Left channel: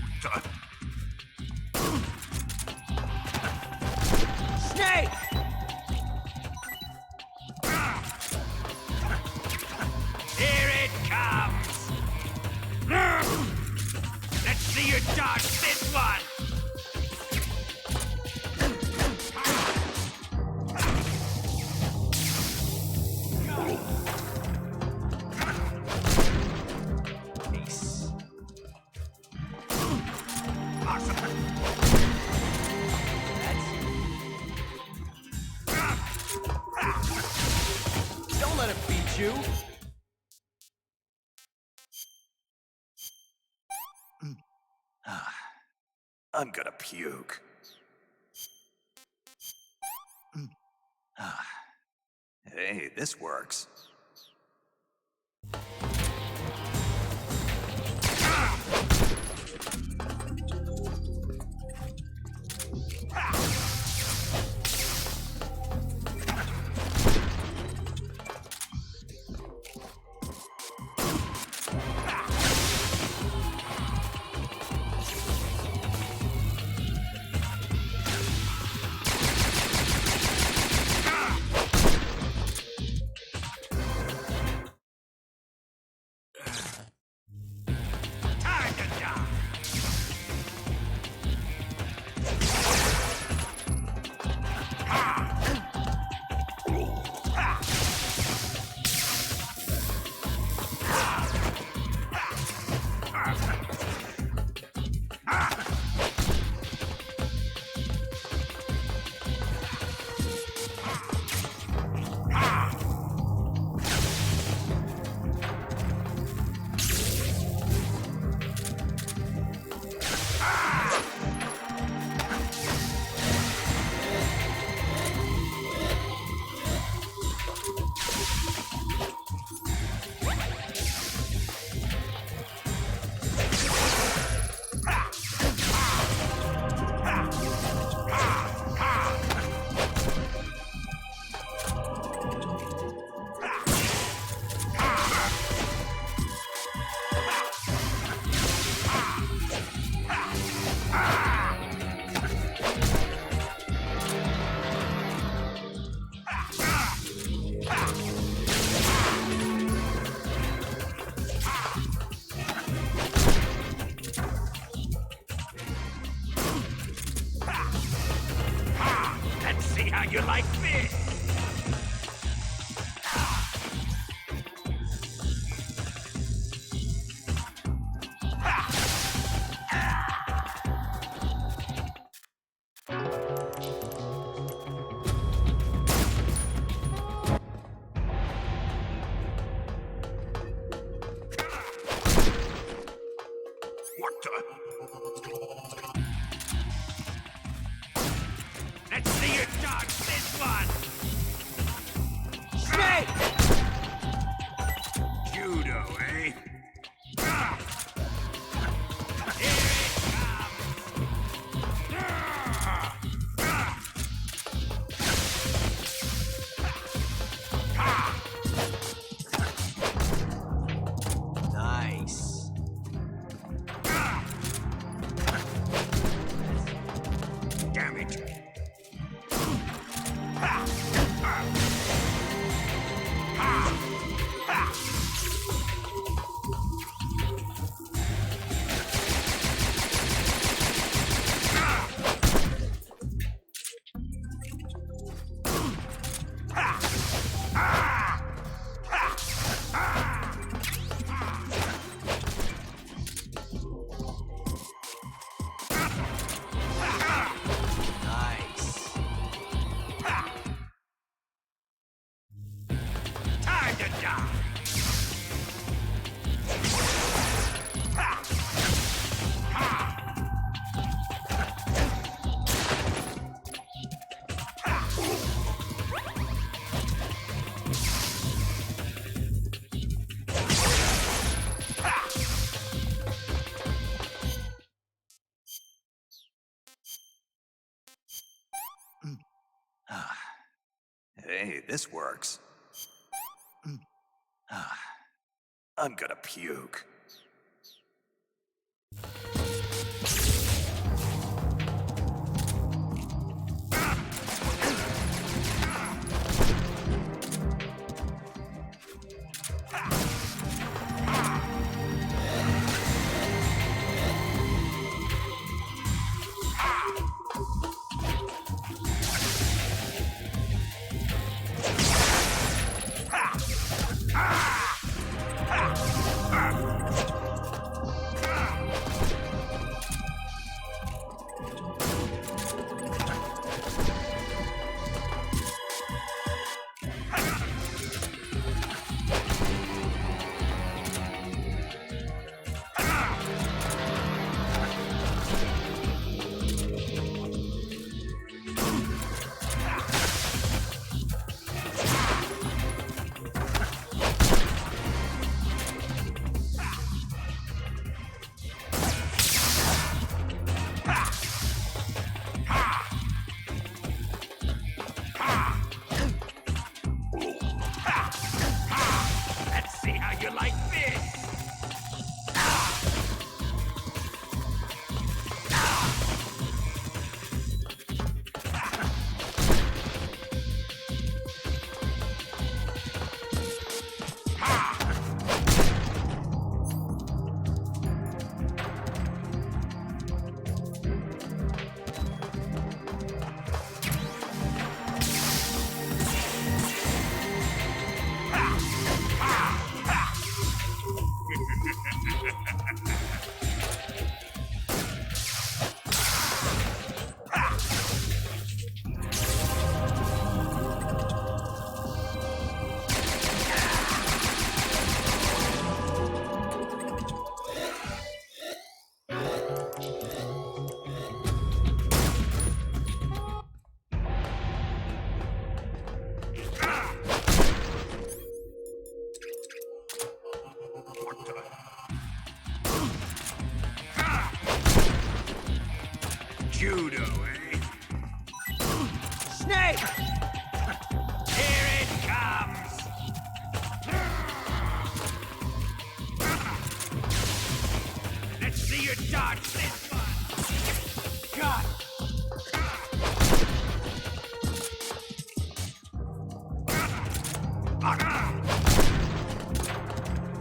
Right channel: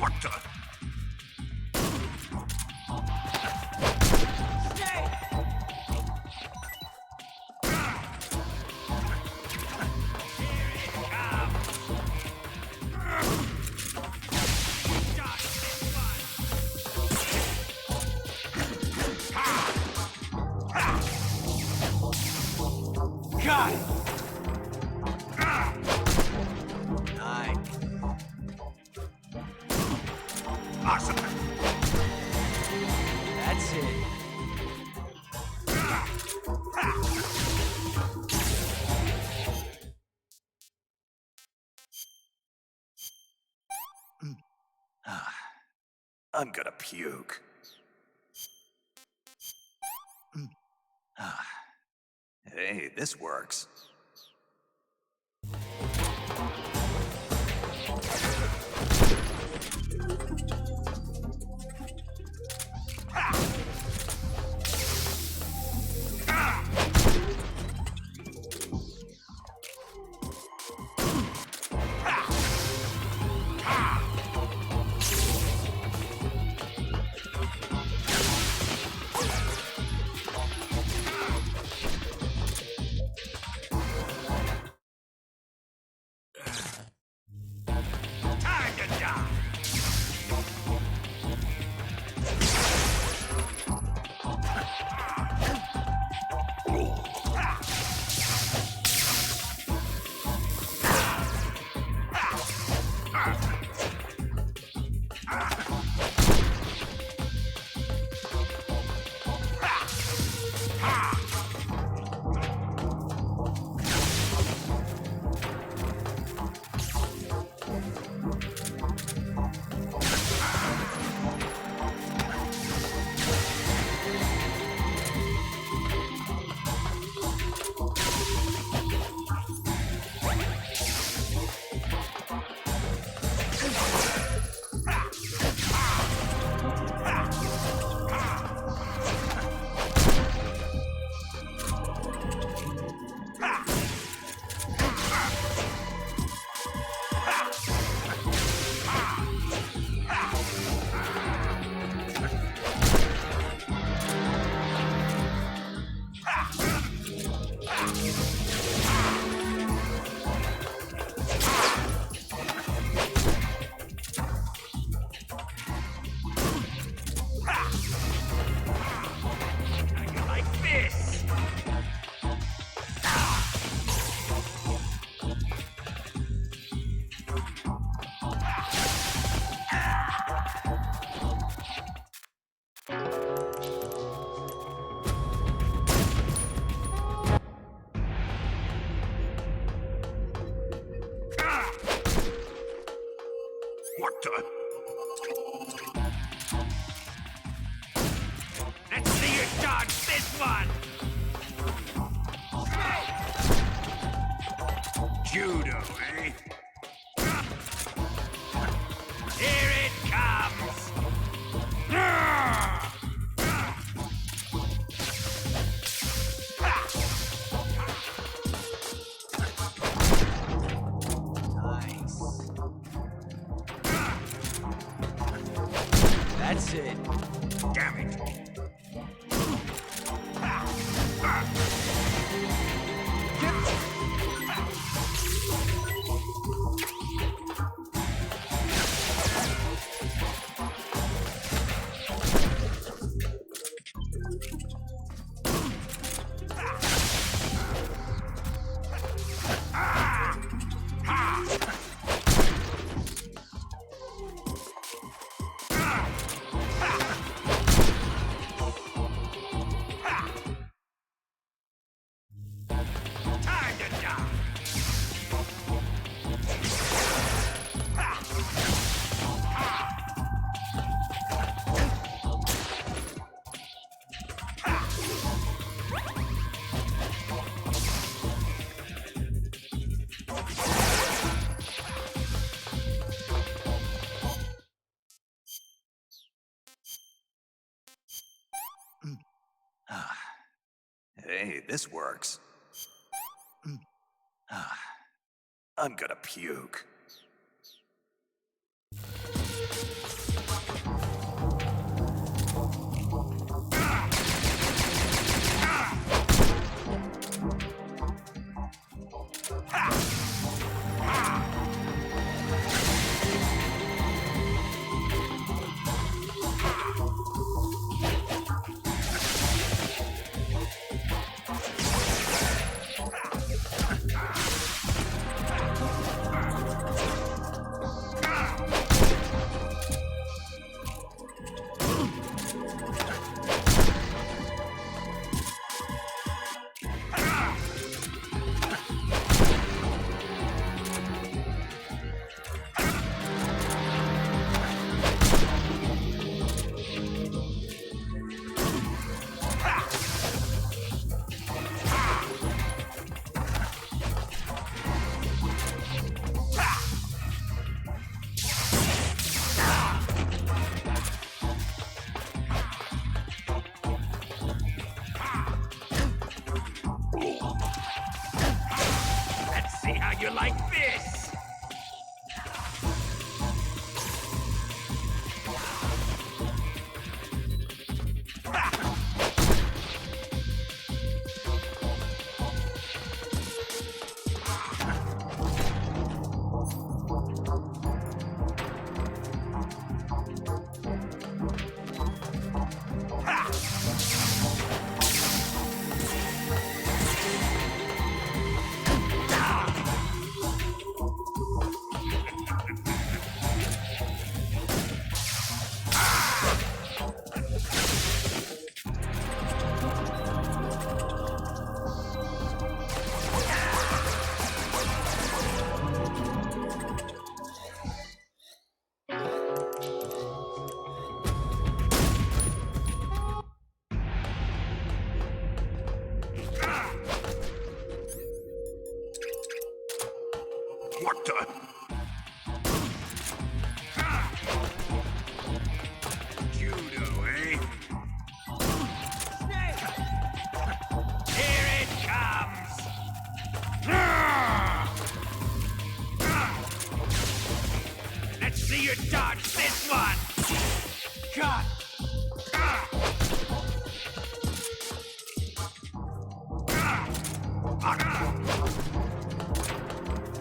What the? Here it comes! Let's see you dodge this one! Nice. Awesome! That's it. Don't let him beat you! I'm gonna puke. Hey, this works. Time to die! Let's see how you like this! What the? Let's see you dodge this one! Judo, eh? Here it comes! Nice. That's it. Damn it. Time to die! What the? Judo, eh? Snake! Here it comes! Let's see you dodge this one! God!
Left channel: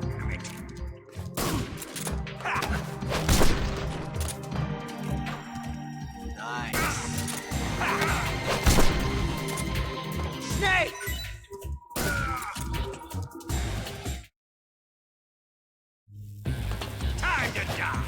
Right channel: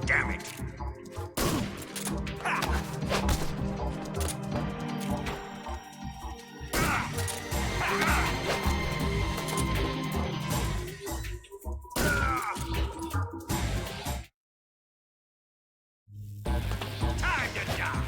Damn it! Snake! Time to die!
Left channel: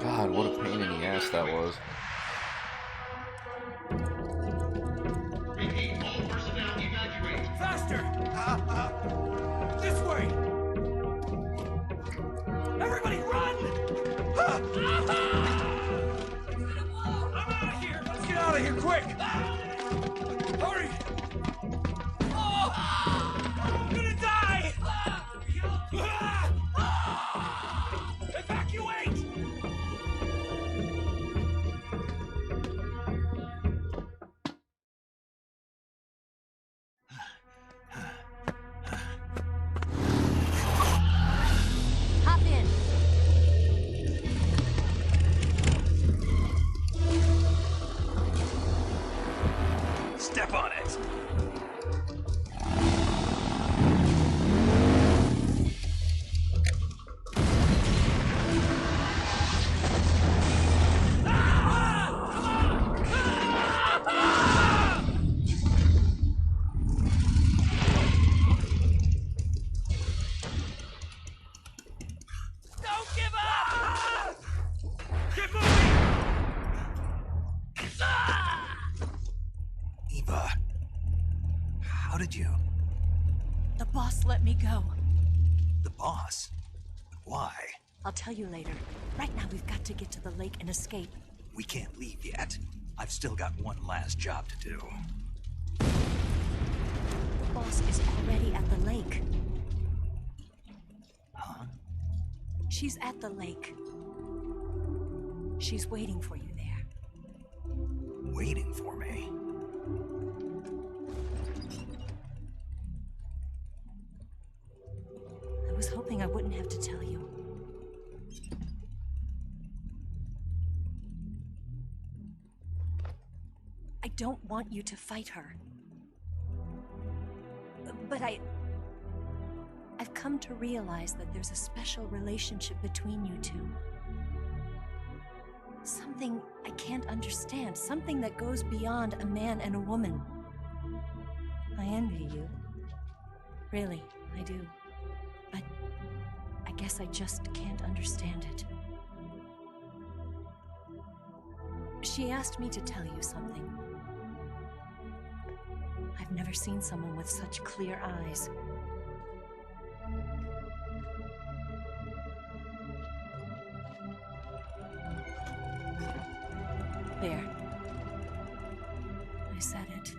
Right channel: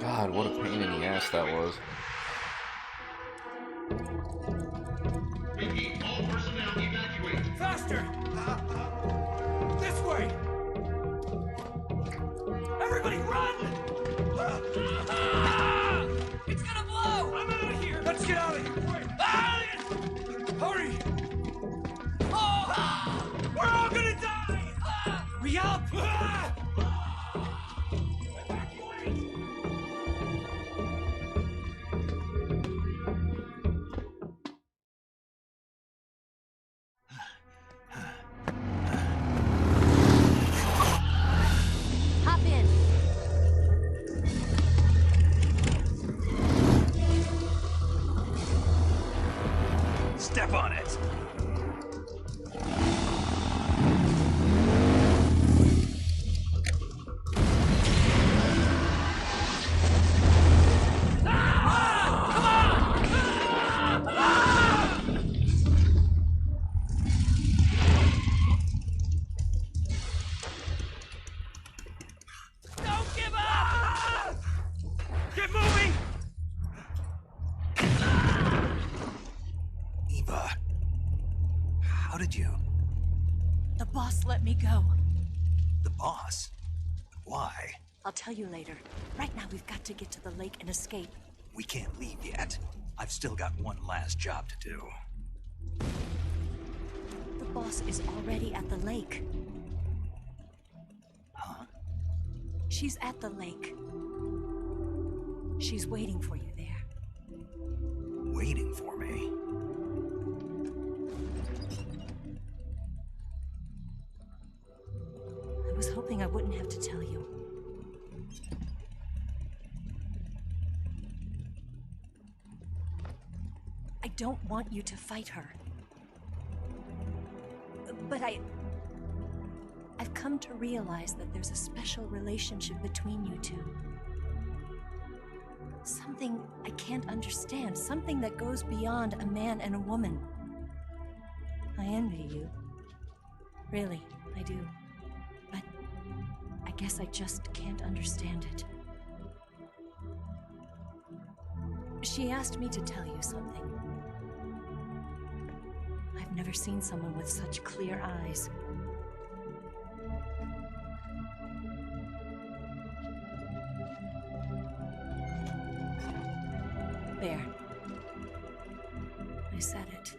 God, what a pain in the ass that was. Repeat, all personnel evacuate. Faster! This way! Everybody run! It's gonna blow! I'm out of here! Let's get out of here quick! Hurry! Oh! We're all gonna die! Hurry up! Evacuate! Hop in. Step on it! Don't give up! Get moving! Eva, how did you? The boss let me go. The boss? Why? I'll tell you later. Right now, we've got to get to the lake and escape. We can't leave yet. I've still got one last job to do. The boss is already at the lake. Huh? She's at the lake. She's waiting for you there. Waiting for me? I was hoping I wouldn't have to tell you. I don't want you to fight her. But I've come to realize that there's a special relationship between you two. Something I can't understand. Something that goes beyond a man and a woman. I envy you. Really, I do. But I guess I just can't understand it. She asked me to tell you something. I've never seen someone with such clear eyes. There. I said it.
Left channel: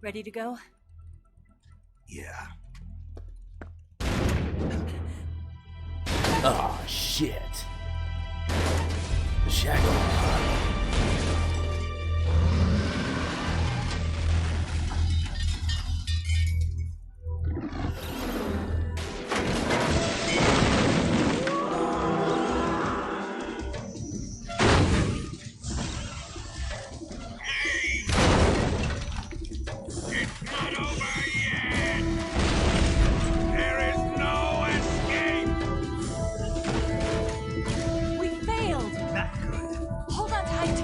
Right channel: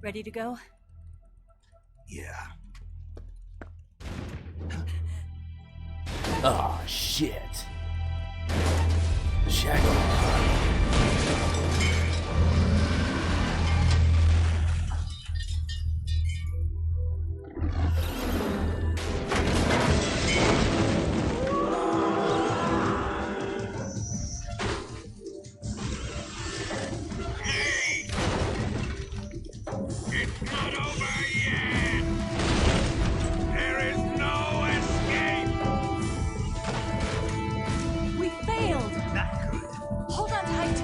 Ready to go? Yeah. Oh, shit. The shackles. It's not over yet! There is no escape! We failed! Not good. Hold on tight!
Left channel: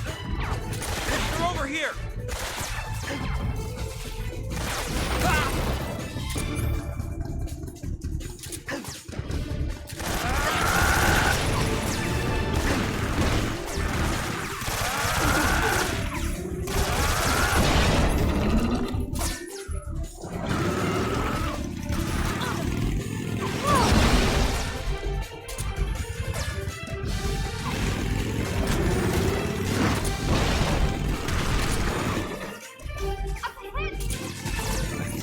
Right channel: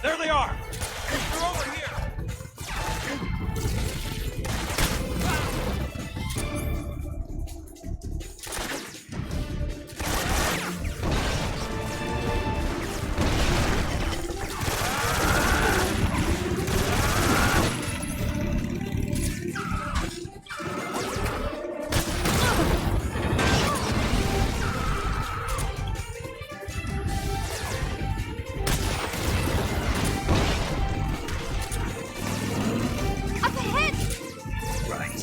There they are! Over here! Right.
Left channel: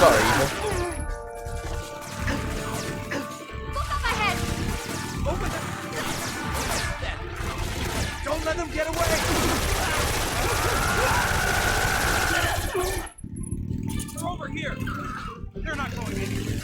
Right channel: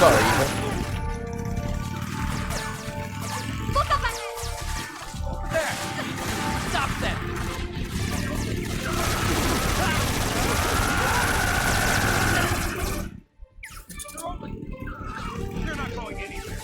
Sorry, Eva. Over there! Stop them! Don't let them get away! They're over here! They're not going anywhere!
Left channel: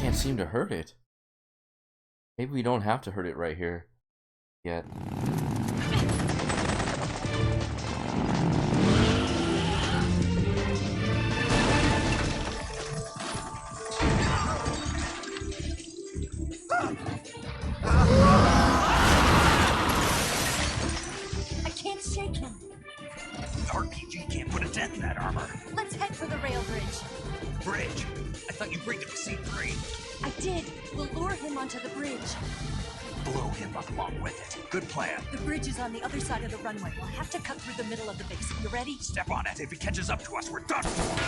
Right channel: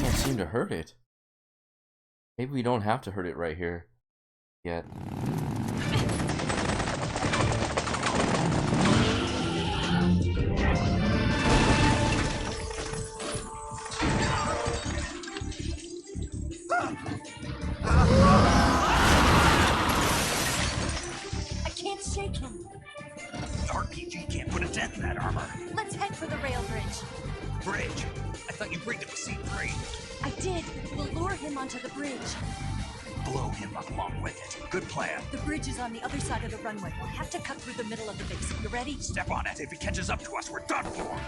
Can't seem to hurt it. Maybe we don't have to hurt it right here yet. I can't shake him. RPG can't put a dent in that armor. Let's head for the rail bridge. Bridge. I thought you briefed him to C3. I did. We'll lure him onto the bridge. Blow him up along with it. Good plan. The bridge is on the other side of the runway. We'll have to cut through the middle of the base. You ready? Step on it. If he catches up to us, we're done for.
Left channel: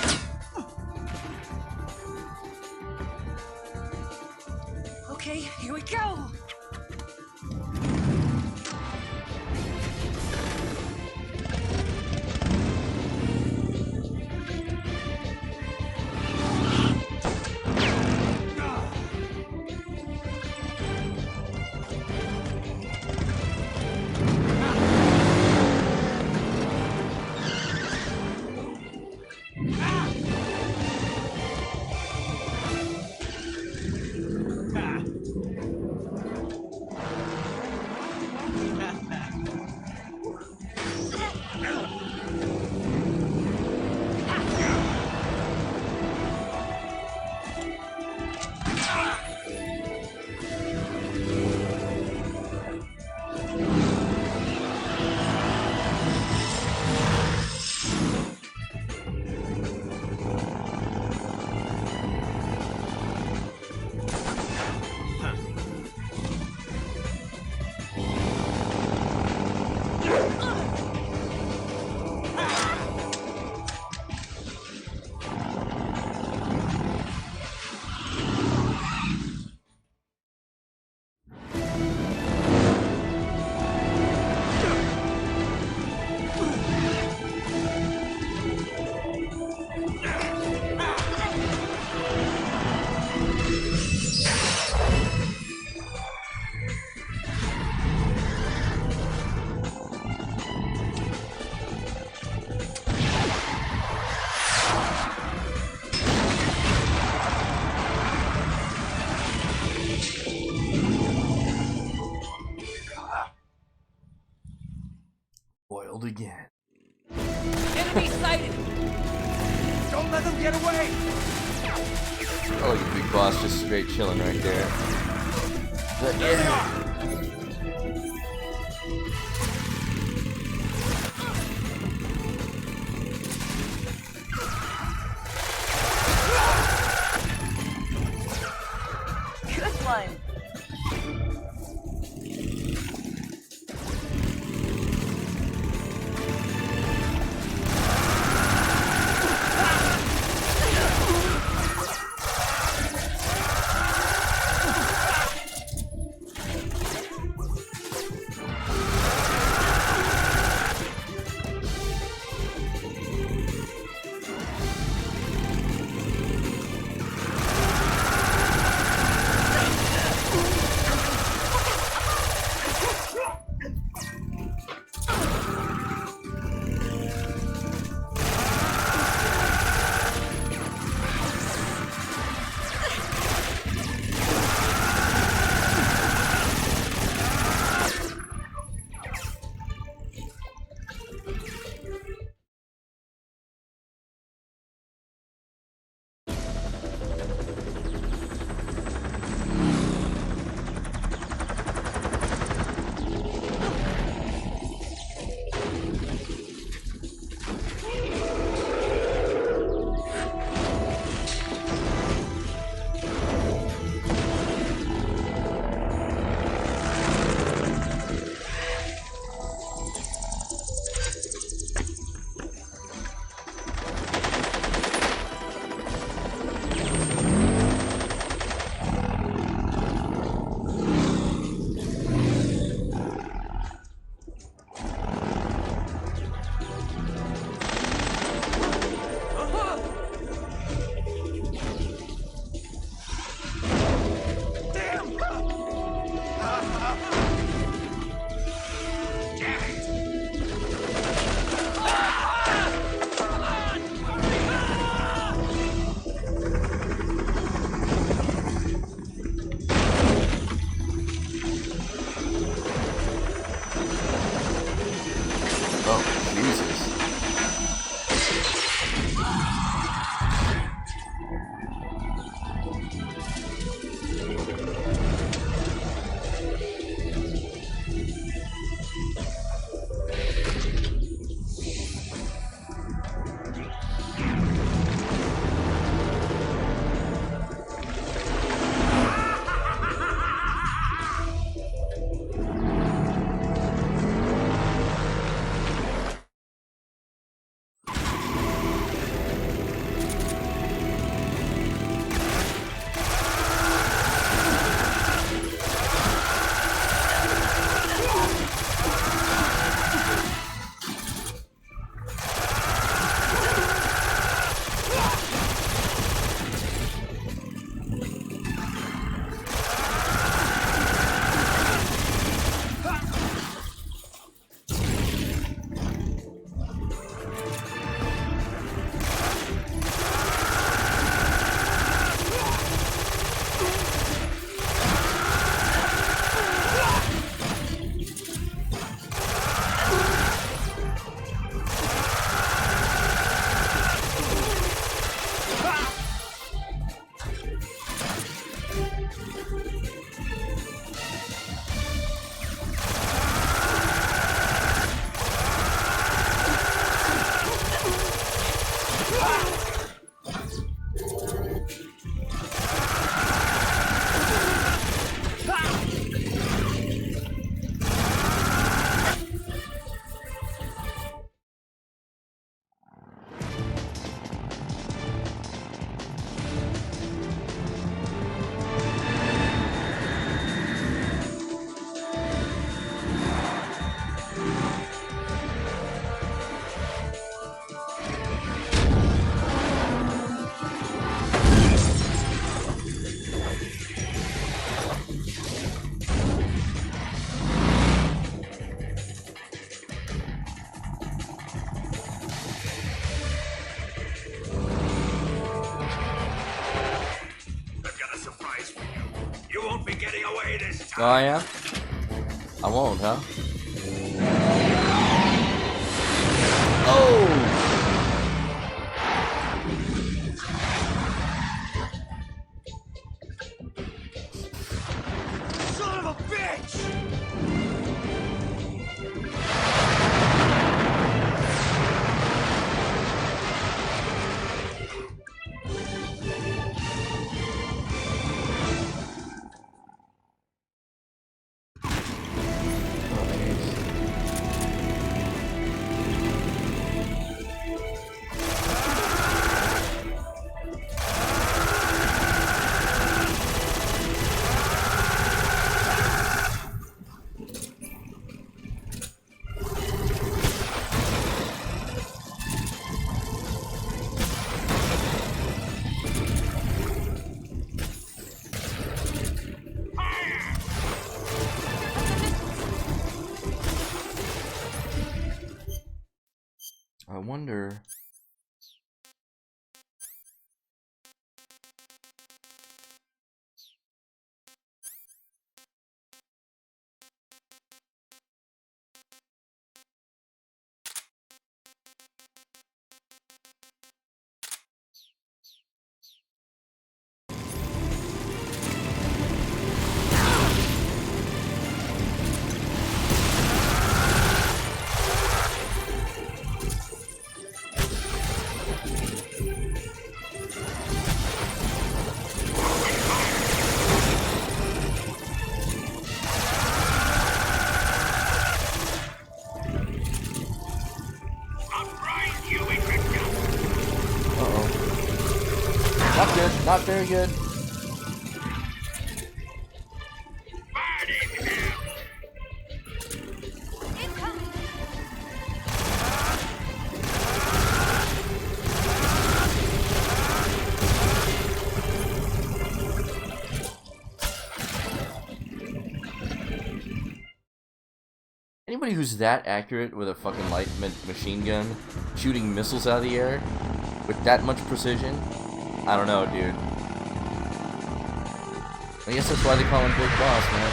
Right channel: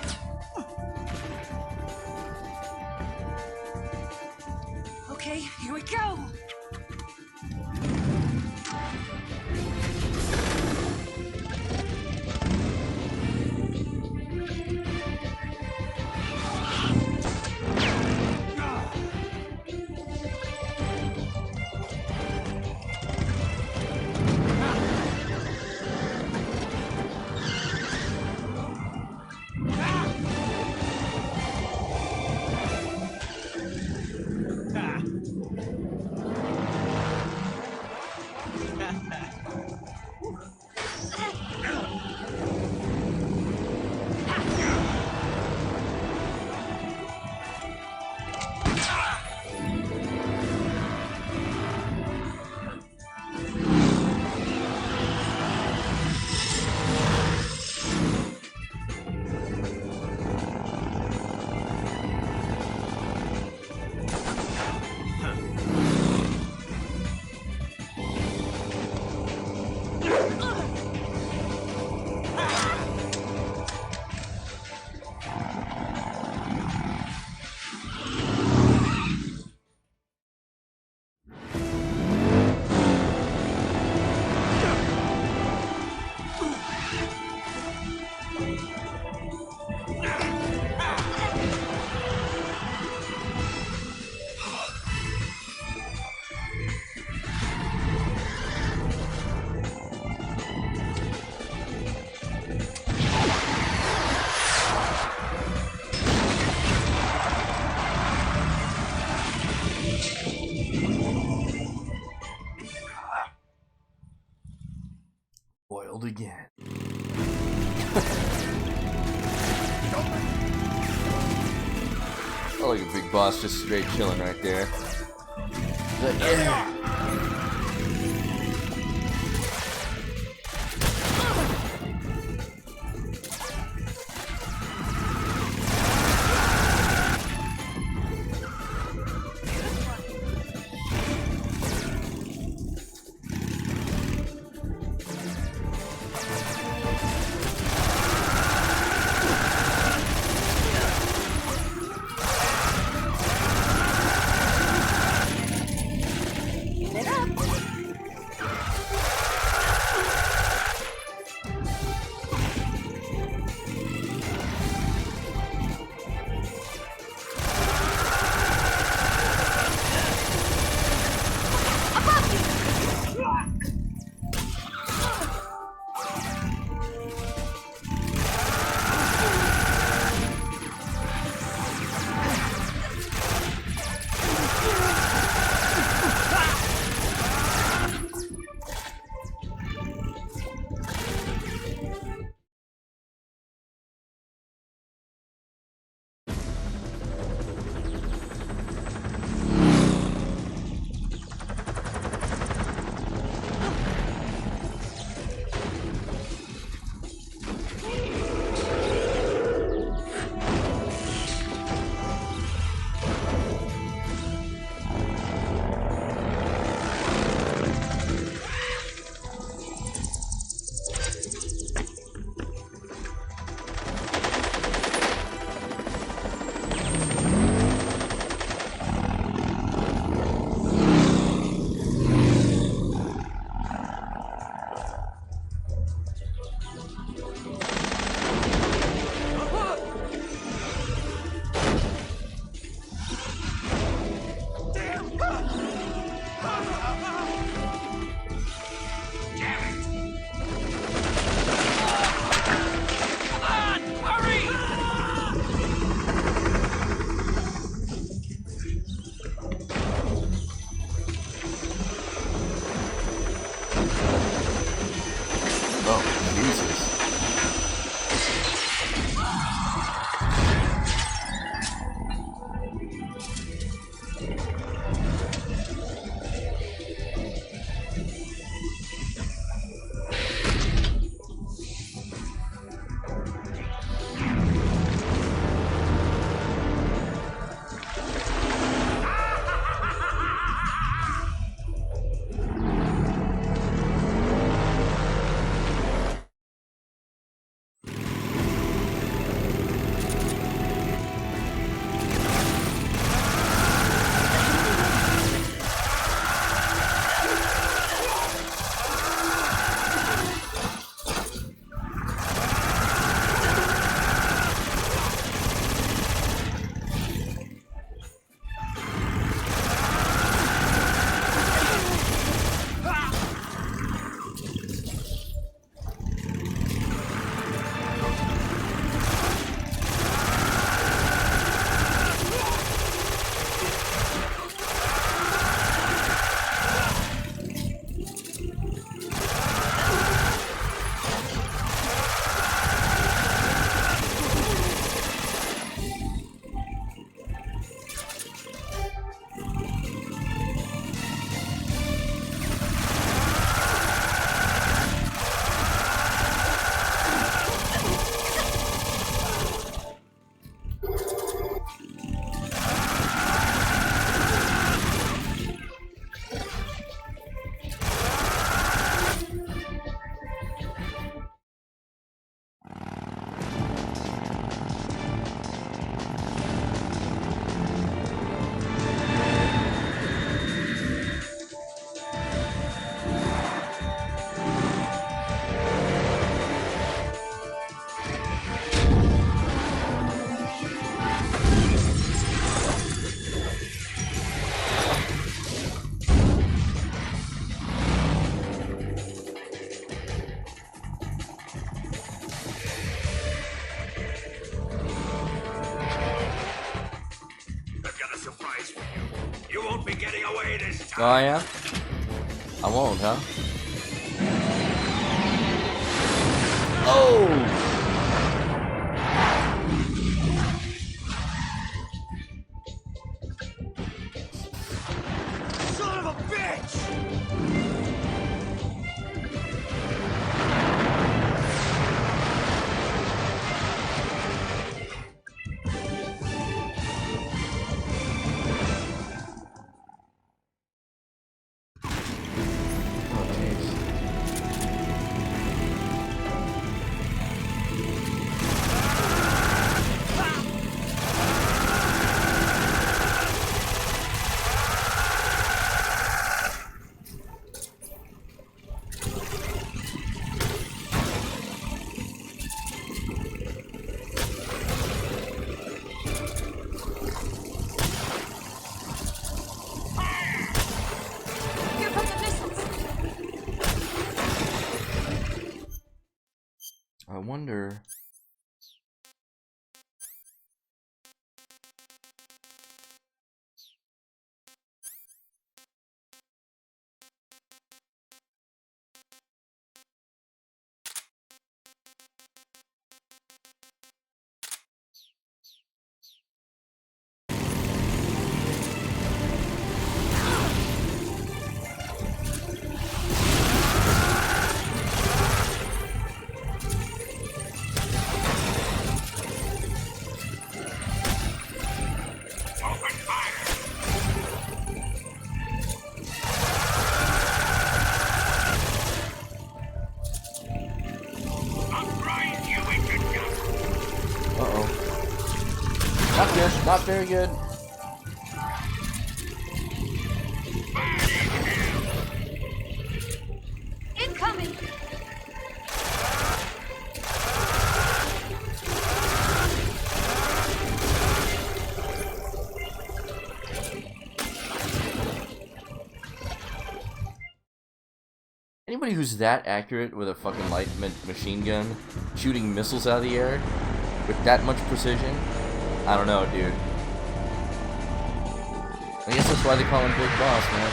Okay, here we go! again. Enemy sighted. Don't let them get away. Oh, like a big boss just straight chilling right there. But, There they yeah. are. This line. Oh, Jesus. Oh, I am? I won't, huh? Oh! Son of a bitch! Oh, jeez. I wonder. Uh-oh. Not good. Not very good. Anybody who's that accurate with a fucking light machine gun shooting missiles out of the air with that much precision, I don't know, dude. I guess that's why they call him Big Boss, man.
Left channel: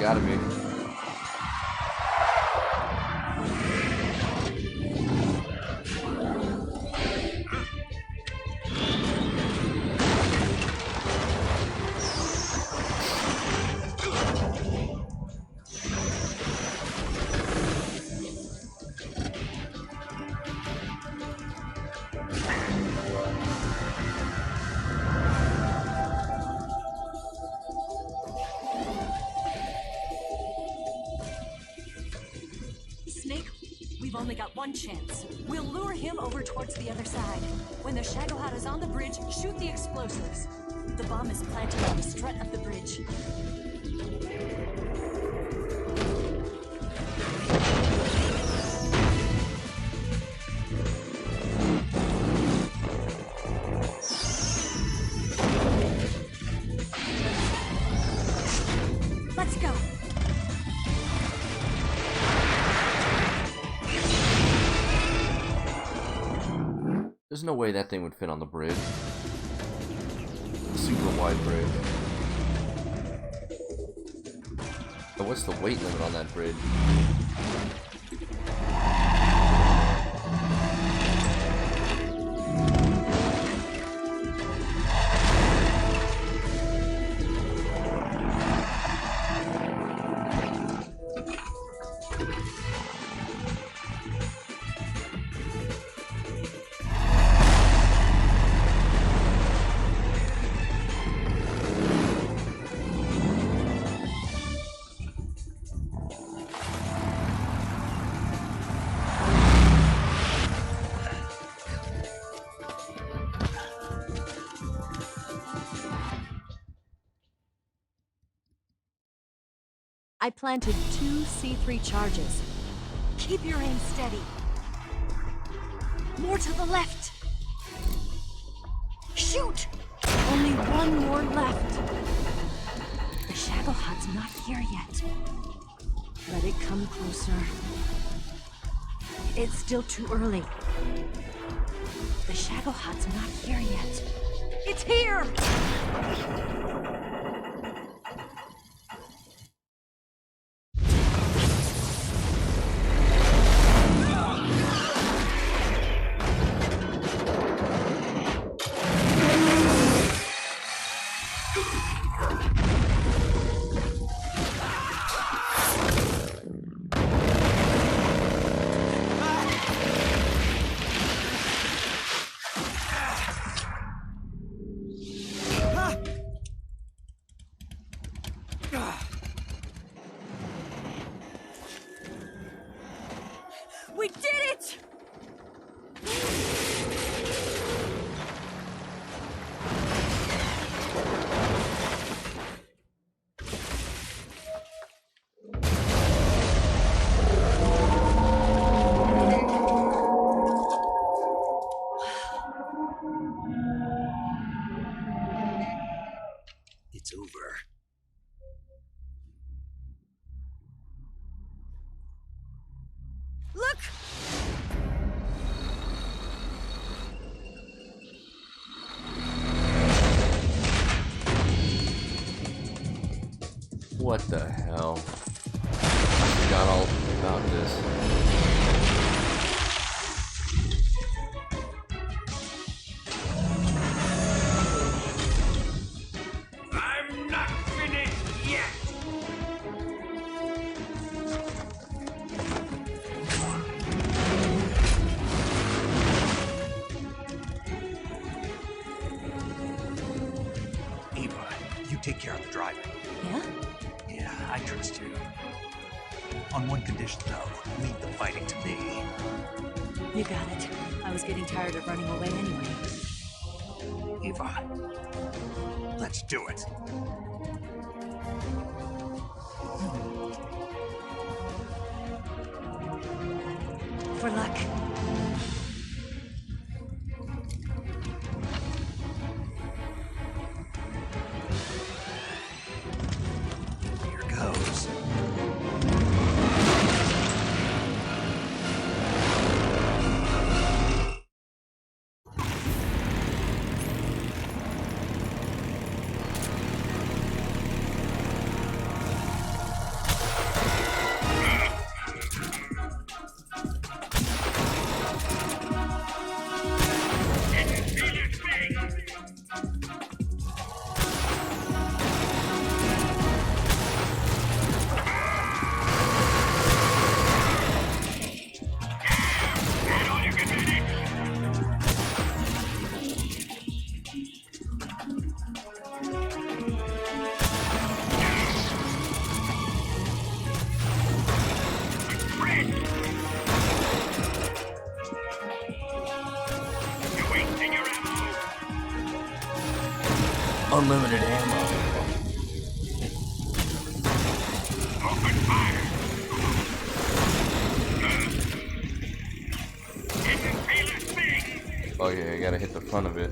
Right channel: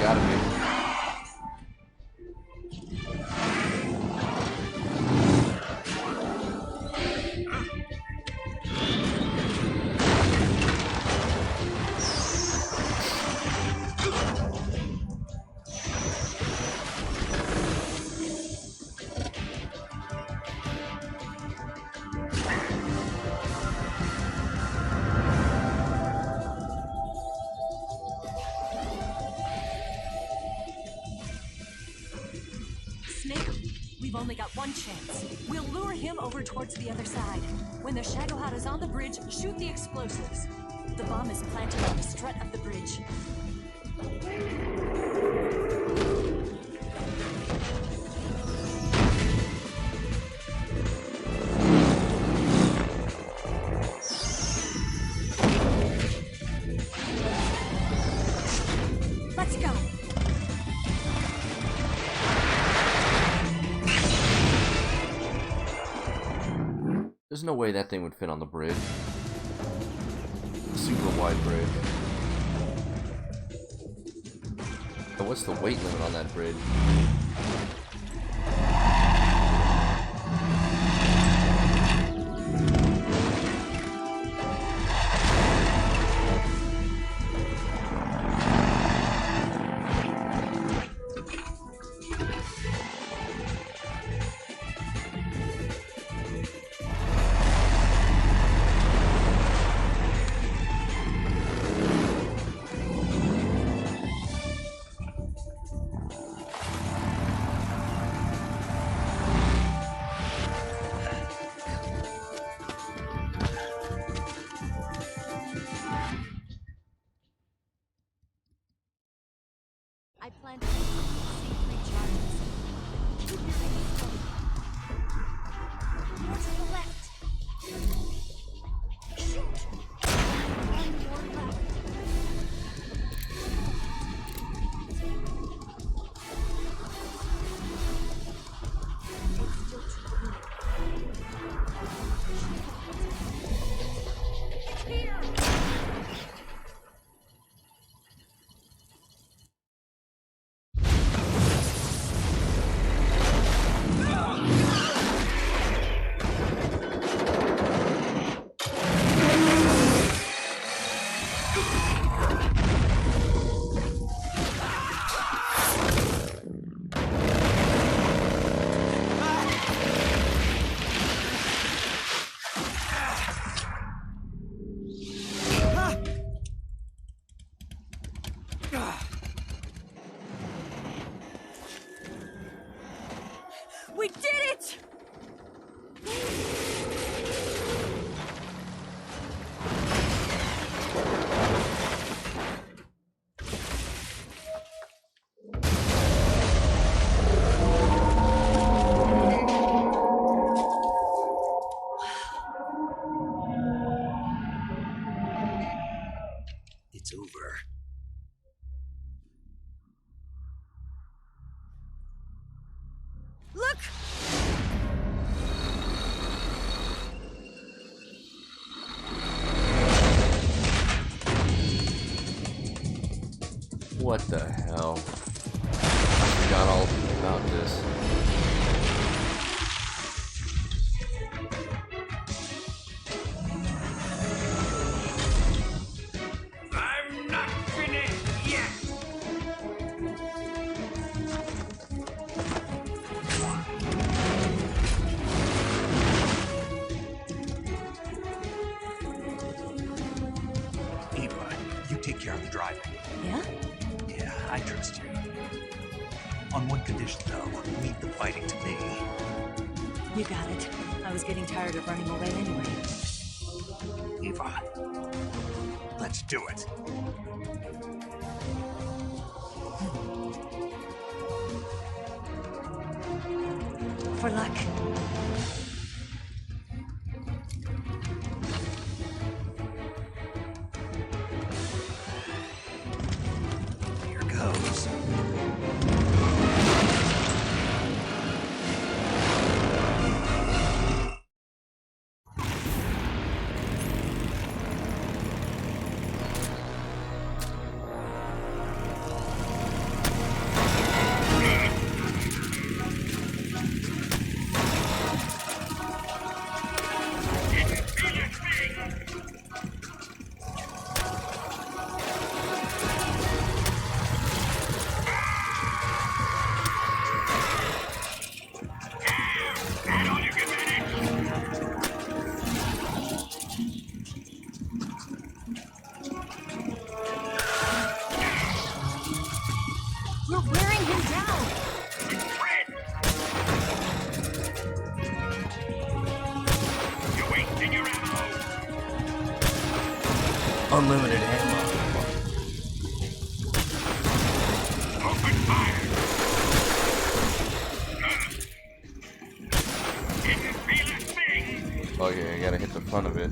Gotta be. Snake, we've only got one chance. We'll lure him over towards the other side. When the Shagohod is on the bridge, shoot the explosives. The bomb is planted on the strut of the bridge. Let's go. There's no way that thing would fit on the bridge. Super wide bridge. But what's the weight limit on that bridge? I planted 2 C3 charges. Keep your aim steady. More to the left. Shoot! Only one more left. The Shagohod's not here yet. Let it come closer. It's still too early. The Shagohod's not here yet. It's here! What the hell? I forgot all about this. I'm not finished yet! Eva, you take care of the driving. Yeah? Yeah, I trust you. On one condition, though, leave the fighting to me. You got it. I was getting tired of running away anyway. Eva, let's do it. For luck. Here goes. We're wearing him down. You're wasting your ammo! Unlimited ammo. Open fire! Didn't feel a thing! Oh yeah, I gotta hit the front of it.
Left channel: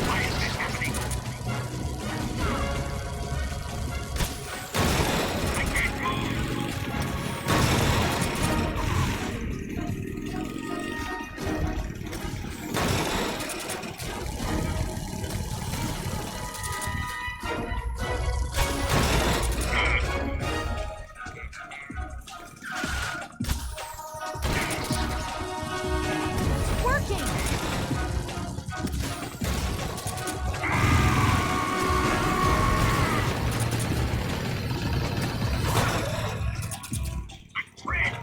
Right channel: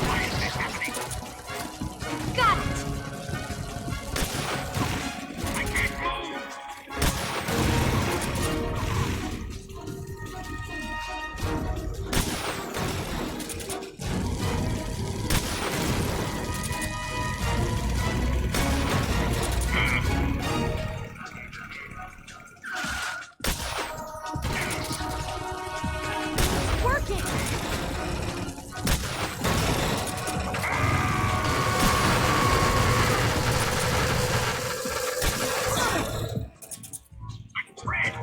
Why is this happening? Got it! I can't move! A threat!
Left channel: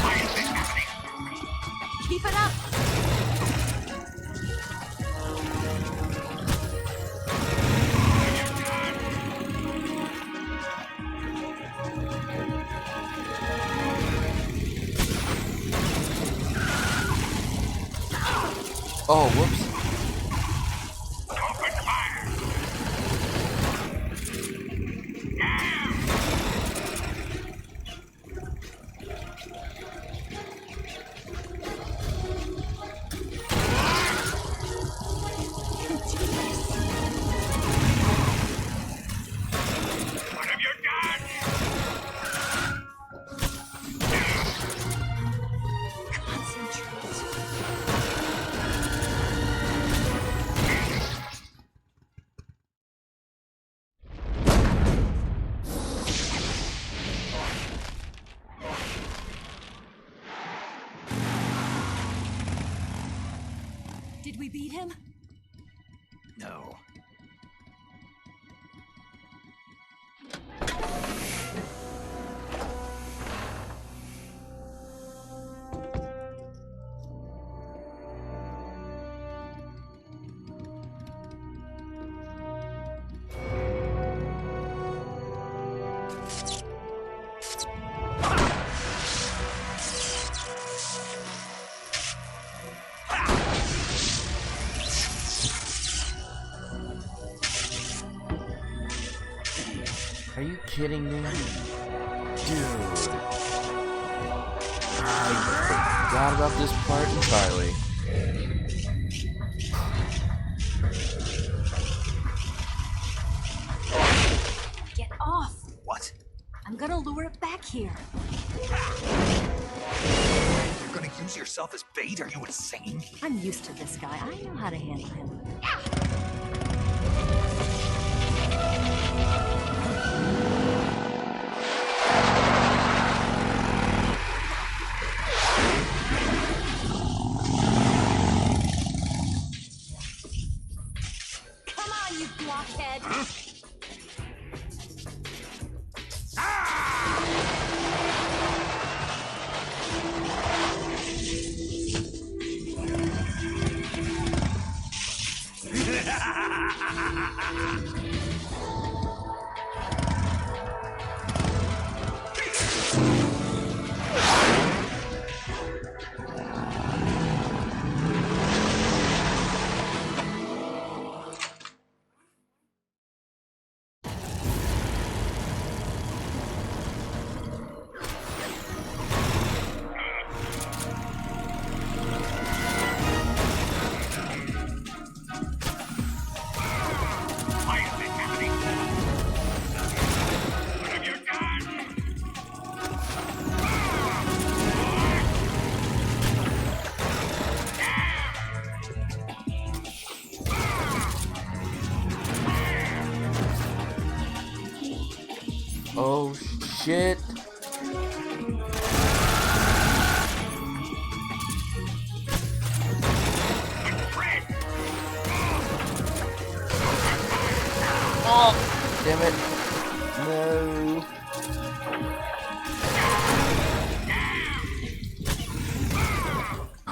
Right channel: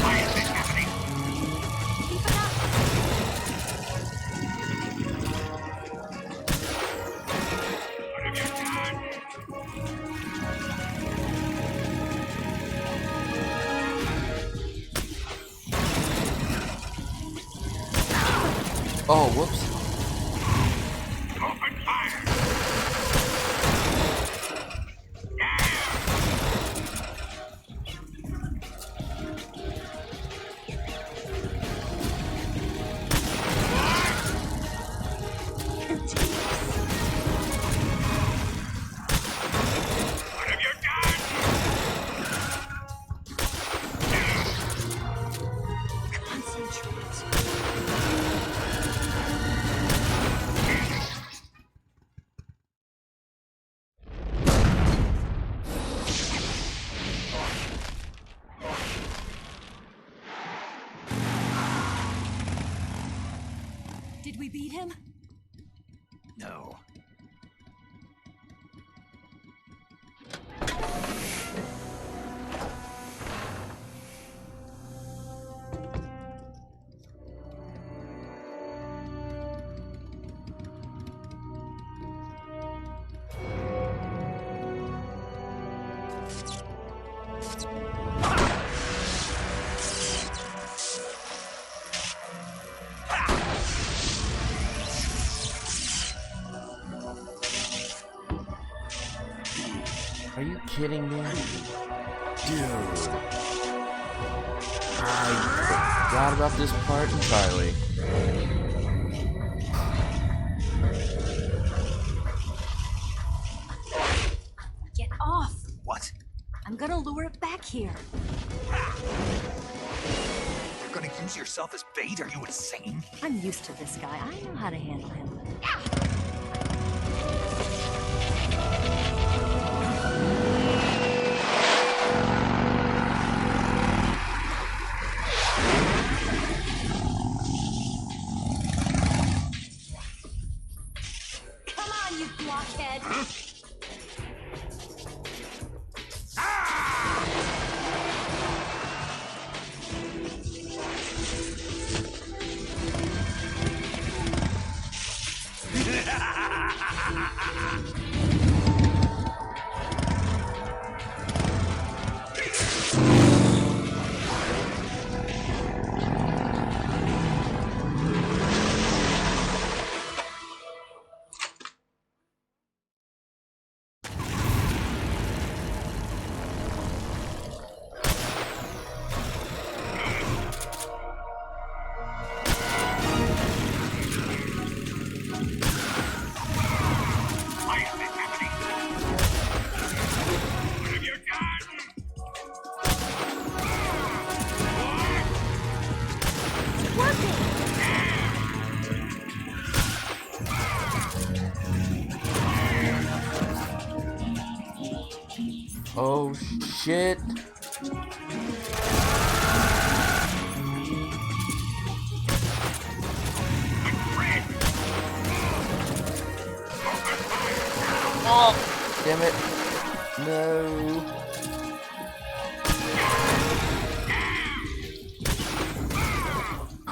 Why is this happening? Keep it up! Have you done? Oh, whoops. Open fire! What have you done? Did we beat him? No. kidding me? Dude. I forgot about this part entirely. Get off! What? I'm gonna lure it back here. You're gonna use yourself as bait? Are you insane? I'm used to this guy. I know how to handle him. Come on, you blockhead! Why is this happening? What have you done? Oh shit. Fred! Oh, damn it. No.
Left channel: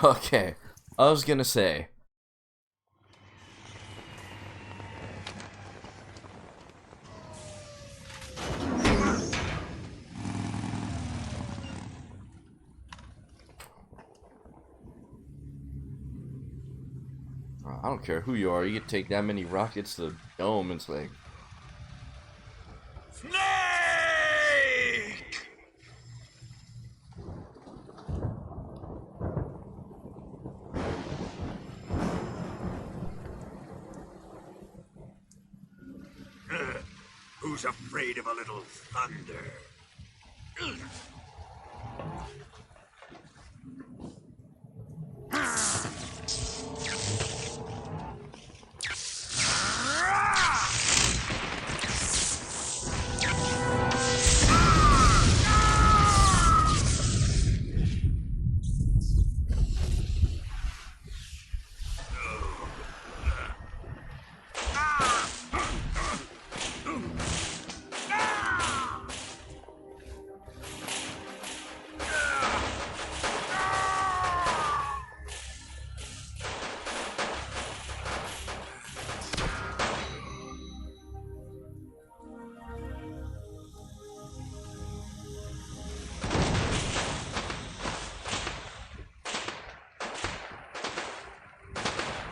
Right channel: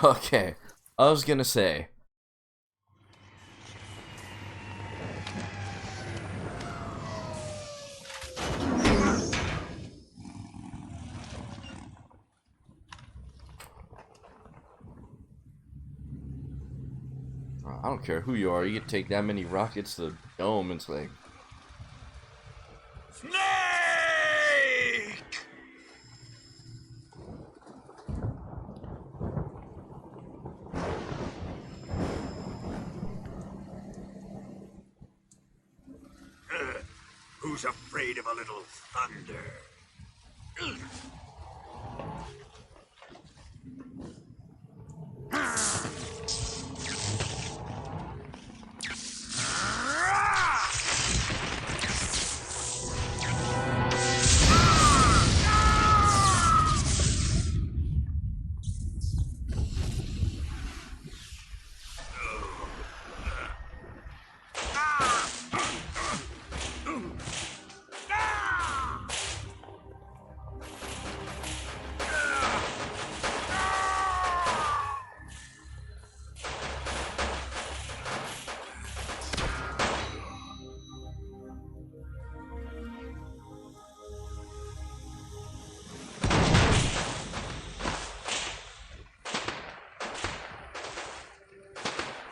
Okay, I was gonna say. I don't care who you are, you can take that many rockets to the dome and it's like, Snake! Who's afraid of a little thunder?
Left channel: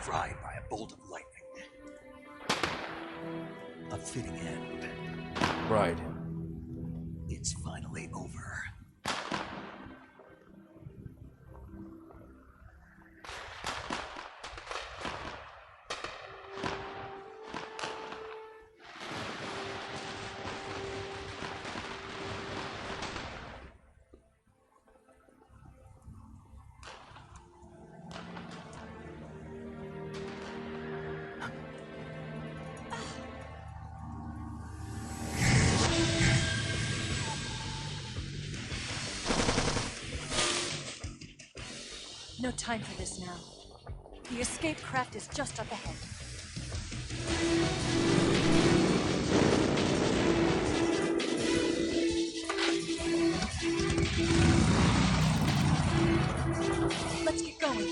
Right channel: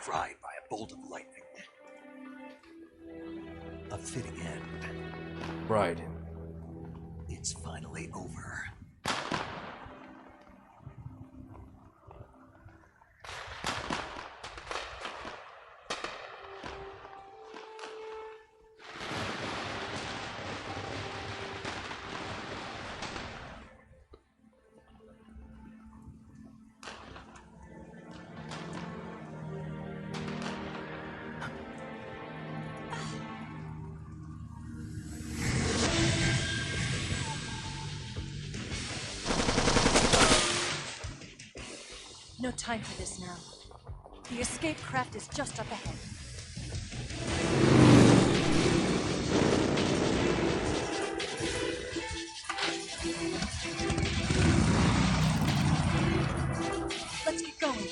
Fried by a bolt of lightning. A fitting end. right. It's finally over. No time for this now. The escape craft is just up ahead. Let's get going.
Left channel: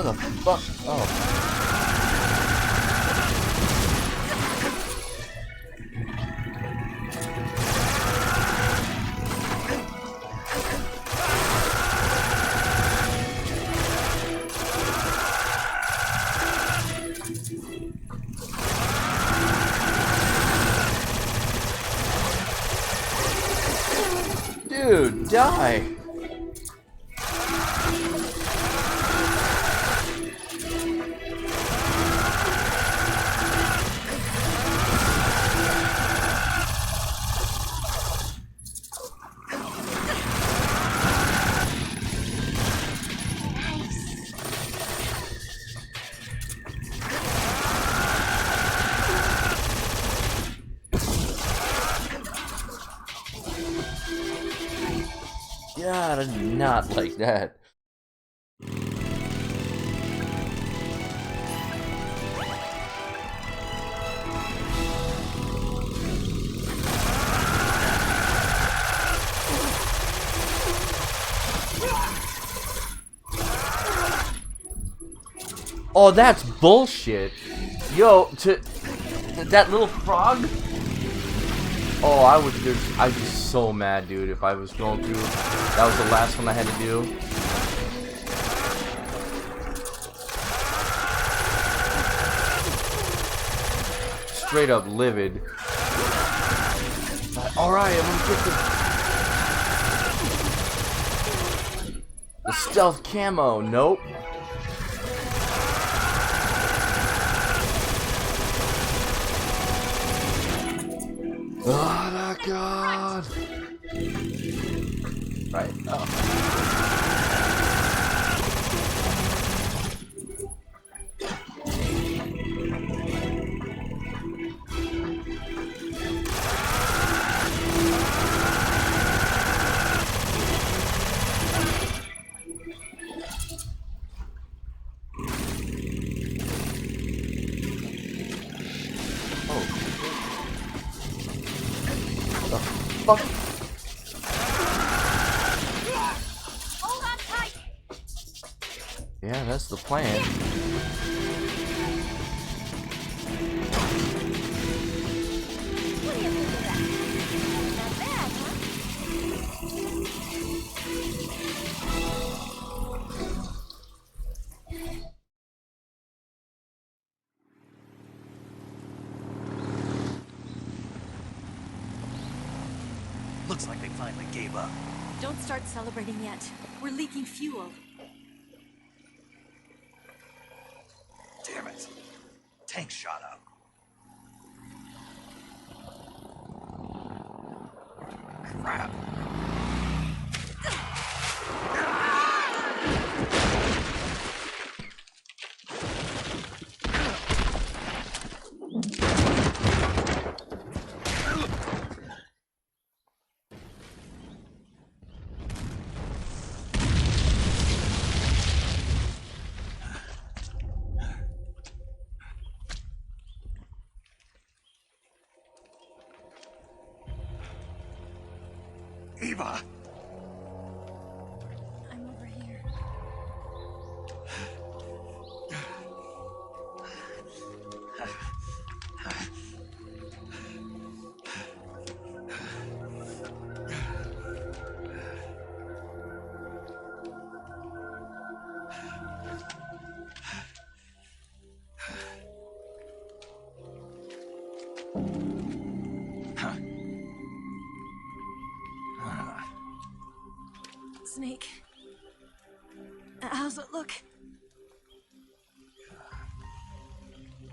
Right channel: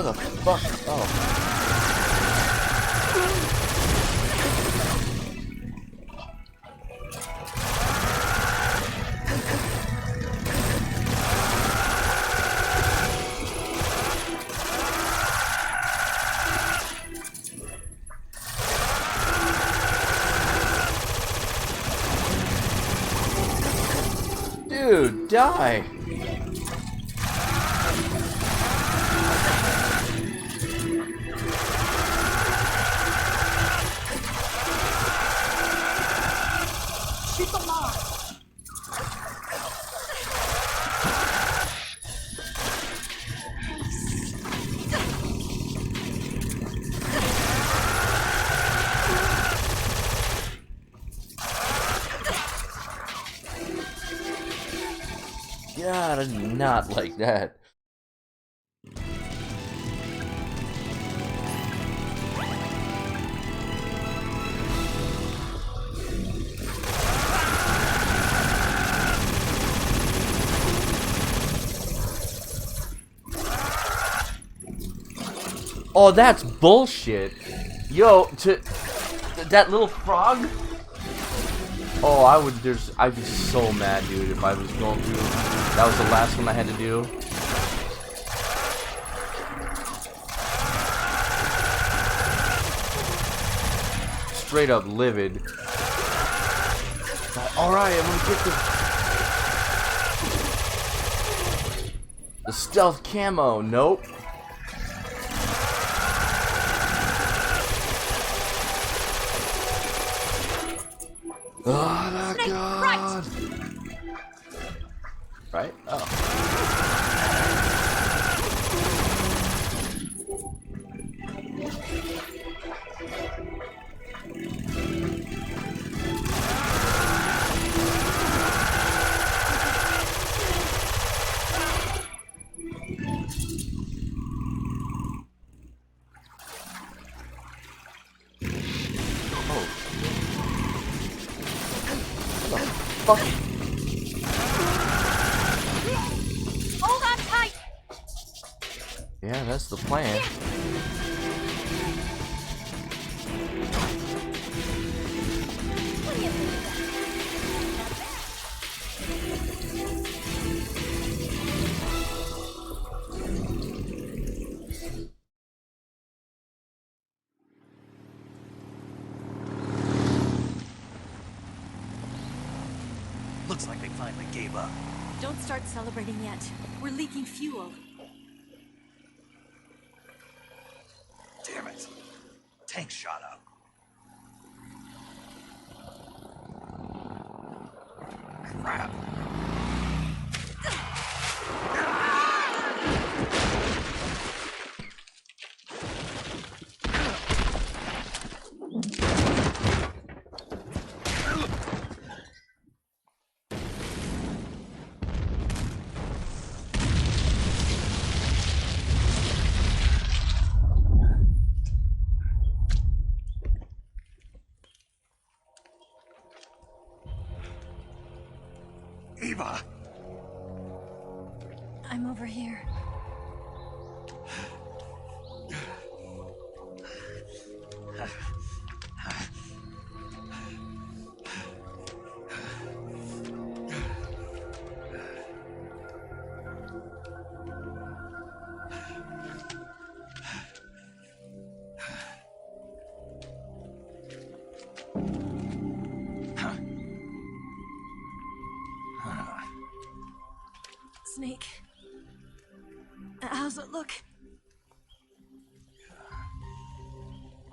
Where the fuck? Oh. Dude, die! God, I did not like that. Oh, that's bullshit. Yo, that little frog? Oh, I'd be so mad, dude, if I was going through. That was the last one I had to do. Straight up livid. Alright, I'm gonna get the stealth camo. Nope. Oh my god! Right? Oh. Oh. What the fuck? Yeah, that's the plan. What do you think of that? Not bad, huh? Looks like they finally gave up. Don't start celebrating yet. We're leaking fuel. Damn it. Tank shot up. Crap. Eva! I'm over here. Snake. How's it look?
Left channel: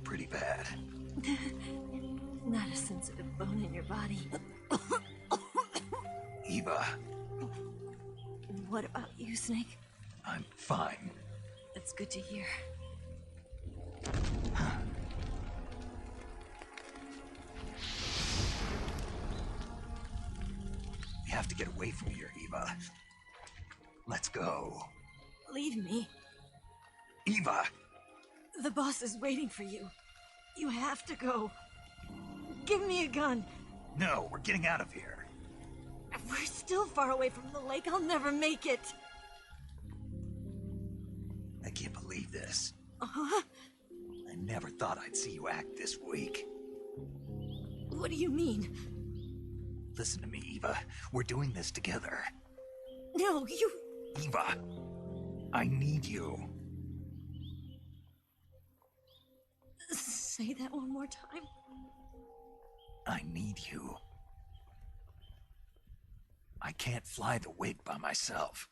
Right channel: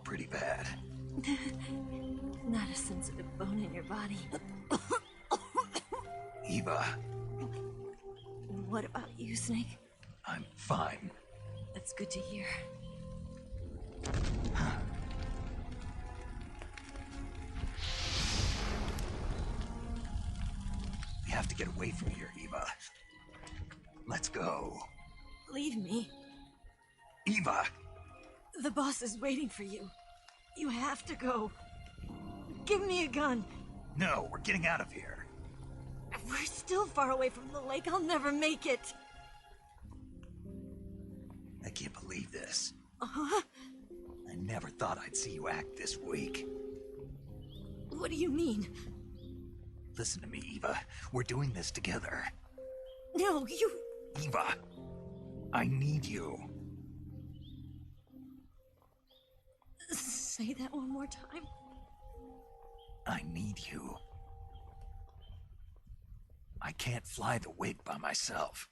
Pretty bad. Not a sensitive bone in your body. Eva, What about you, Snake? I'm fine. That's good to hear. We have to get away from here, Eva. Let's go. Leave me. Eva! The boss is waiting for you. You have to go. Give me a gun. No, we're getting out of here. We're still far away from the lake. I'll never make it. I can't believe this. Uh-huh. I never thought I'd see you act this weak. What do you mean? Listen to me, Eva. We're doing this together. No, you... Eva, I need you. Say that one more time. I need you. I can't fly the wig by myself.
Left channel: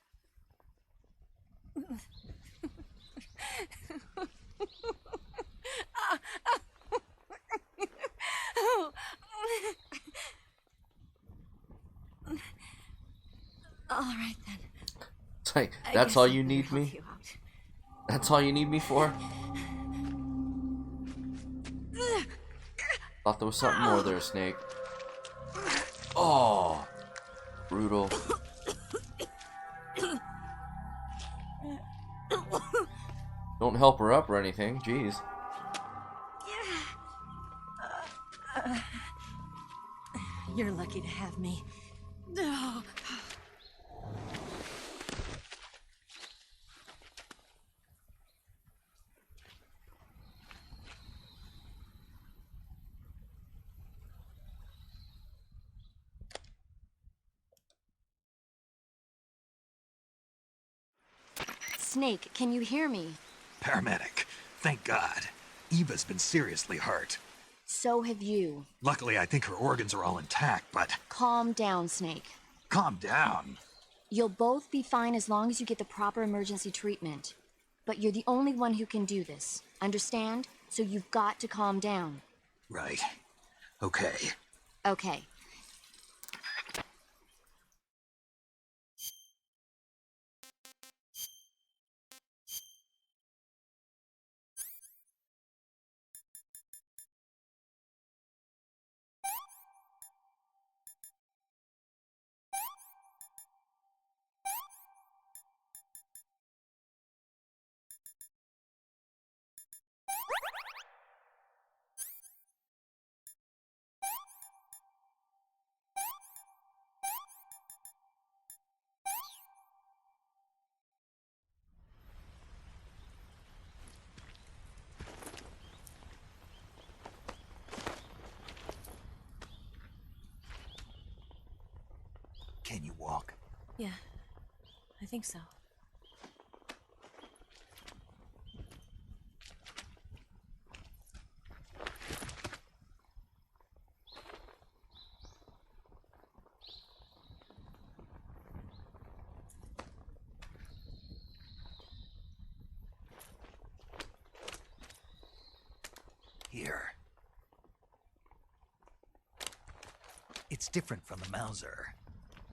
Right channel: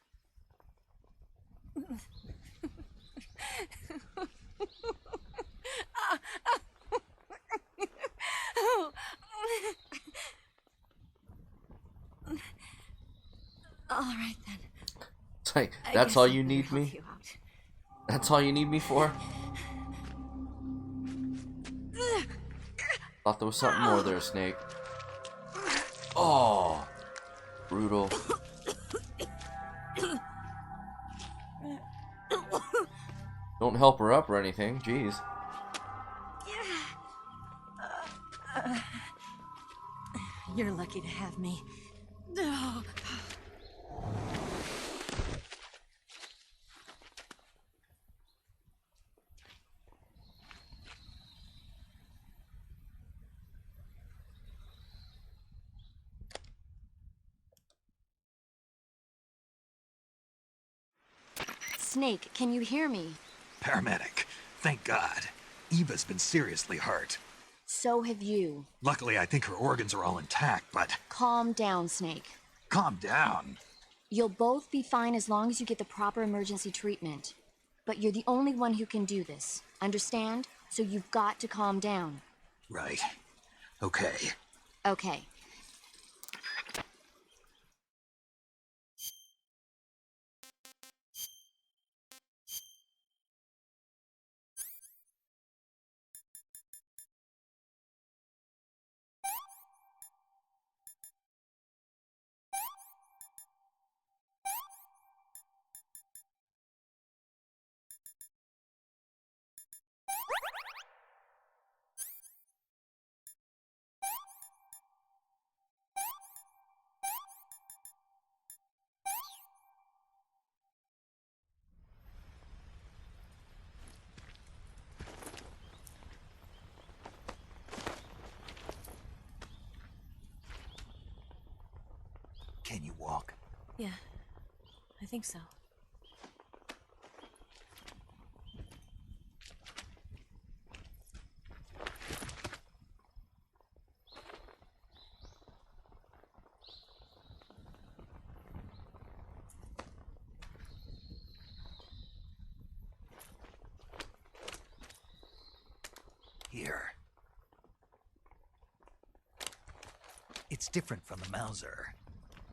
All right then. It's like, I that's guess all I'm you gonna need help me? you out. That's all you need me for? Thought there was something more there, Snake. Oh, brutal. Don't help her up or anything, jeez. You're lucky to have me. No. Snake, can you hear me? Paramedic, thank God. Eva's been seriously hurt. So have you. Luckily, I think her organs are all intact, but Calm down, Snake. calm down. You'll both be fine as long as you get the proper emergency treatment. But you're the only one who can do this. Understand? So you've got to calm down. Right. Okay. Okay. Can you walk? Yeah, I think so. Here. It's different from the Mauser.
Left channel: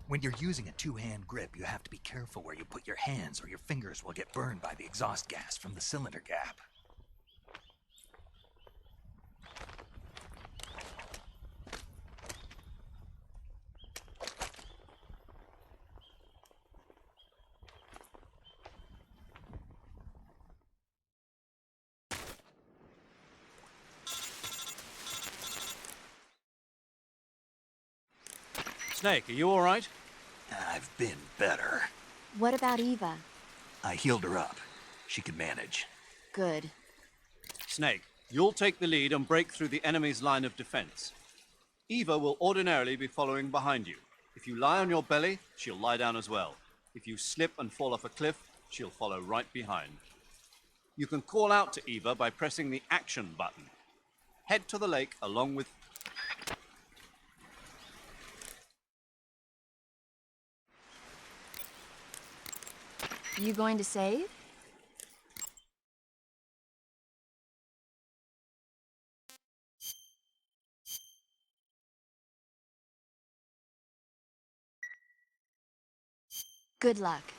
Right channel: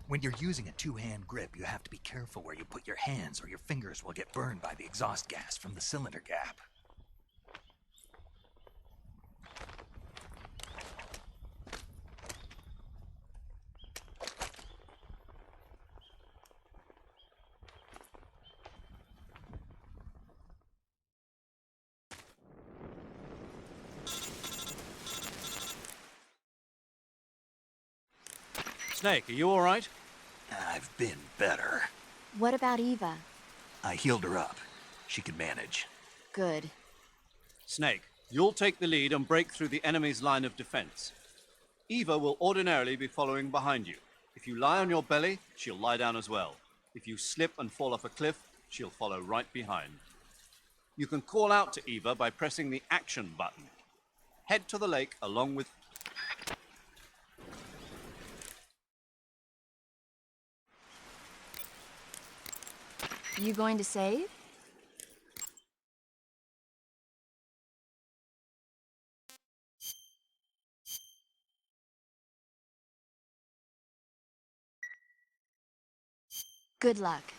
When you're using a two-hand grip, you have to be careful where you put your hands or your fingers will get burned by the exhaust gas from the cylinder gap. Snake, are you all right? I've been better. What about Eva? I healed her up. She can manage. Good. Snake, you'll take the lead and break through the enemy's line of defense. Eva will ordinarily be following behind you. If you lie on your belly, she'll lie down as well. If you slip and fall off a cliff, she'll follow right behind. You can call out to Eva by pressing the action button. Head to the lake along with... You going to save? Good luck.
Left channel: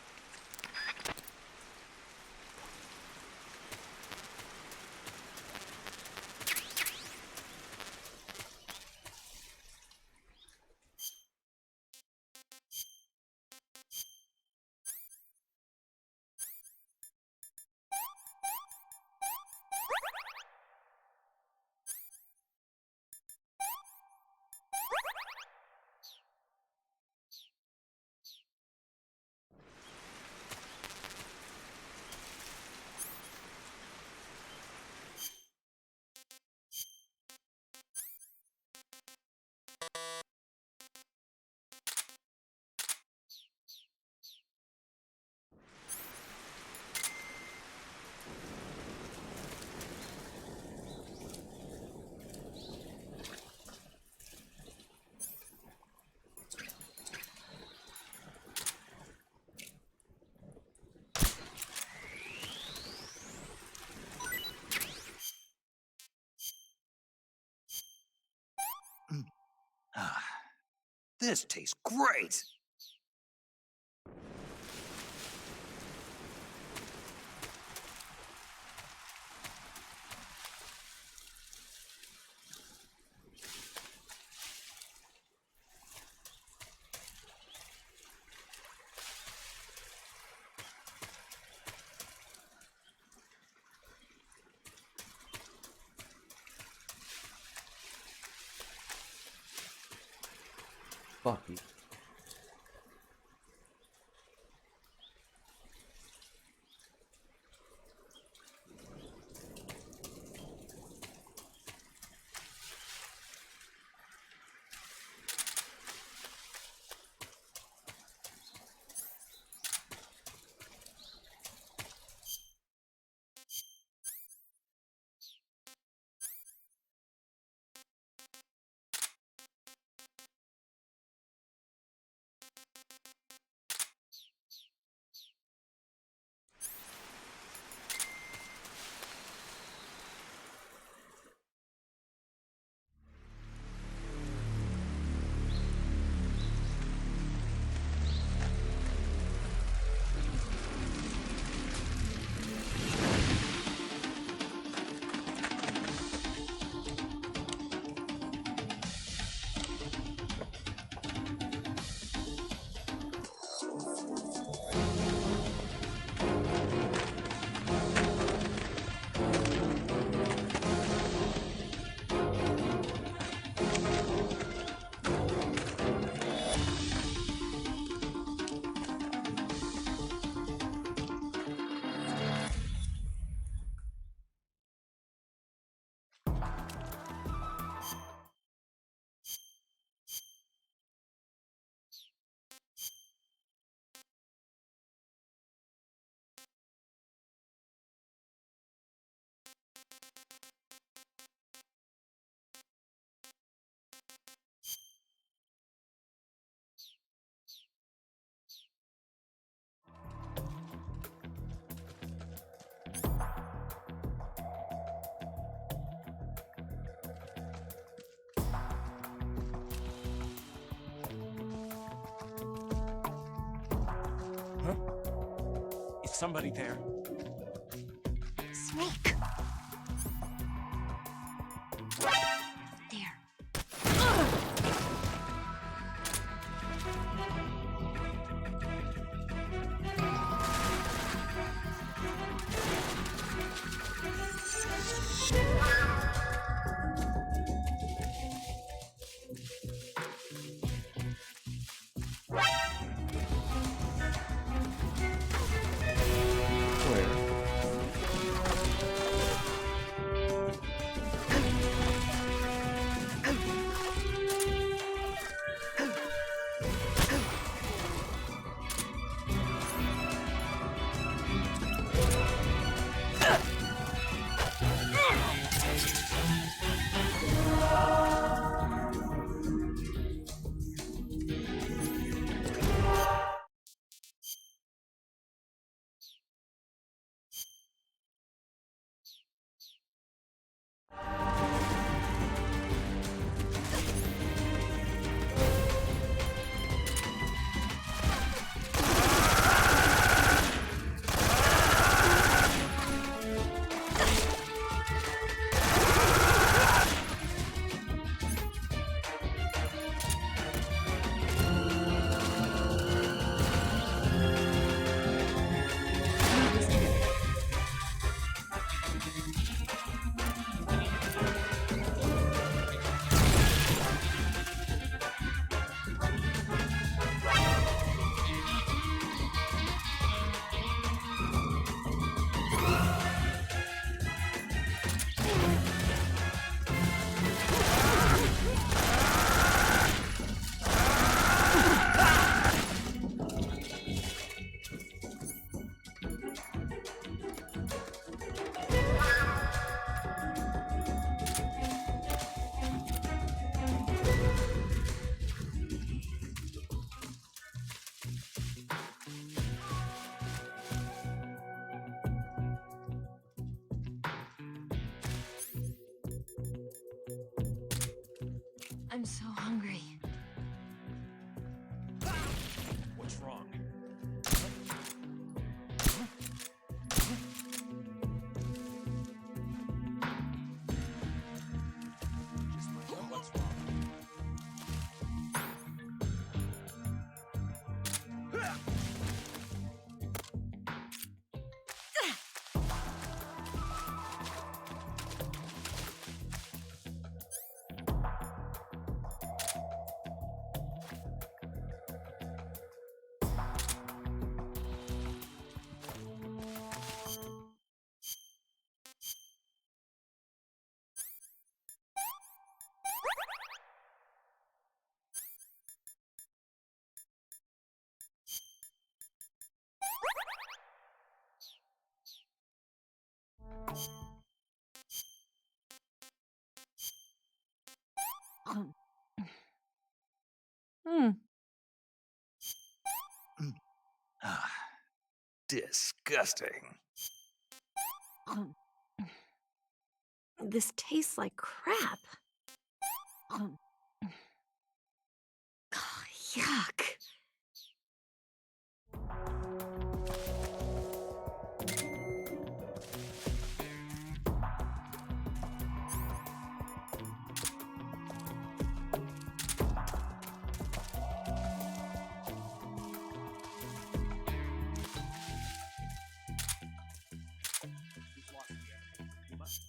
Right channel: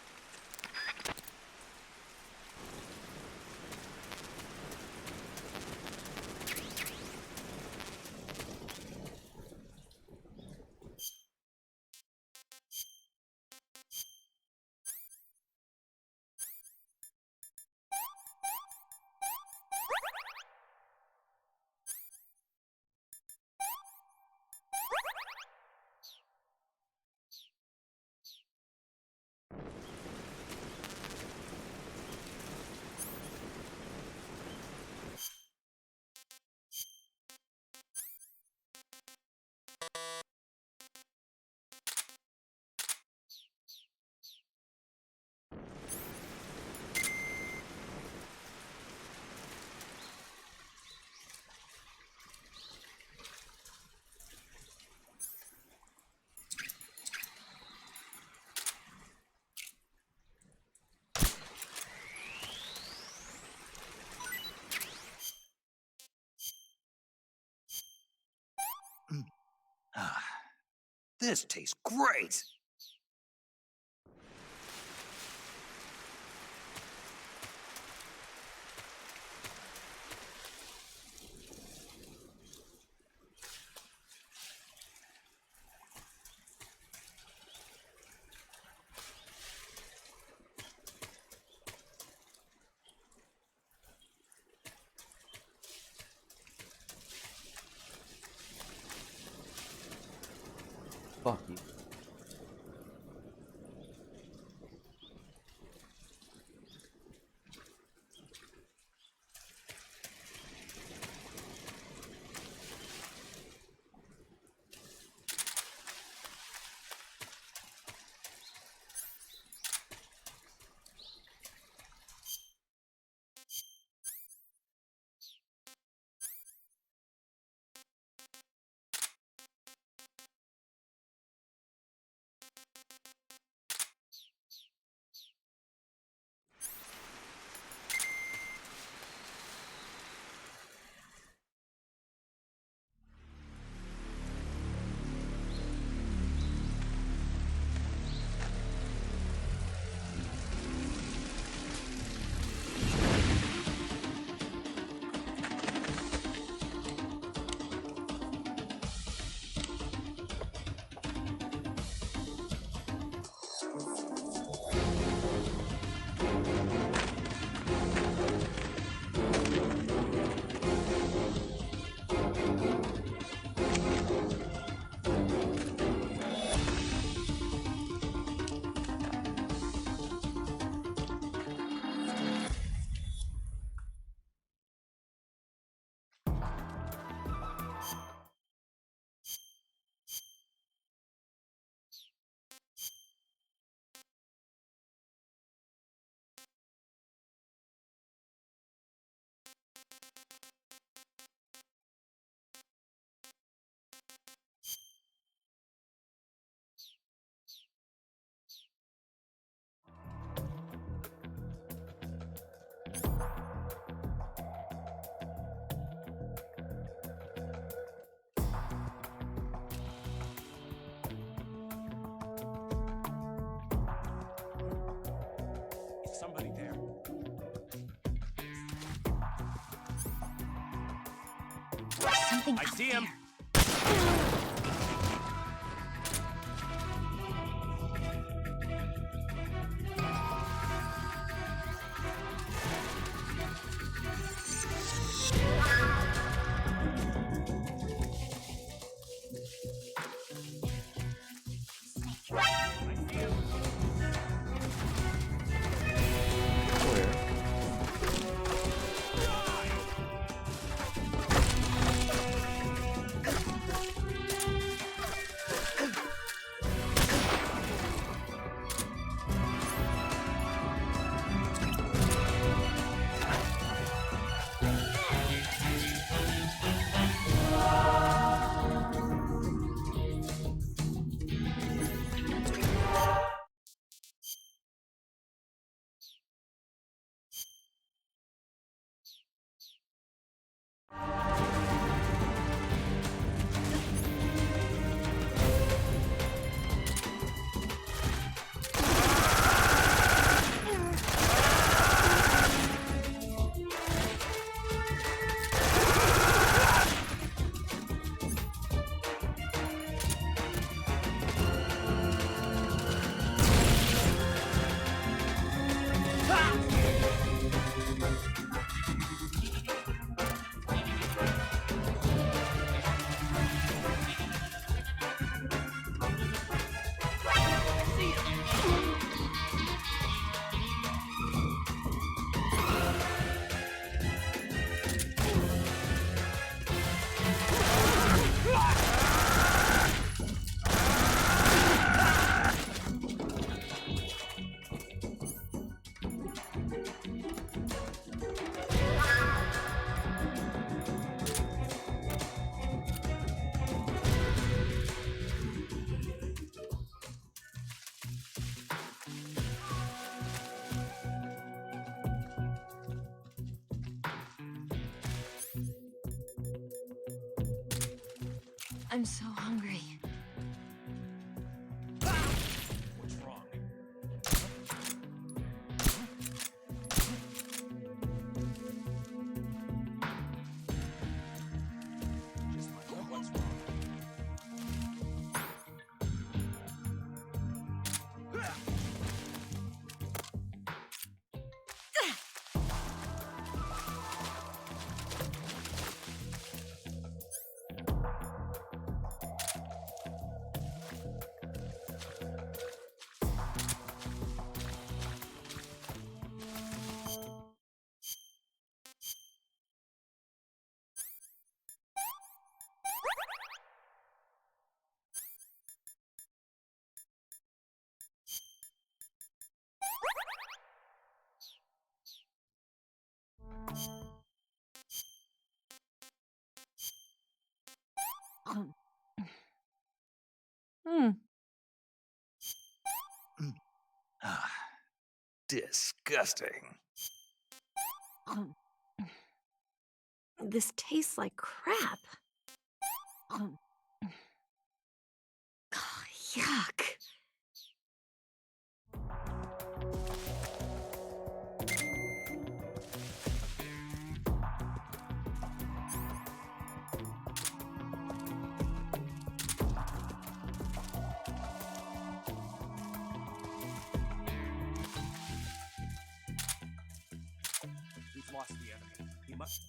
This tastes great. Fuck you. Is somebody there? Snake! Something I out see him. there. Where? I'm so hungry. What's wrong? Just what's wrong? Disgusting. This tastes like crap. Yuck. We've lost the enemy. We must.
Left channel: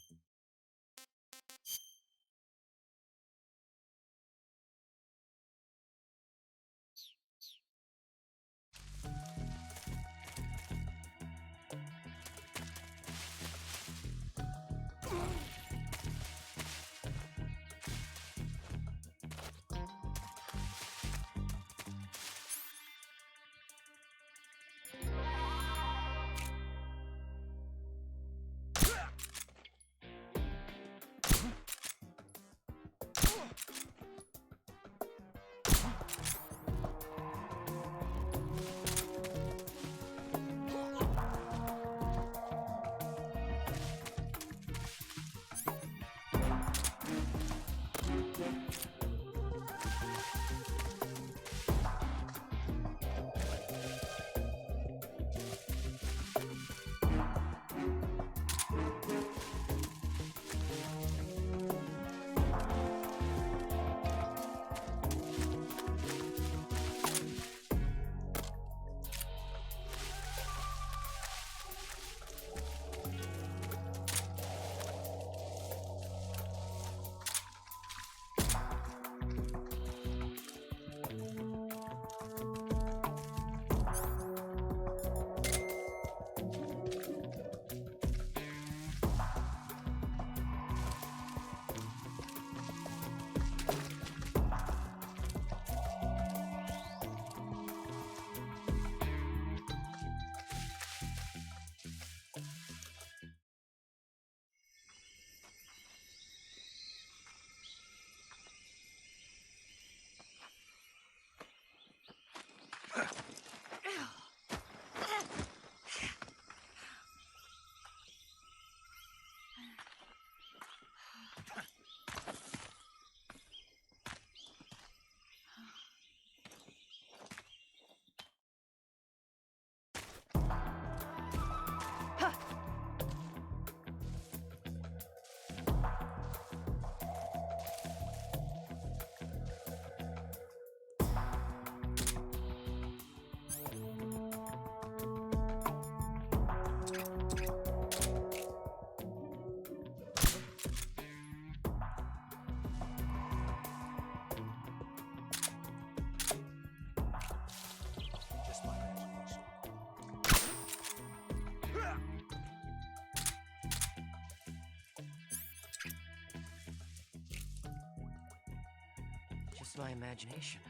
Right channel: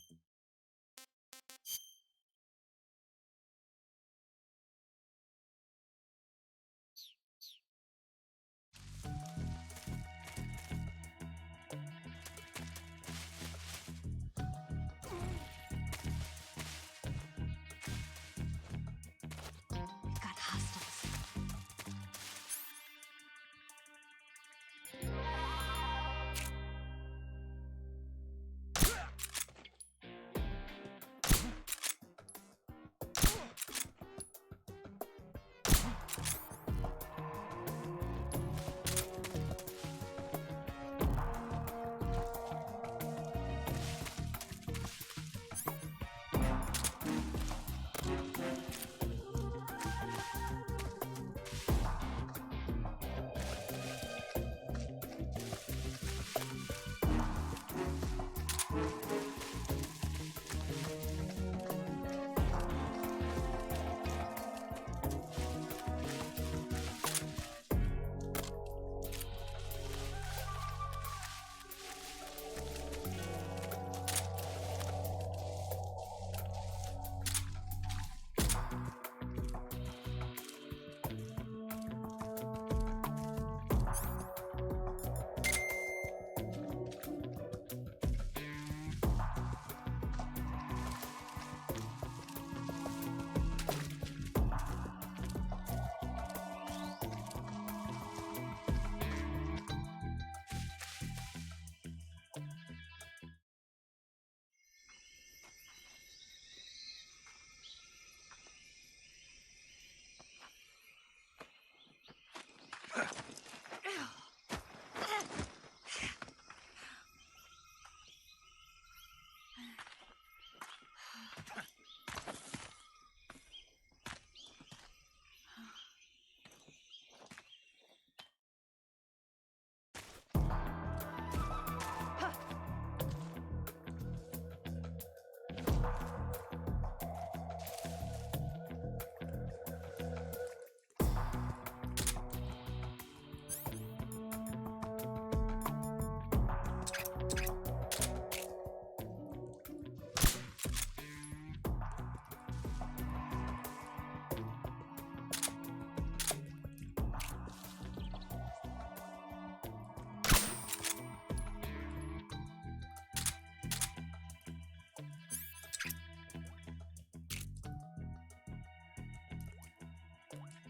Just my imagination.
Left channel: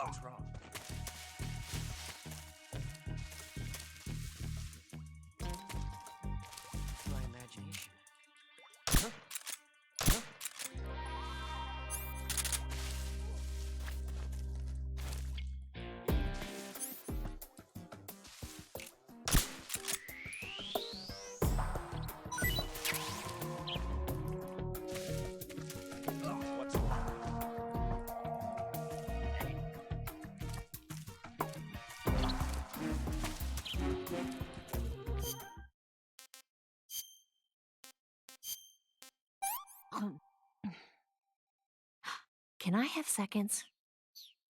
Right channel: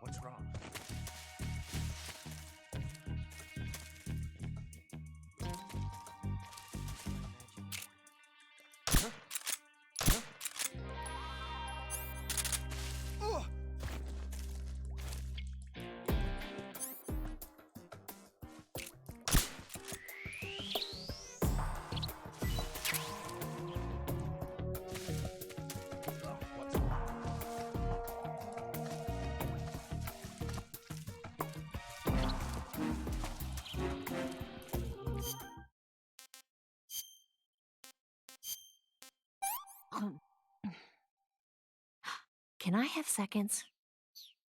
What's wrong? Just my imagination. Can I have seconds? It's just my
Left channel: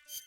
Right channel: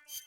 imagination.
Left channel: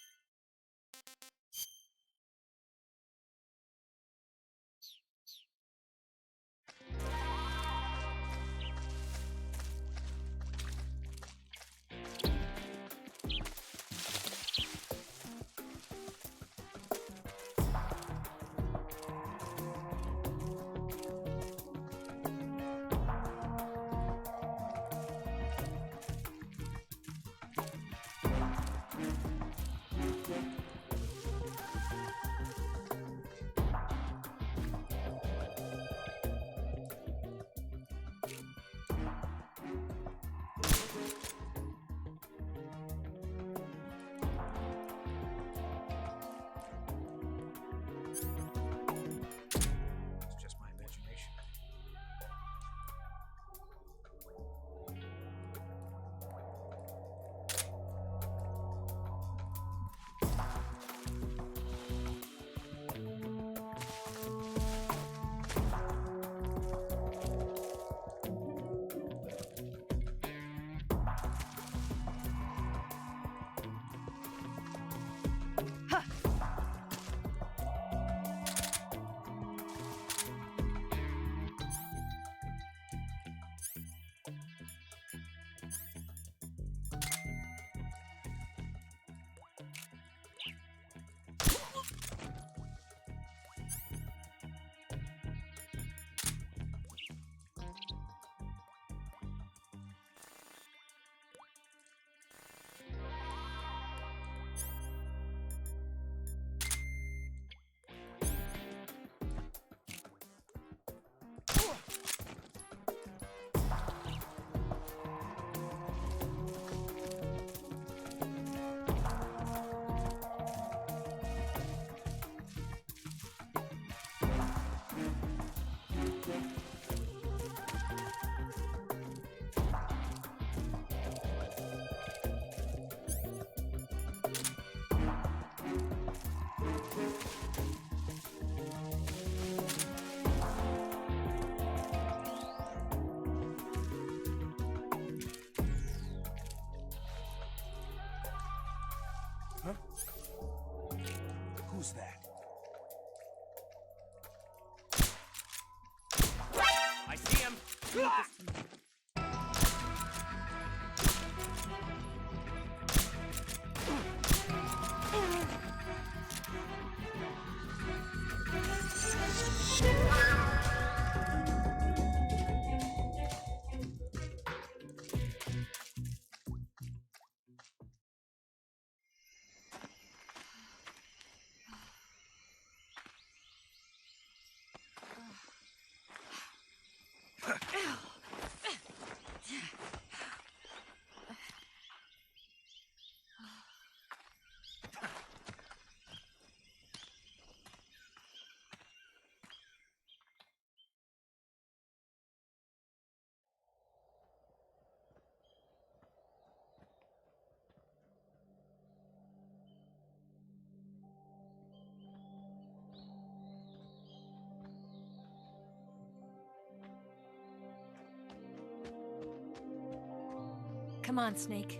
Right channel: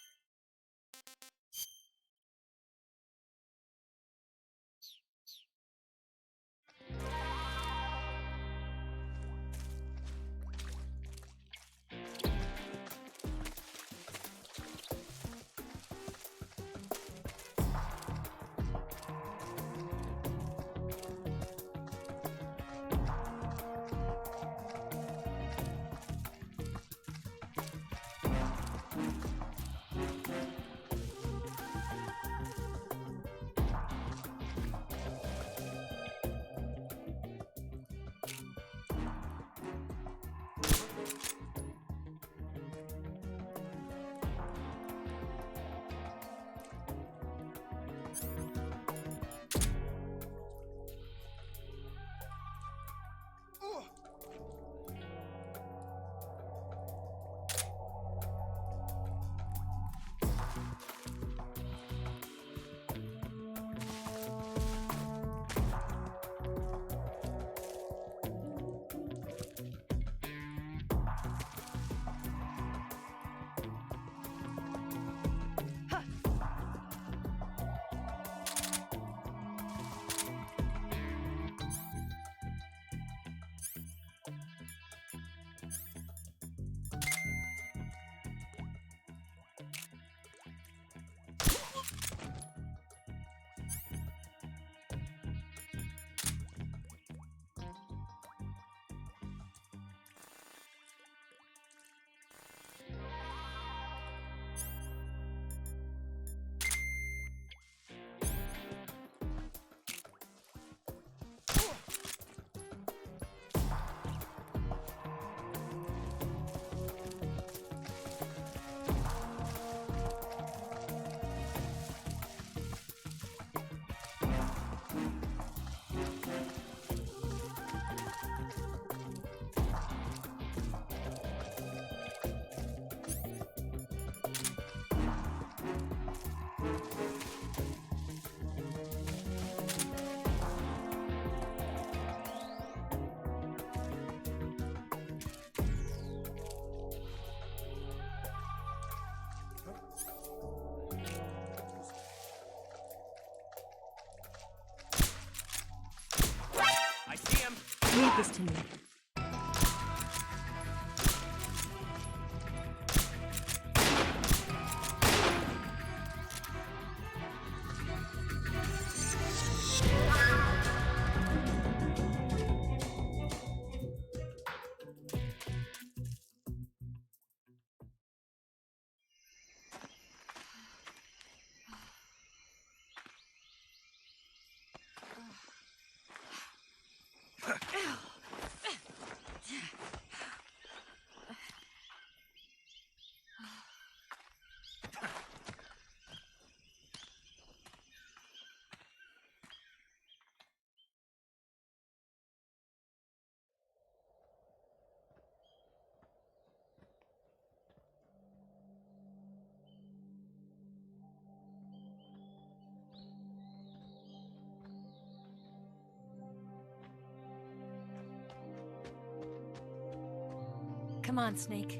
Huh? Who's that? I see him! Leave this to me. Come on, Snake.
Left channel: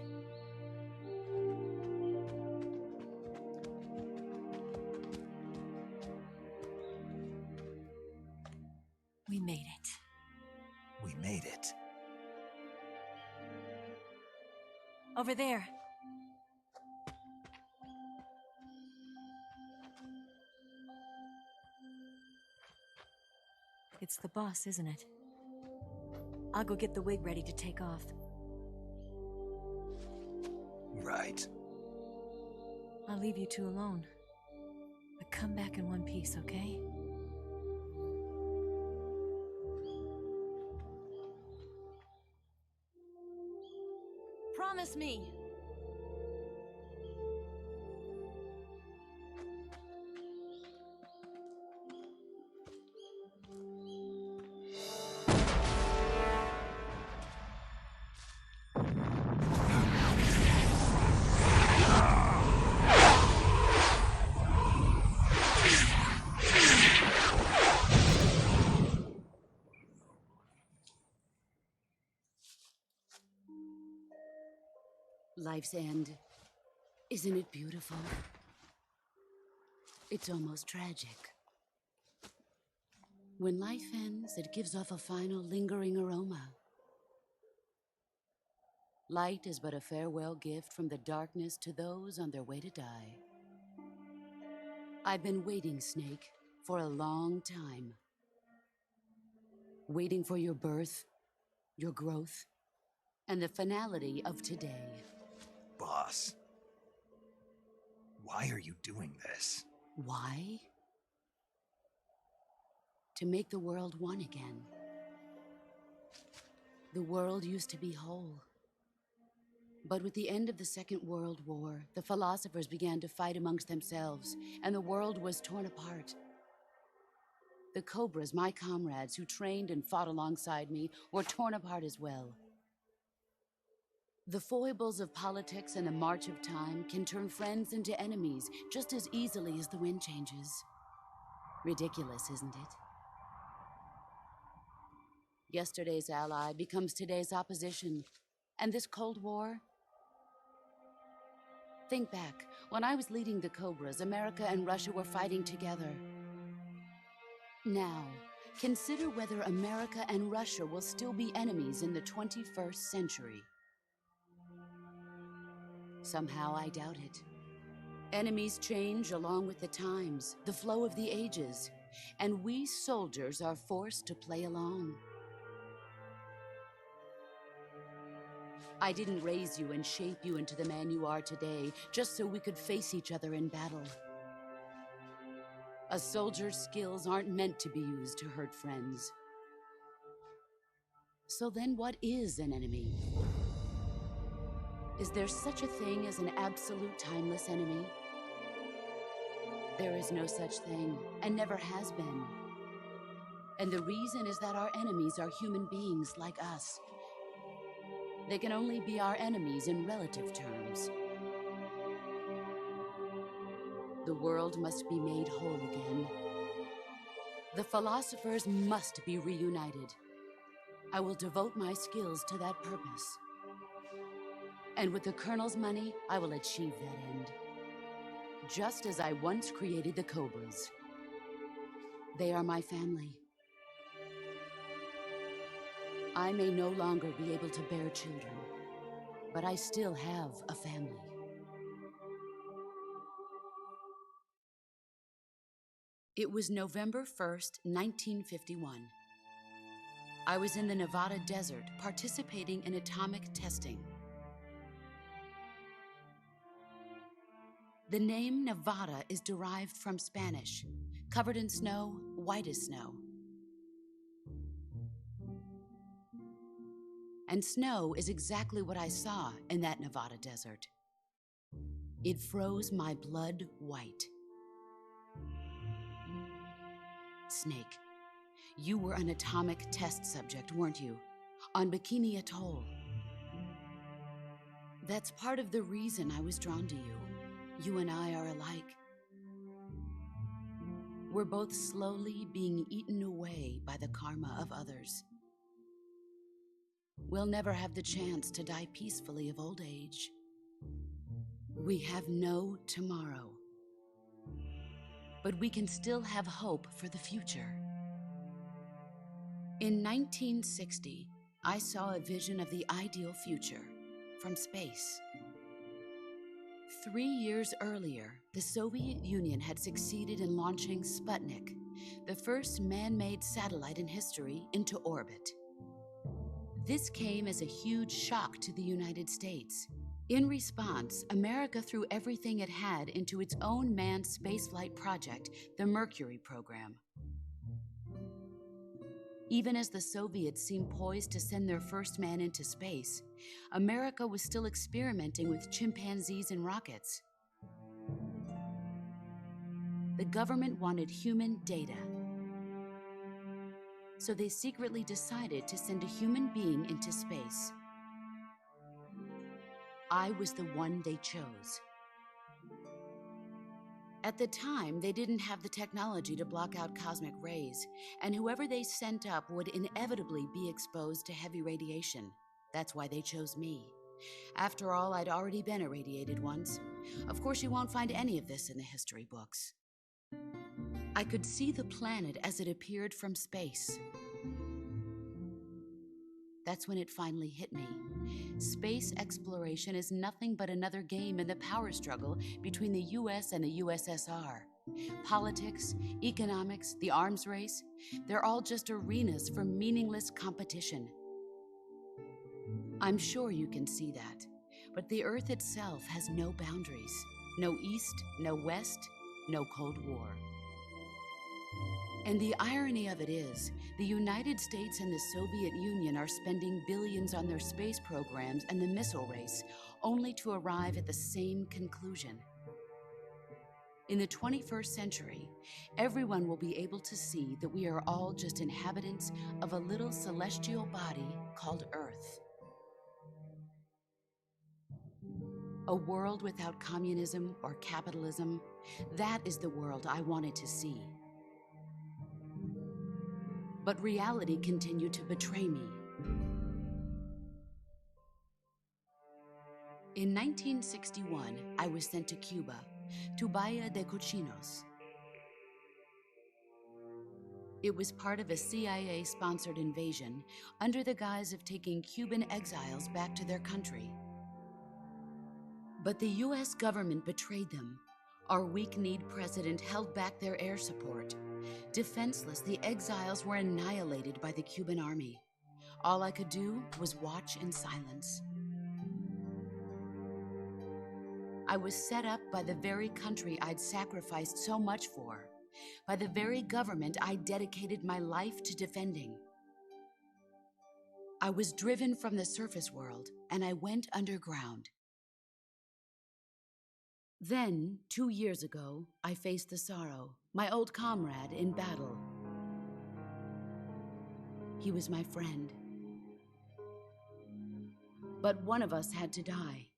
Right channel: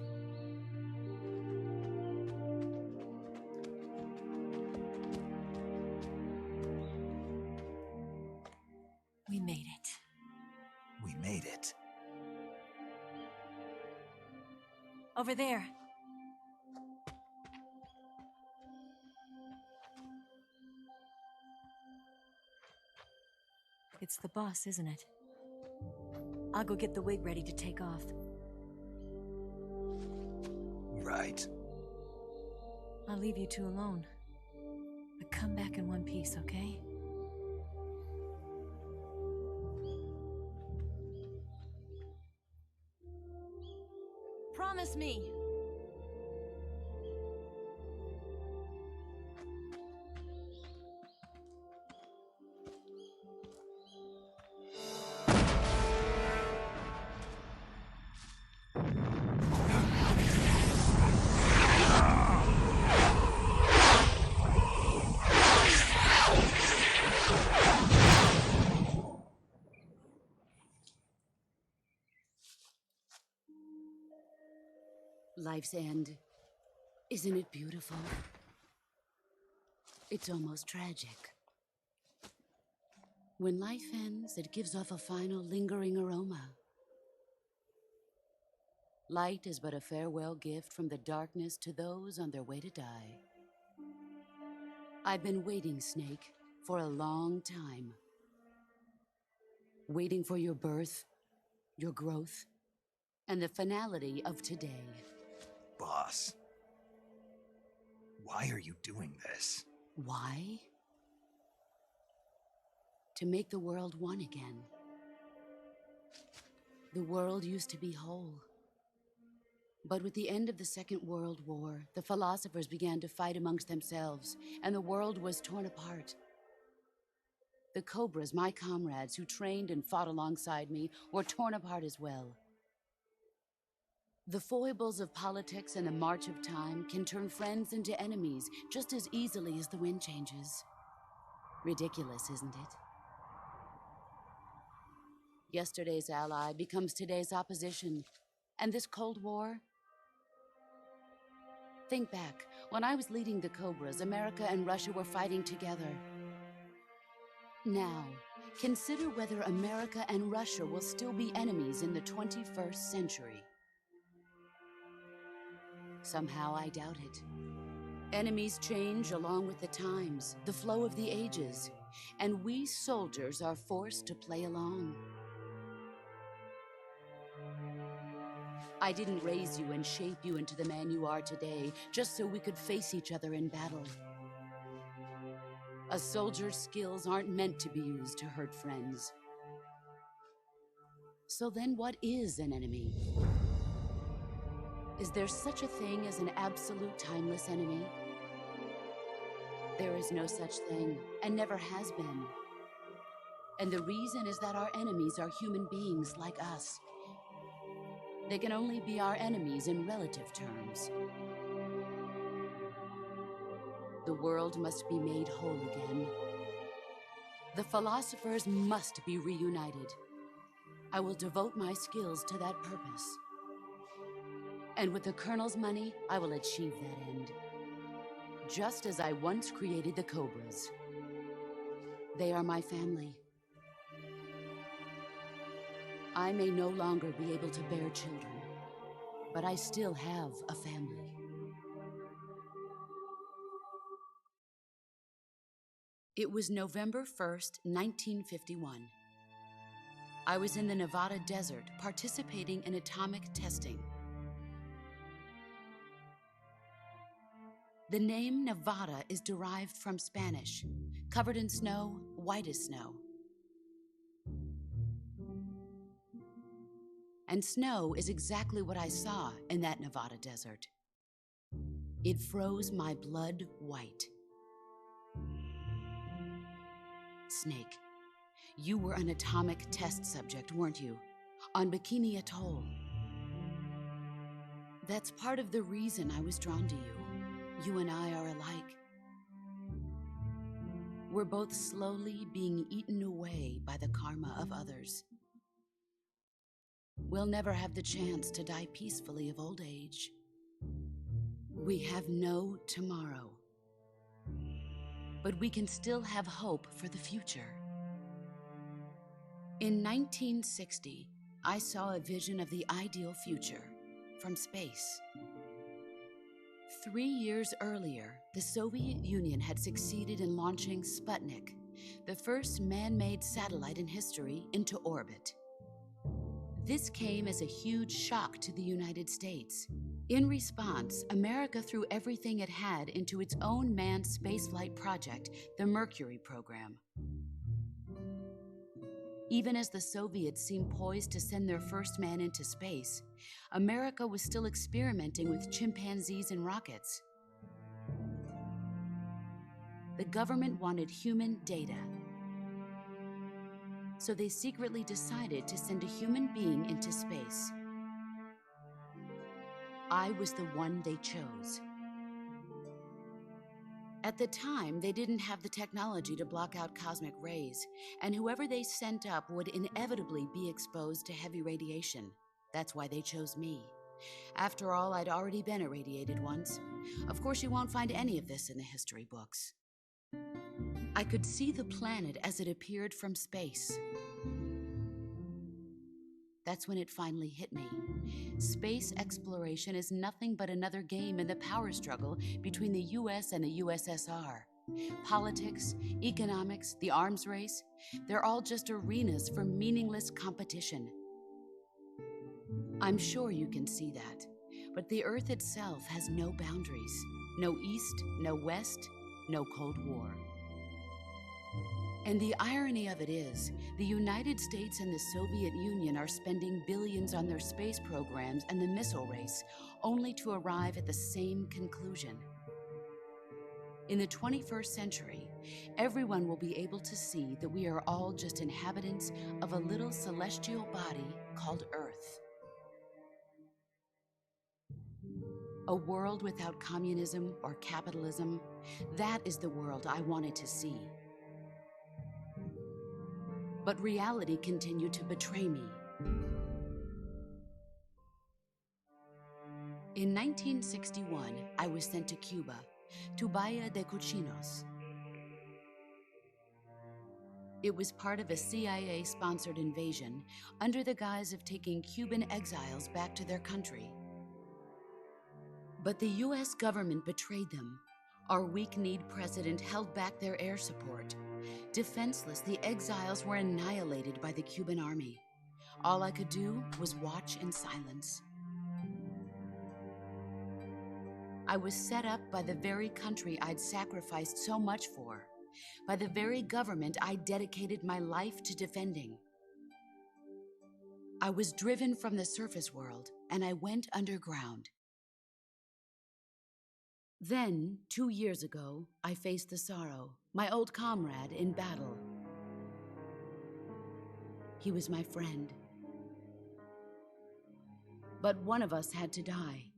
Over there. It's the boss, isn't it? I'll go get the wig ready to take off. Right. I'll leave you two alone. But come back in one piece, okay? Promise me! Life's end. Isn't it beautiful? It's almost tragic. When life ends, it gives off a final lingering aroma. Light is but a farewell gift from the darkness to those on their way to die. I've been waiting, Snake, for a long time. Waiting for your birth, your growth, and the finality of today. Boss. Why are you doing this? Why? To make the world one again. The world used to be whole. But with the end of the Second World War, the philosophers began to fight amongst themselves, and the world was torn apart. The Cobras, my comrades who trained and fought alongside me, were torn apart as well. The foibles of politics and the march of time can turn friends into enemies just as easily as the wind changes. Ridiculous, isn't it? Yesterday's ally becomes today's opposition. And this Cold War? Think back. When I was leading the Cobras, America and Russia were fighting together. Now, consider whether America and Russia will still be enemies in the 21st century. Somehow I doubt it. Enemies change along with the times, the flow of the ages, and we soldiers are forced to play along. I didn't raise you and shape you into the man you are today just so we could face each other in battle. A soldier's skills aren't meant to be used to hurt friends. So then what is an enemy? Is there such a thing as an absolute timeless enemy? There is no such thing, and never has been. And the reason is that our enemies are human beings like us. They can only be our enemies in relative terms. The world must be made whole again. The philosophers must be reunited. I will devote my skills to that purpose. And with the Colonel's money, I will achieve that end. Just as I once created the Cobras. They are my family. I may no longer be able to bear children, but I still have a family. It was November 1st, 1951. I was in the Nevada desert participating in atomic testing. The name Nevada is derived from Spanish, covered in snow, white as snow. And snow is exactly what I saw in that Nevada desert. It froze my blood white. Snake, you were an atomic test subject, weren't you? On Bikini Atoll. That's part of the reason I was drawn to you. You and I are alike. We're both slowly being eaten away by the karma of others. We'll never have the chance to die peacefully of old age. We have no tomorrow. But we can still have hope for the future. In 1960, I saw a vision of the ideal future from space. 3 years earlier, the Soviet Union had succeeded in launching Sputnik, the first man-made satellite in history, into orbit. This came as a huge shock to the United States. In response, America threw everything it had into its own manned spaceflight project, the Mercury program. Even as the Soviets seemed poised to send their first man into space, America was still experimenting with chimpanzees and rockets. The government wanted human data, so they secretly decided to send a human being into space. I was the one they chose. At the time, they didn't have the technology to block out cosmic rays, and whoever they sent up would inevitably be exposed to heavy radiation. That's why they chose me. After all, I'd already been irradiated once. Of course, you won't find any of this in the history books. I could see the planet as it appeared from space. That's when it finally hit me. Space exploration is nothing but another game in the power struggle between the US and the USSR. Politics, economics, the arms race, they're all just arenas for meaningless competition. I'm sure you can see that, but the Earth itself has no boundaries. No East, no West, no Cold War. And the irony of it is, the United States and the Soviet Union are spending billions on their space programs and the missile race, only to arrive at the same conclusion. In the 21st century, everyone will be able to see that we are all just inhabitants of a little celestial body called Earth. A world without communism or capitalism, that is the world I wanted to see. But reality continued to betray me. In 1961, I was sent to Cuba, to Bahia de Cochinos. It was part of a CIA-sponsored invasion under the guise of taking Cuban exiles back to their country. But the US government betrayed them. Our weak-kneed president held back their air support. Defenseless, the exiles were annihilated by the Cuban army. All I could do was watch in silence. I was set up by the very country I'd sacrificed so much for, by the very government I dedicated my life to defending. I was driven from the surface world, and I went underground. Then, 2 years ago, I faced the Sorrow, my old comrade in battle. He was my friend. But one of us had to die.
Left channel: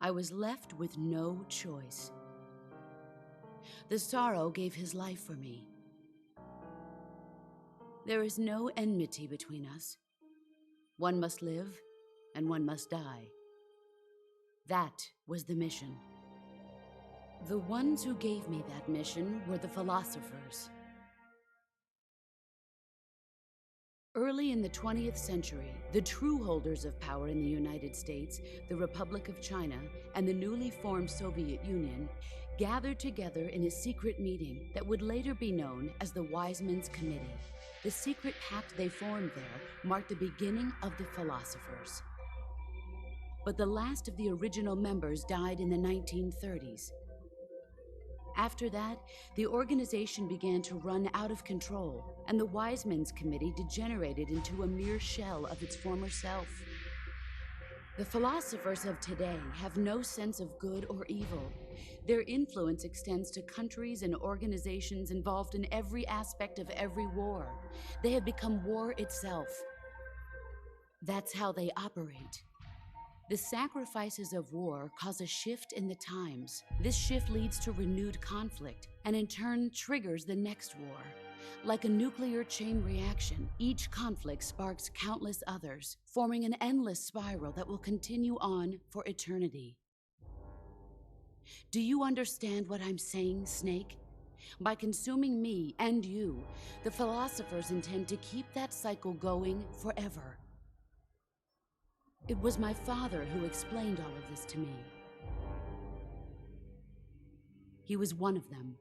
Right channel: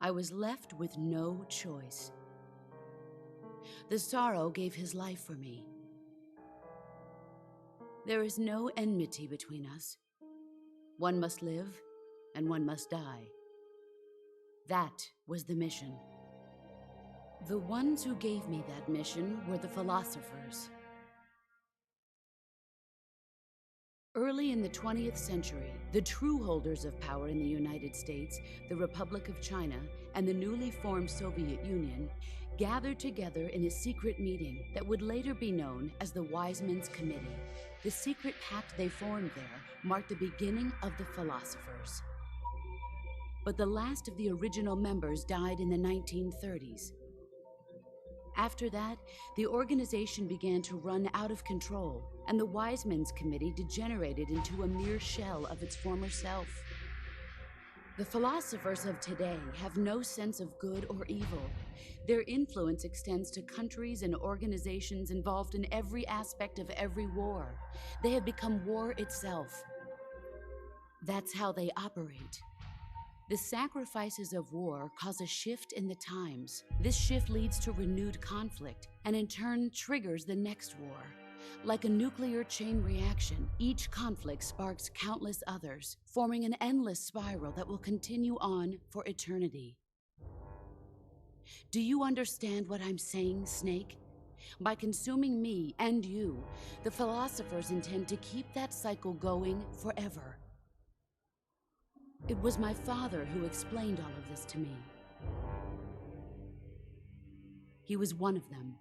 I was left with no choice. The Sorrow gave his life for me. There is no enmity between us. One must live, and one must die. That was the mission. The ones who gave me that mission were the philosophers. Early in the 20th century, the true holders of power in the United States, the Republic of China, and the newly formed Soviet Union gathered together in a secret meeting that would later be known as the Wiseman's Committee. The secret pact they formed there marked the beginning of the philosophers. But the last of the original members died in the 1930s. After that, the organization began to run out of control, and the Wiseman's Committee degenerated into a mere shell of its former self. The philosophers of today have no sense of good or evil. Their influence extends to countries and organizations involved in every aspect of every war. They have become war itself. That's how they operate. The sacrifices of war cause a shift in the times. This shift leads to renewed conflict, and in turn triggers the next war. Like a nuclear chain reaction, each conflict sparks countless others, forming an endless spiral that will continue on for eternity. Do you understand what I'm saying, Snake? By consuming me and you, the philosophers intend to keep that cycle going forever. It was my father who explained all of this to me. He was one of them.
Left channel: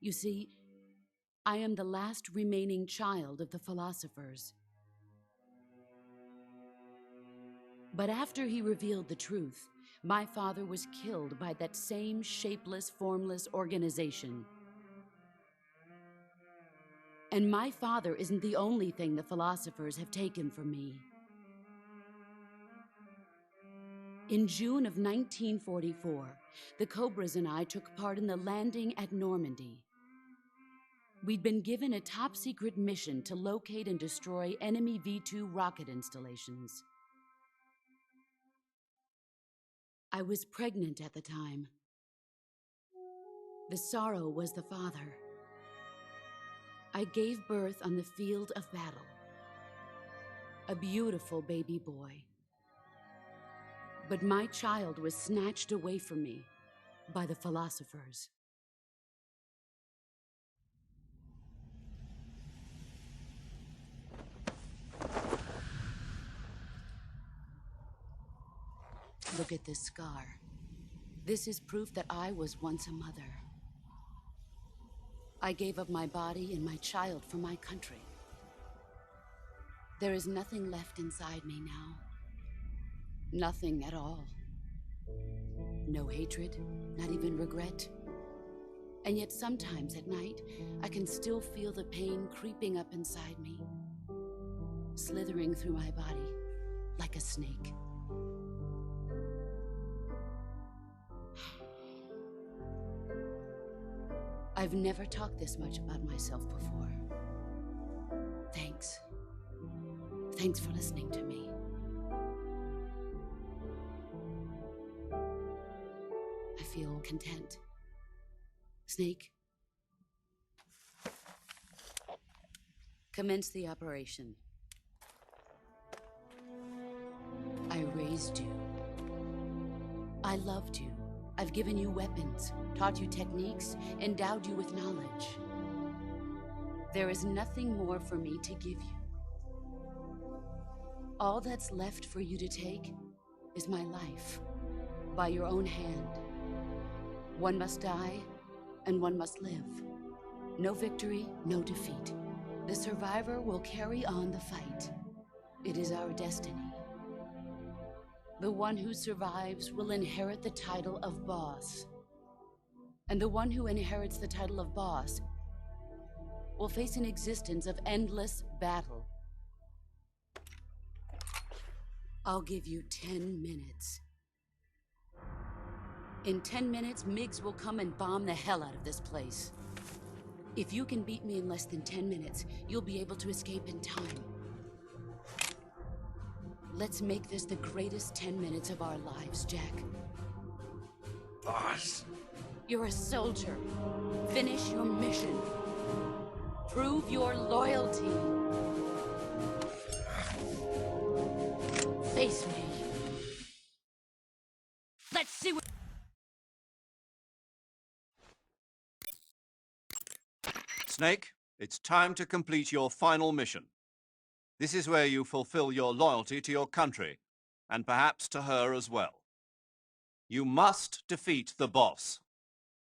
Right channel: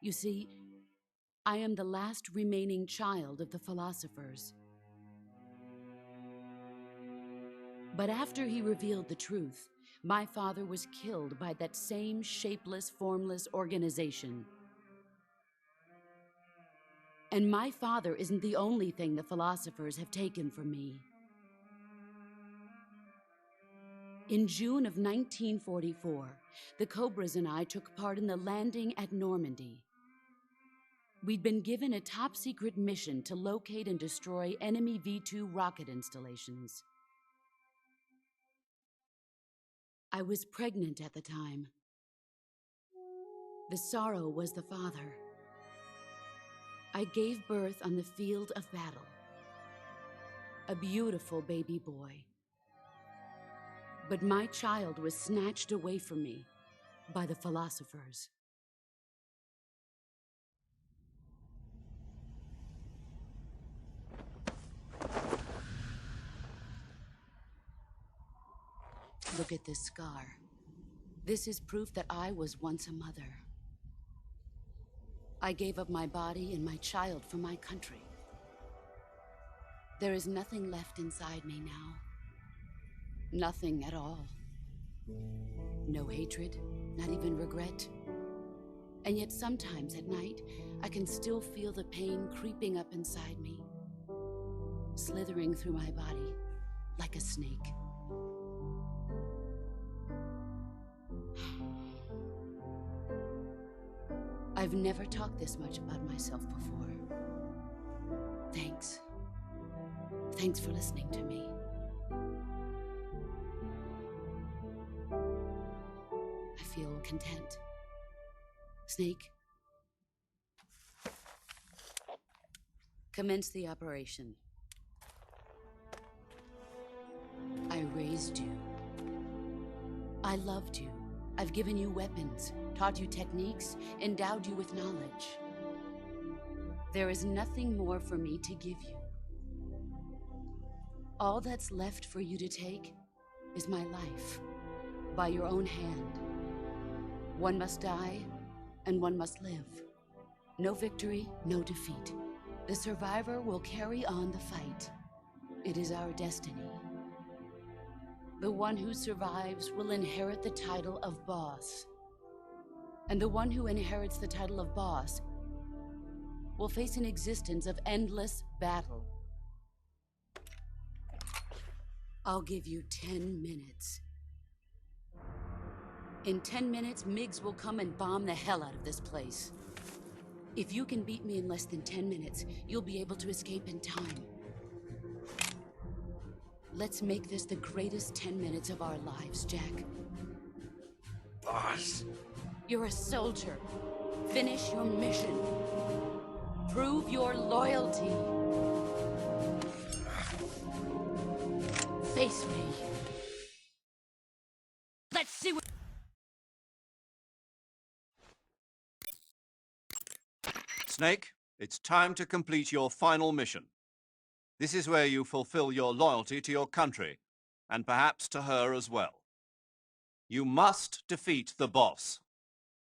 You see, I am the last remaining child of the philosophers. But after he revealed the truth, my father was killed by that same shapeless, formless organization. And my father isn't the only thing the philosophers have taken from me. In June of 1944, the Cobras and I took part in the landing at Normandy. We'd been given a top-secret mission to locate and destroy enemy V-2 rocket installations. I was pregnant at the time. The sorrow was the father. I gave birth on the field of battle. A beautiful baby boy. But my child was snatched away from me by the philosophers. Look at this scar. This is proof that I was once a mother. I gave up my body and my child for my country. There is nothing left inside me now. Nothing at all. No hatred, not even regret. And yet sometimes at night, I can still feel the pain creeping up inside me, slithering through my body like a snake. I've never talked this much about myself before. Thanks. Thanks for listening to me. I feel content. Snake, commence the operation. I raised you. I loved you. I've given you weapons, taught you techniques, endowed you with knowledge. There is nothing more for me to give you. All that's left for you to take is my life, by your own hand. One must die, and one must live. No victory, no defeat. The survivor will carry on the fight. It is our destiny. The one who survives will inherit the title of boss. And the one who inherits the title of boss will face an existence of endless battle. I'll give you 10 minutes. In 10 minutes, MiGs will come and bomb the hell out of this place. If you can beat me in less than 10 minutes, you'll be able to escape in time. Let's make this the greatest 10 minutes of our lives, Jack. Boss. You're a soldier. Finish your mission. Prove your loyalty. Face me. Let's see what... Snake, it's time to complete your final mission. This is where you fulfill your loyalty to your country, and perhaps to her as well. You must defeat the boss.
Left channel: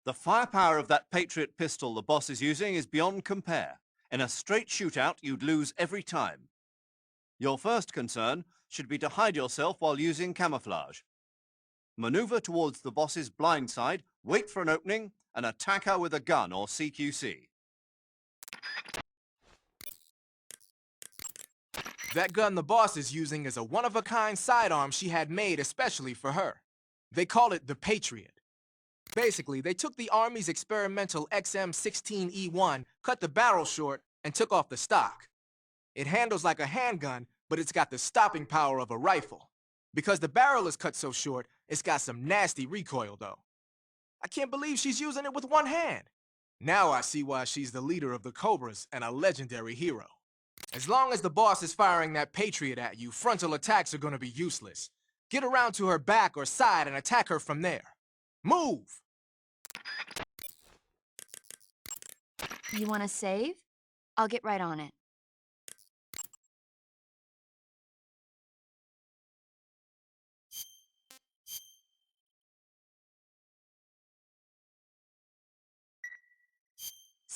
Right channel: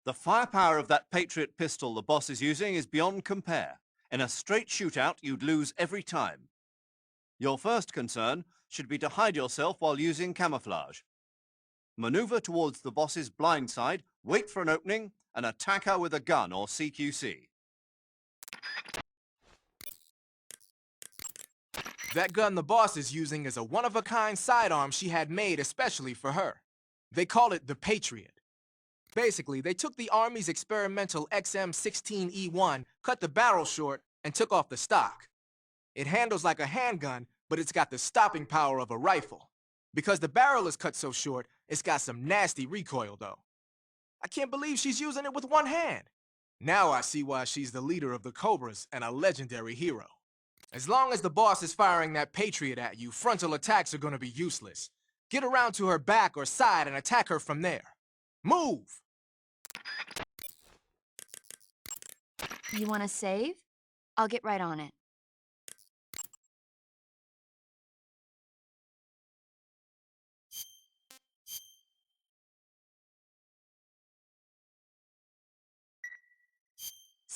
The firepower of that Patriot pistol the boss is using is beyond compare. In a straight shootout, you'd lose every time. Your first concern should be to hide yourself while using camouflage. Maneuver towards the boss's blind side, wait for an opening, and attack her with a gun or CQC. That gun the boss is using is a one-of-a-kind sidearm she had made especially for her. They call it the Patriot. Basically, they took the Army's experimental XM16E1, cut the barrel short, and took off the stock. It handles like a handgun, but it's got the stopping power of a rifle. Because the barrel is cut so short, it's got some nasty recoil, though. I can't believe she's using it with one hand. Now I see why she's the leader of the Cobras and a legendary hero. As long as the boss is firing that Patriot at you, frontal attacks are going to be useless. Get around to her back or side and attack her from there. Move! You want to save? I'll get right on it.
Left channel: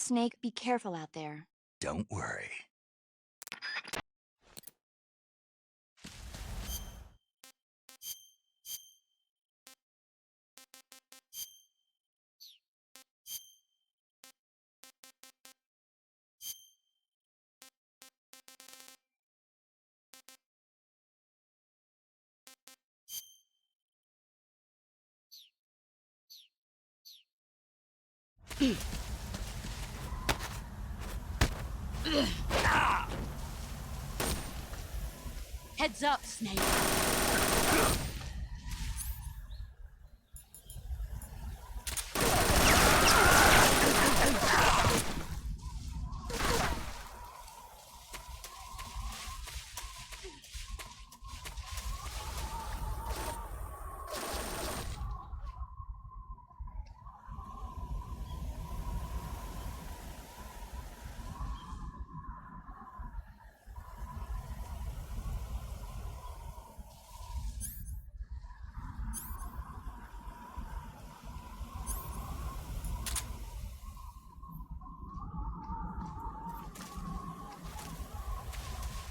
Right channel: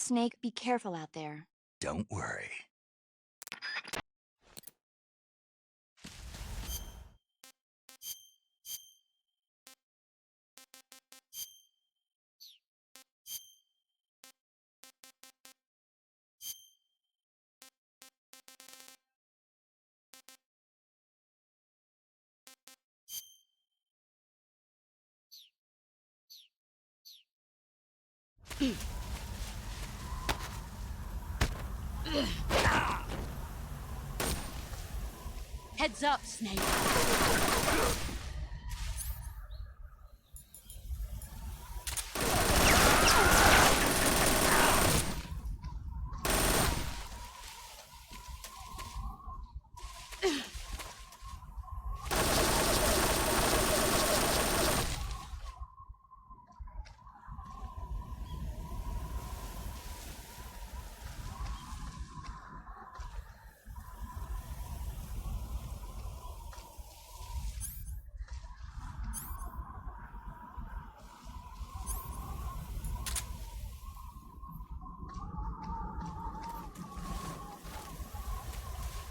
Snake, be careful out there. Don't worry. Heads up, Snake.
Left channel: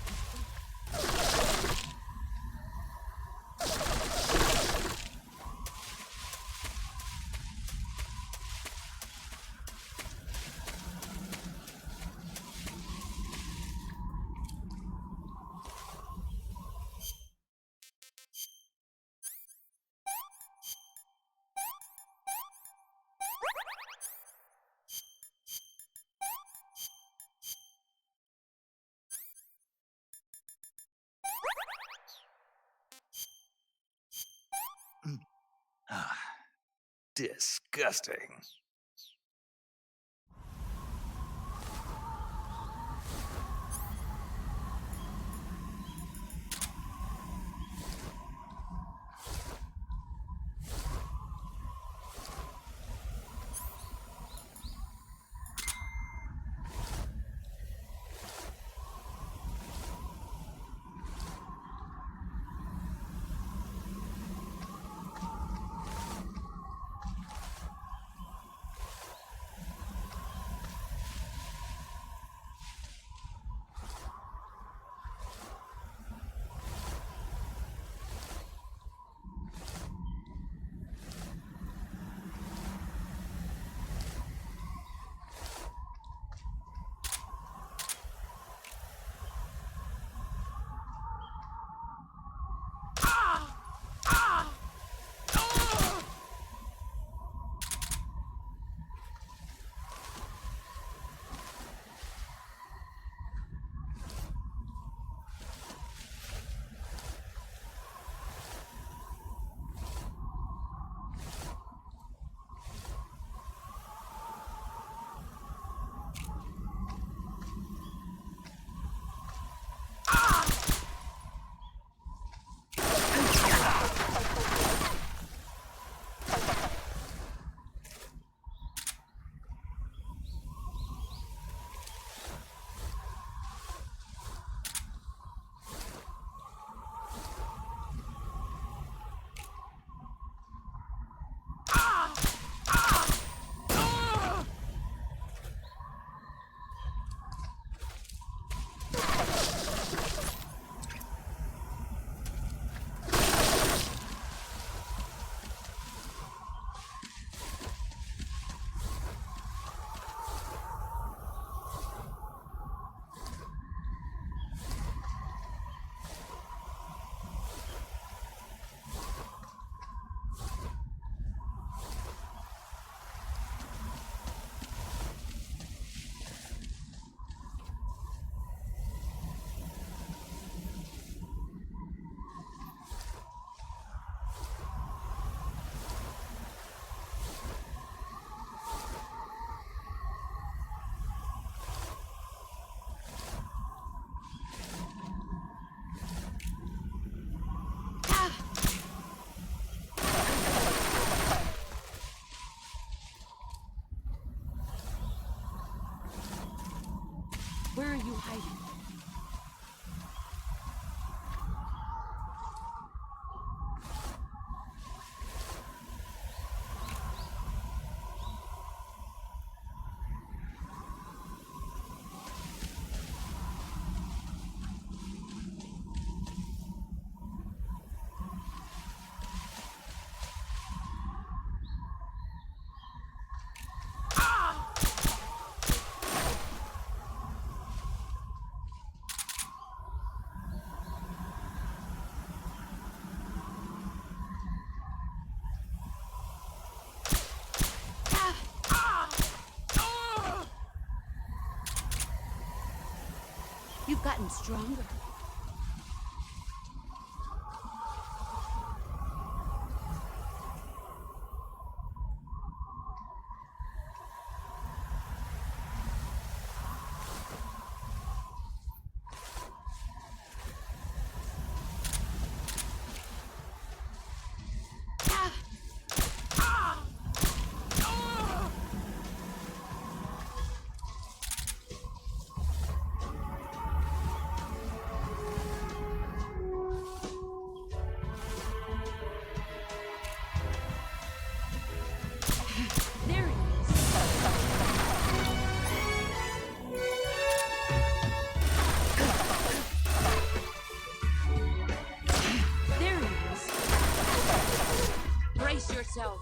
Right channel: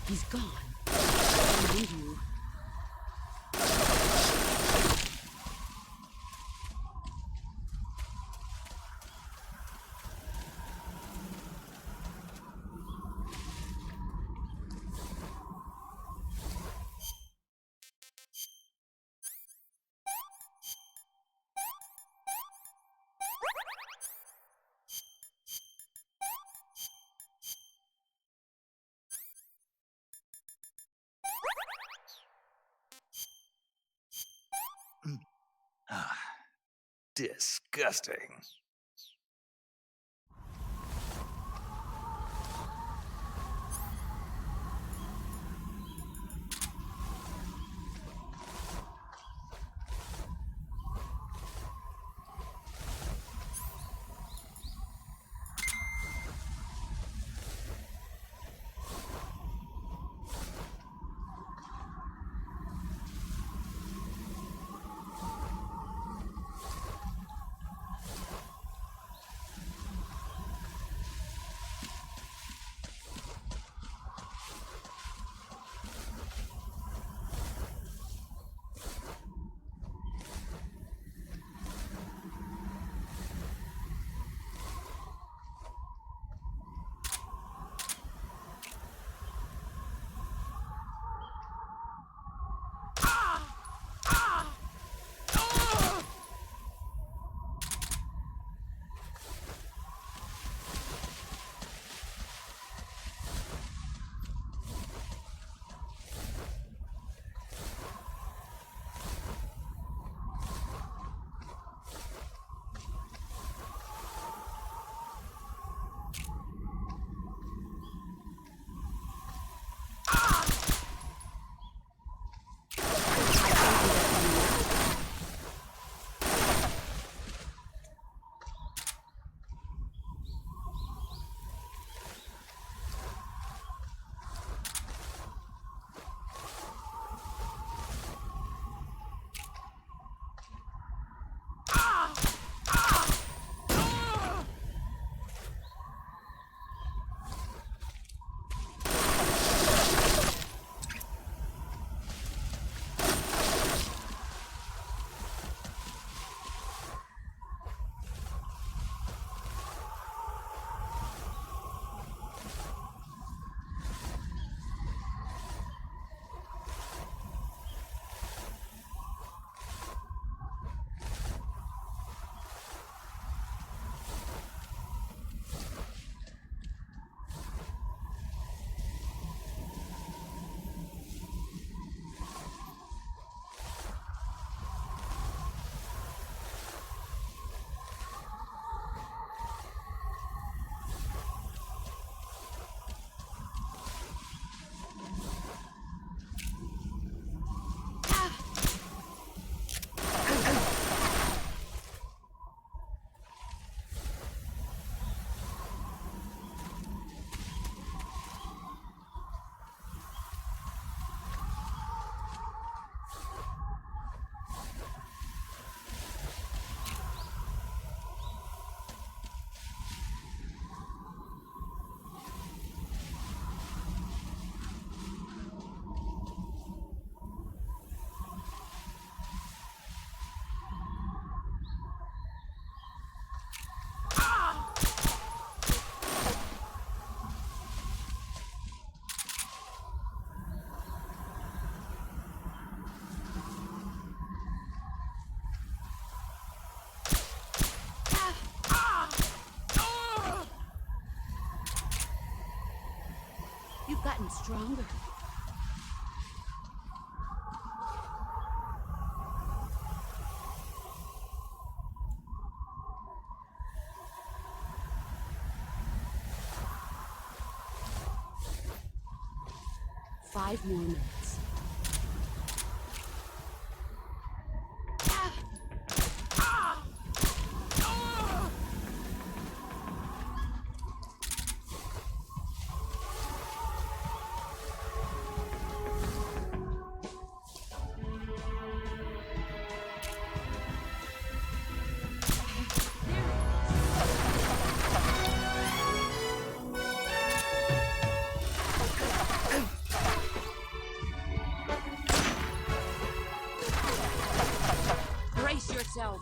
He's gone. Behind you. Disgusting. gotten stronger. Five more minutes. There it is. There it is. Brace yourself.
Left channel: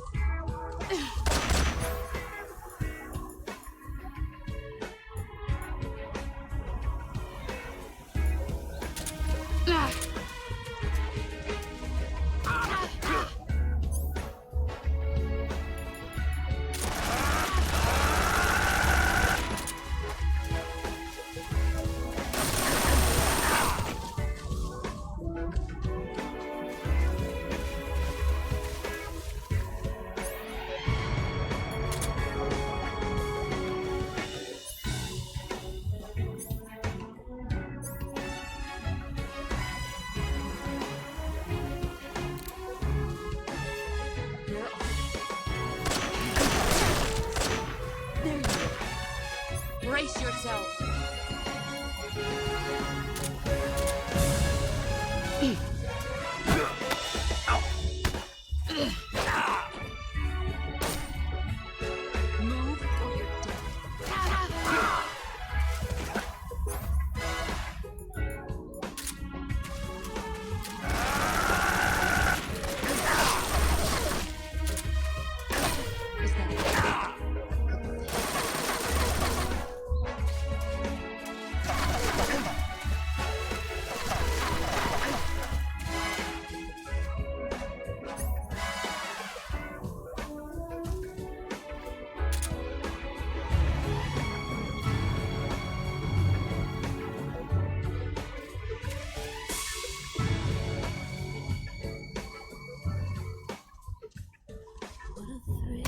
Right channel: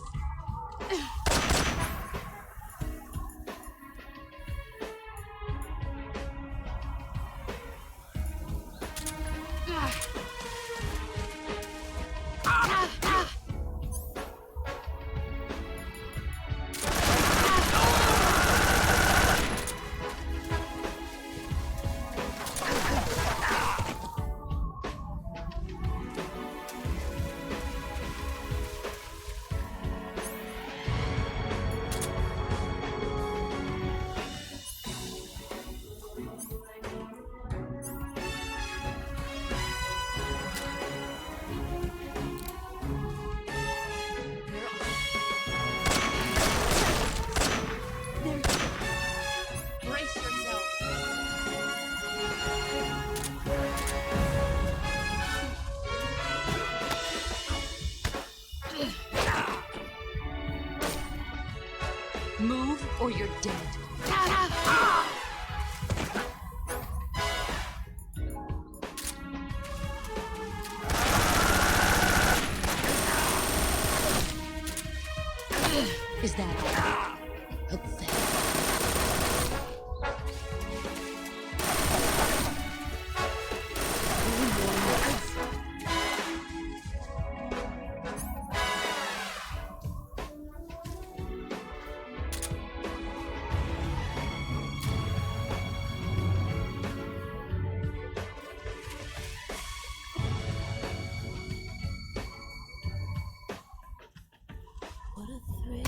Where are you? There you are. Brace yourself. Move or you're dead. Is that pathetic? What a thrill.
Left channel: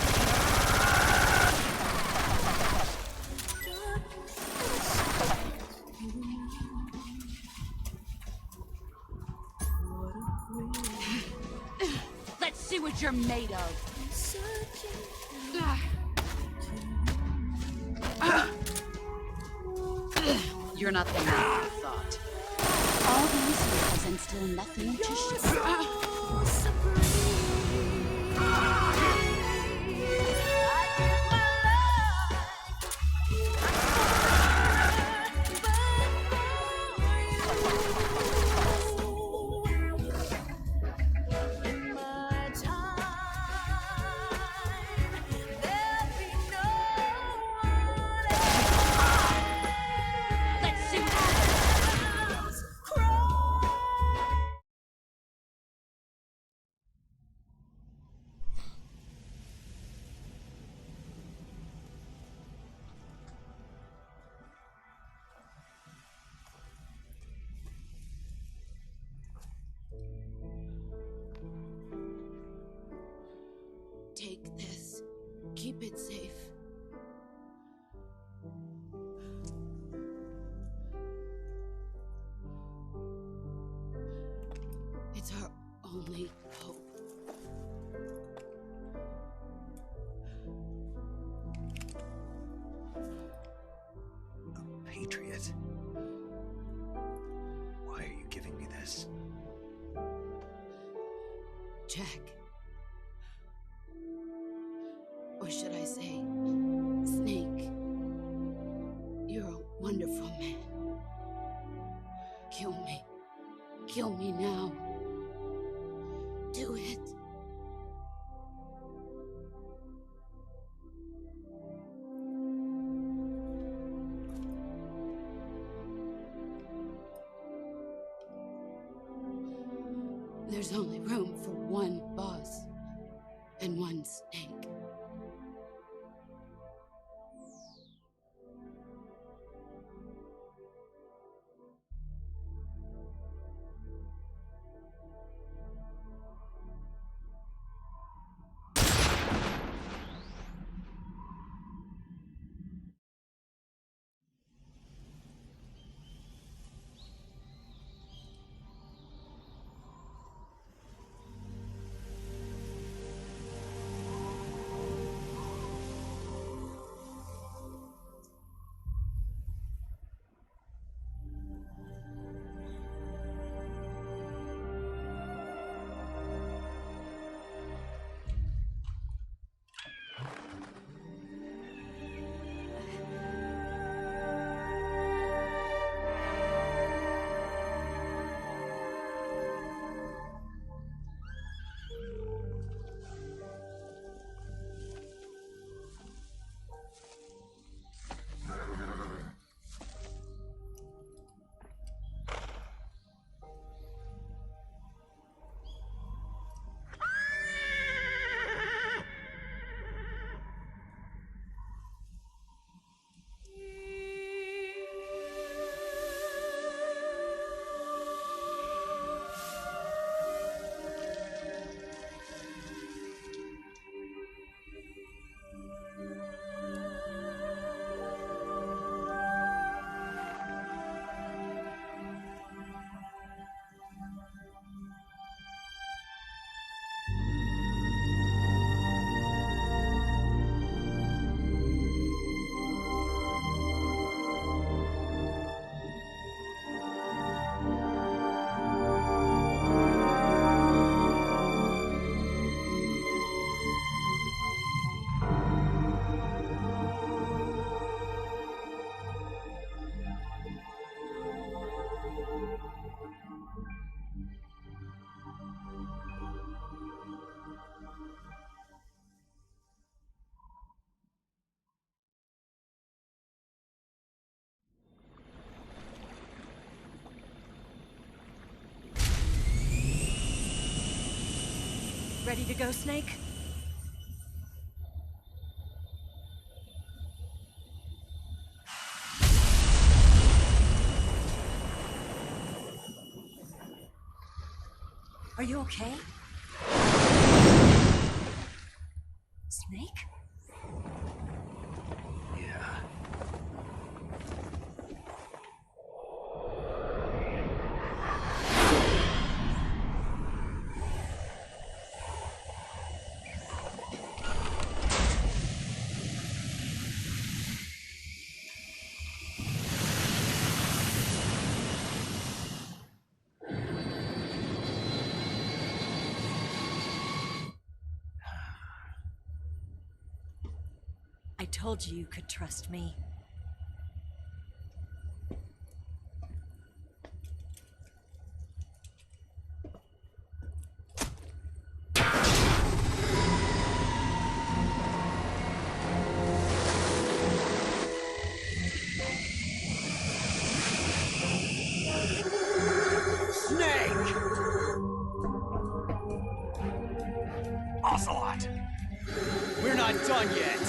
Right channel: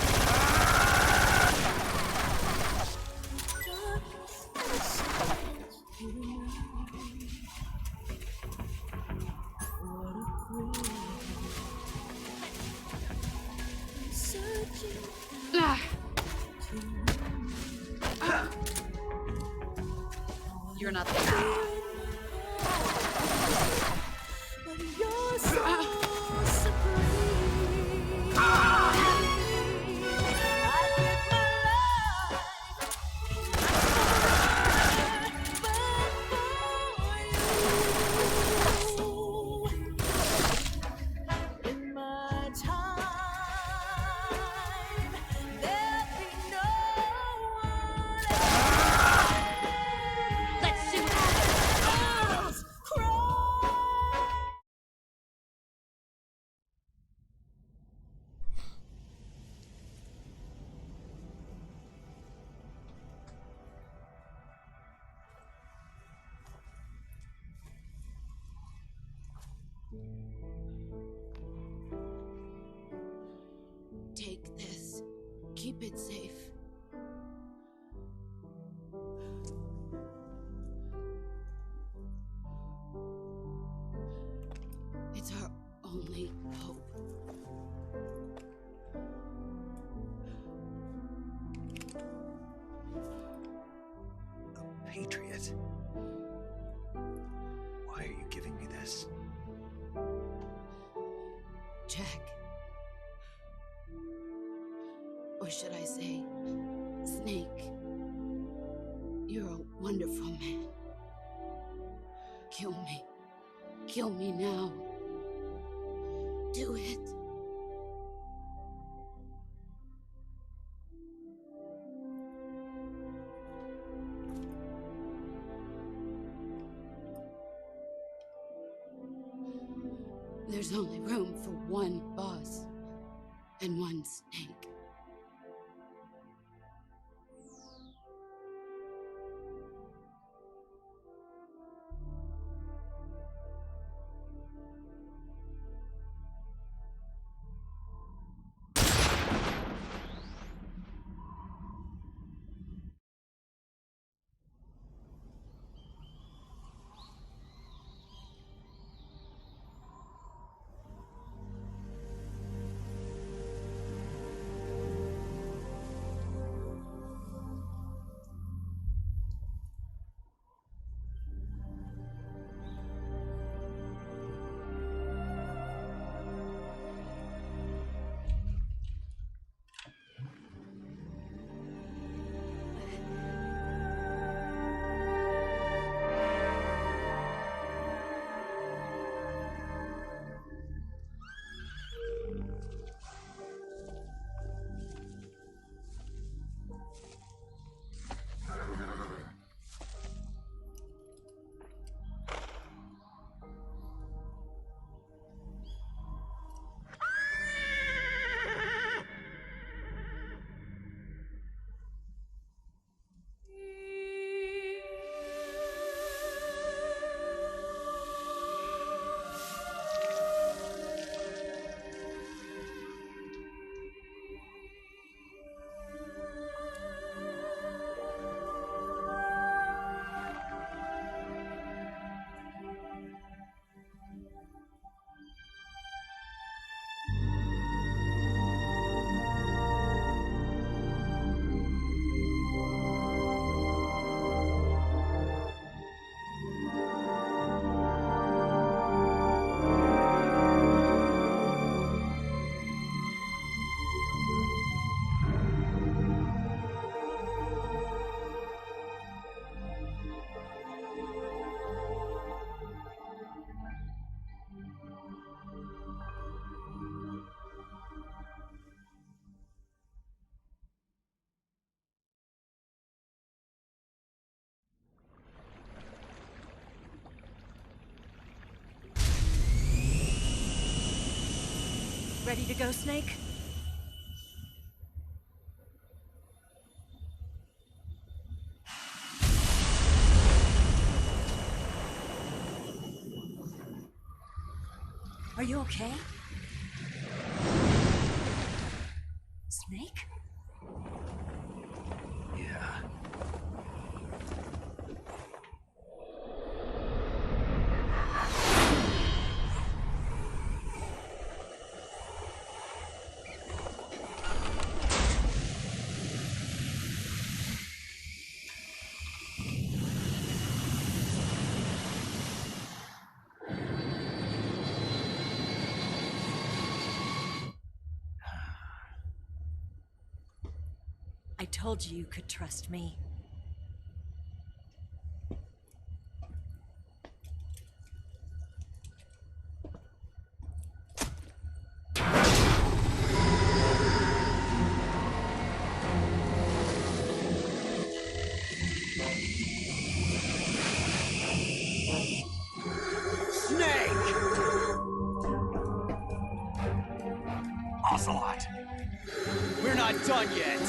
Let's see what you're made of. You're not the man I thought. All these years and still nothing to show. Let's see what happens. Take this. Keep it safe. It's our only hope. A patriot? Why are you giving me this? Jack. Or should I say, Snake. You're a wonderful man. Kill me. Kill me now. Do it. There's only room for one boss and one snake. Ready to go, Snake? Are you okay? Snake? Yeah. I told you you could trust me. Snake! Ocelot! We're not done yet.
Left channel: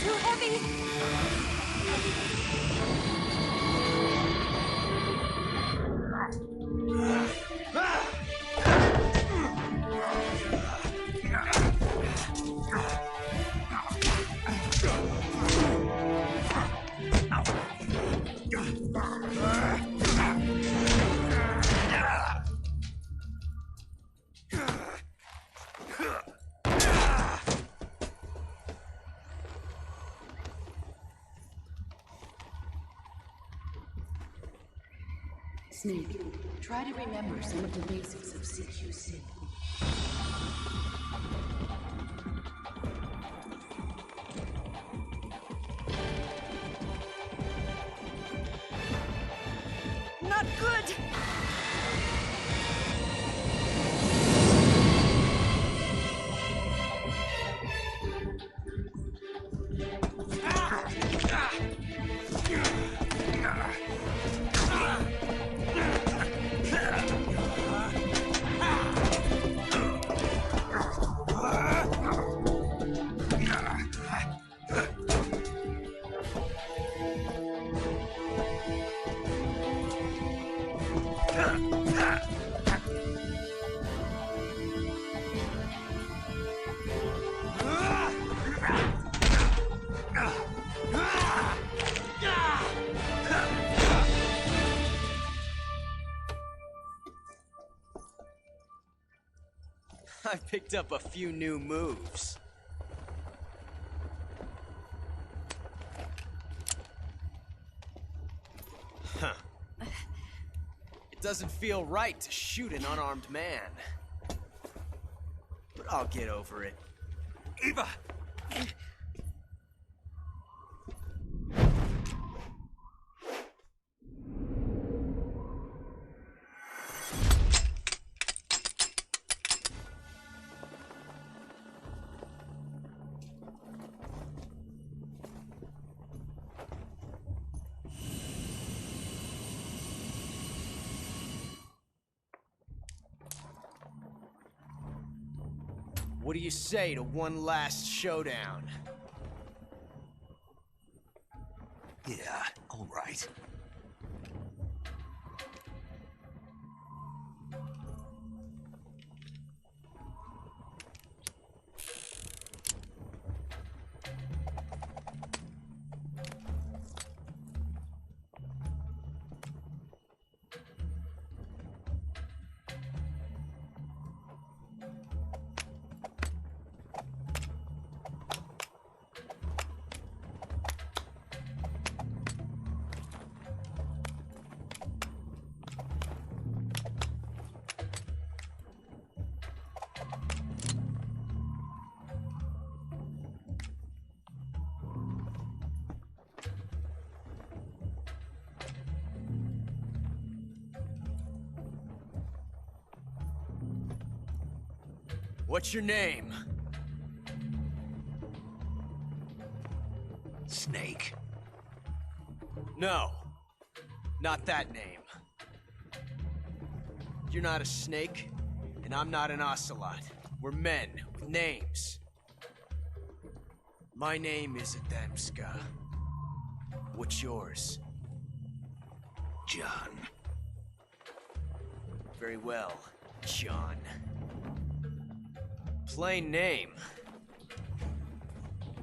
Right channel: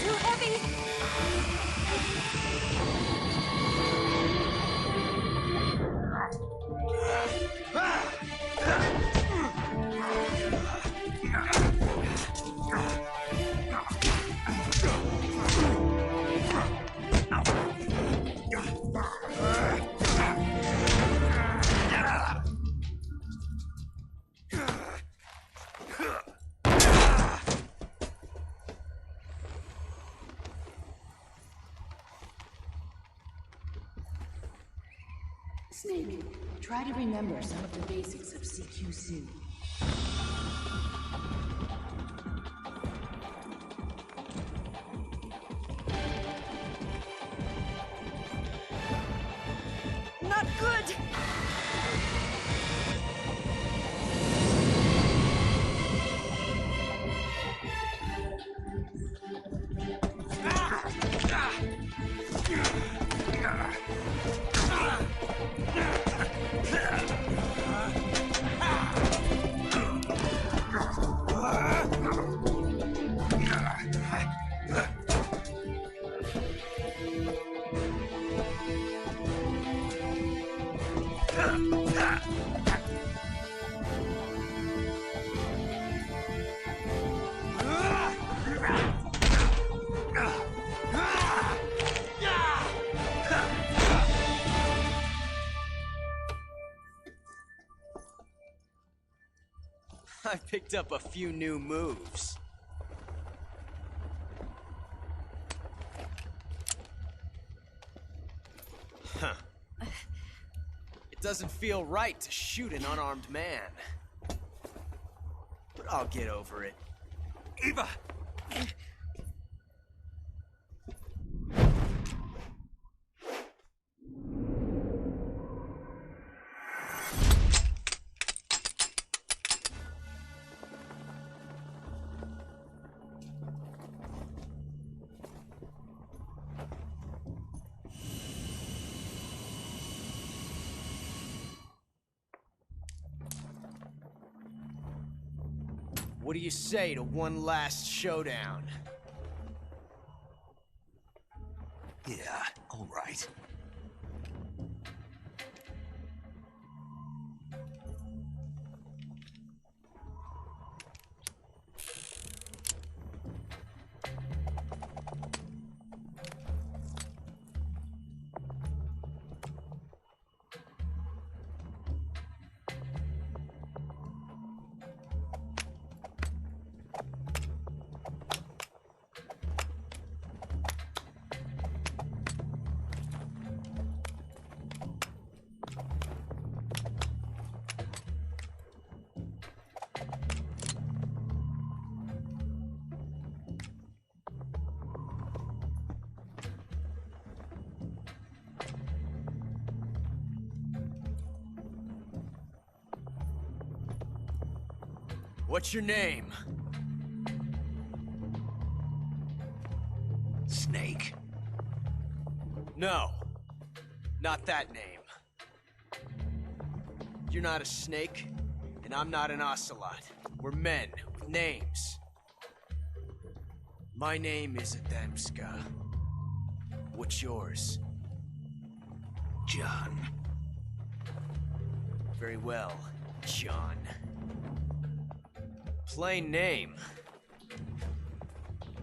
Too heavy! Snake, try to remember some of the basics of CQC. Not good! I picked up a few new moves. Huh. It doesn't feel right to shoot an unarmed man. But I'll get over it. Eva! What do you say to one last showdown? Yeah, all right. What's your name? Snake. No. Not that name. You're not a snake, and I'm not an ocelot. We're men with names. My name is Adamska. What's yours? John. Very well, John. Plain name.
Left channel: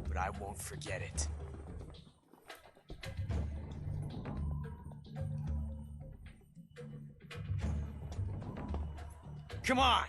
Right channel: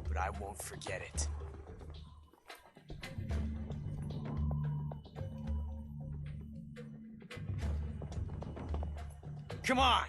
But I won't forget it. Come on!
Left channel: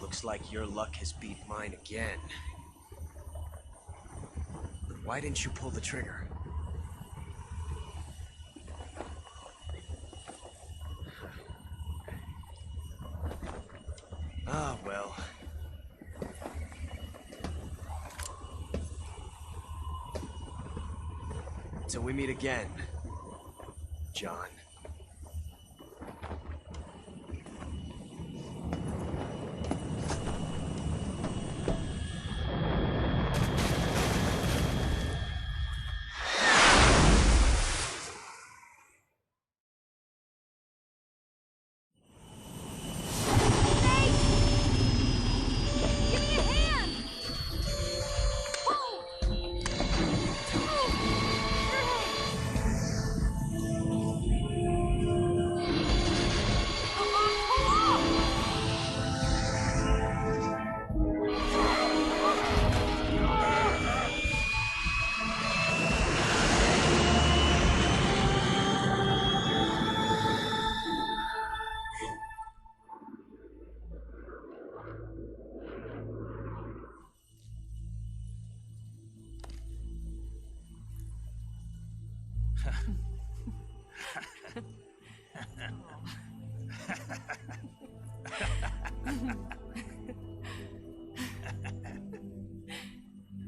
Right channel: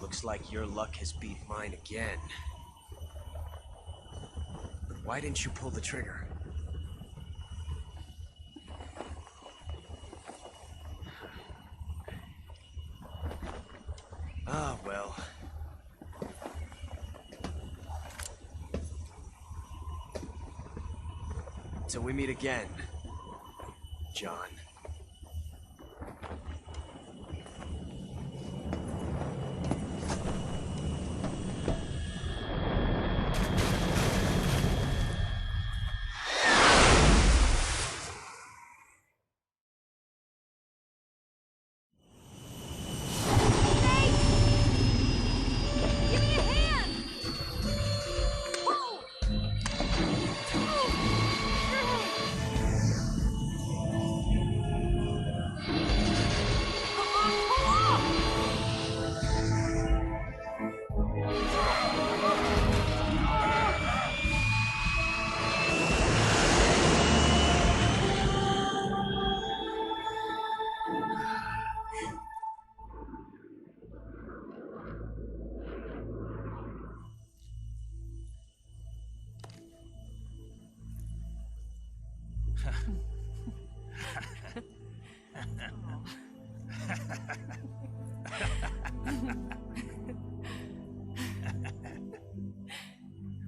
Looks like your luck has beat mine again. But why didn't you pull the trigger? Ah, well. Till we meet again, John.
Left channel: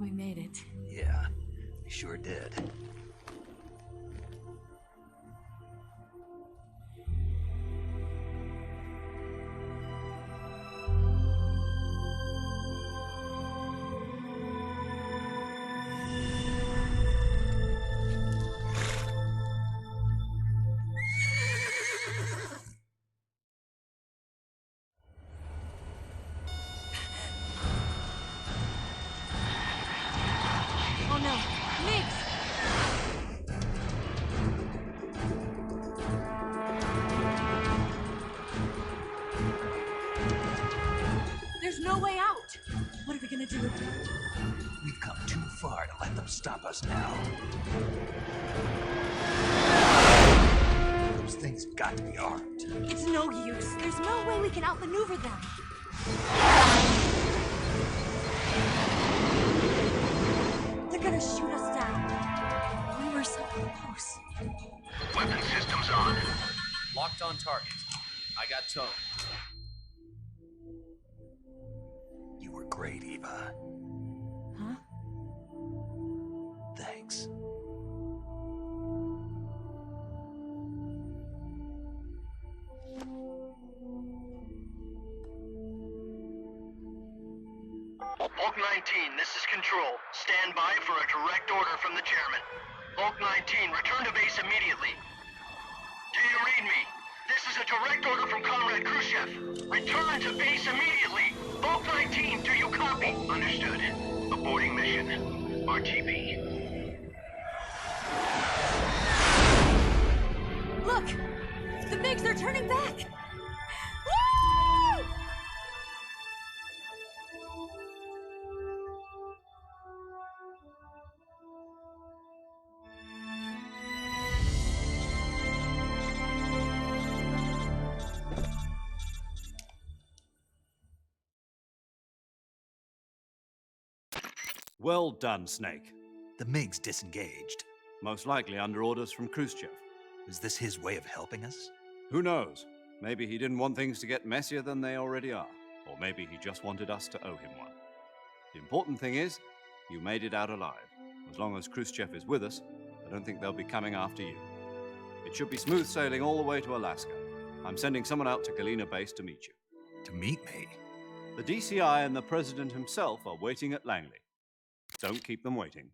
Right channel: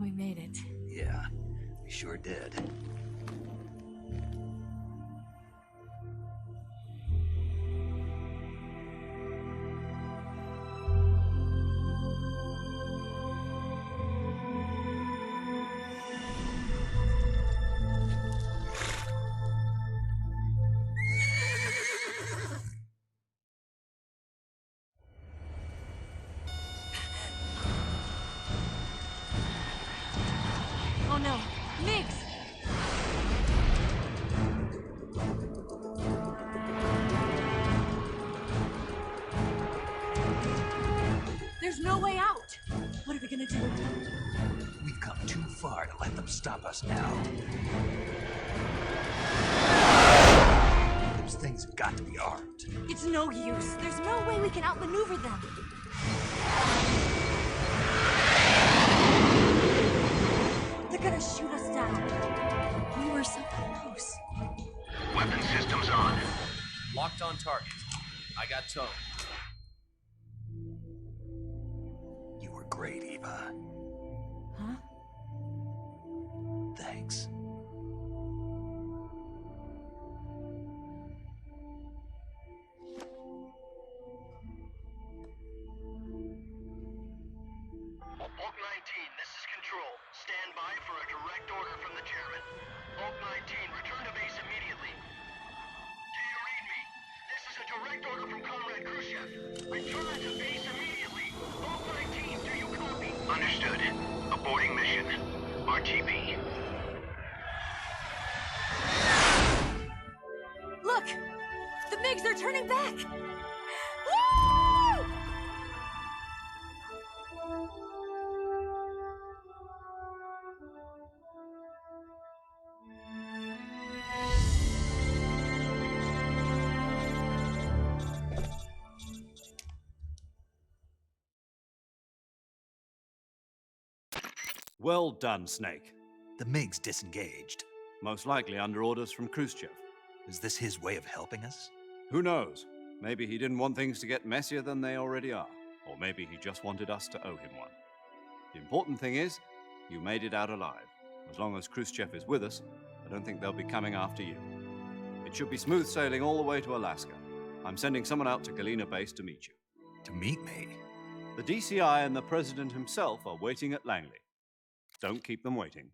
We made it. Yeah, we sure did. Oh no, Migs! There's no way out! What are we gonna do? We've come too far to let them stop us now. Those things have got to be armed. It's no use. There's no way we can outmaneuver them. They're gonna shoot us down. We were so close. Weapon systems on. Locked on target. I got towed. You were great, Eva. Huh? Thanks. Bulk 19, this is Control. Stand by for a direct order from the chairman. Bulk 19, return to base immediately. Do you read me? This is a direct order from Comrade Khrushchev. Return to base immediately. Bulk 19, do you copy? Understood. Aborting mission. RTB. Look! The MiGs are turning back! Woo! Well done, Snake. The MiGs disengaged. Most likely under orders from Khrushchev. Is this his way of helping us? Who knows? Maybe he didn't want things to get messier than they already are. Or maybe he just wanted us to owe him one. The important thing is, you made it out alive. As long as Khrushchev is with us, I don't think they'll be coming after you. It should be smooth sailing all the way to Alaska. I'm sending someone out to Galena Base to meet you. To meet me? The DCI and the President himself are waiting at Langley. Don't keep them waiting.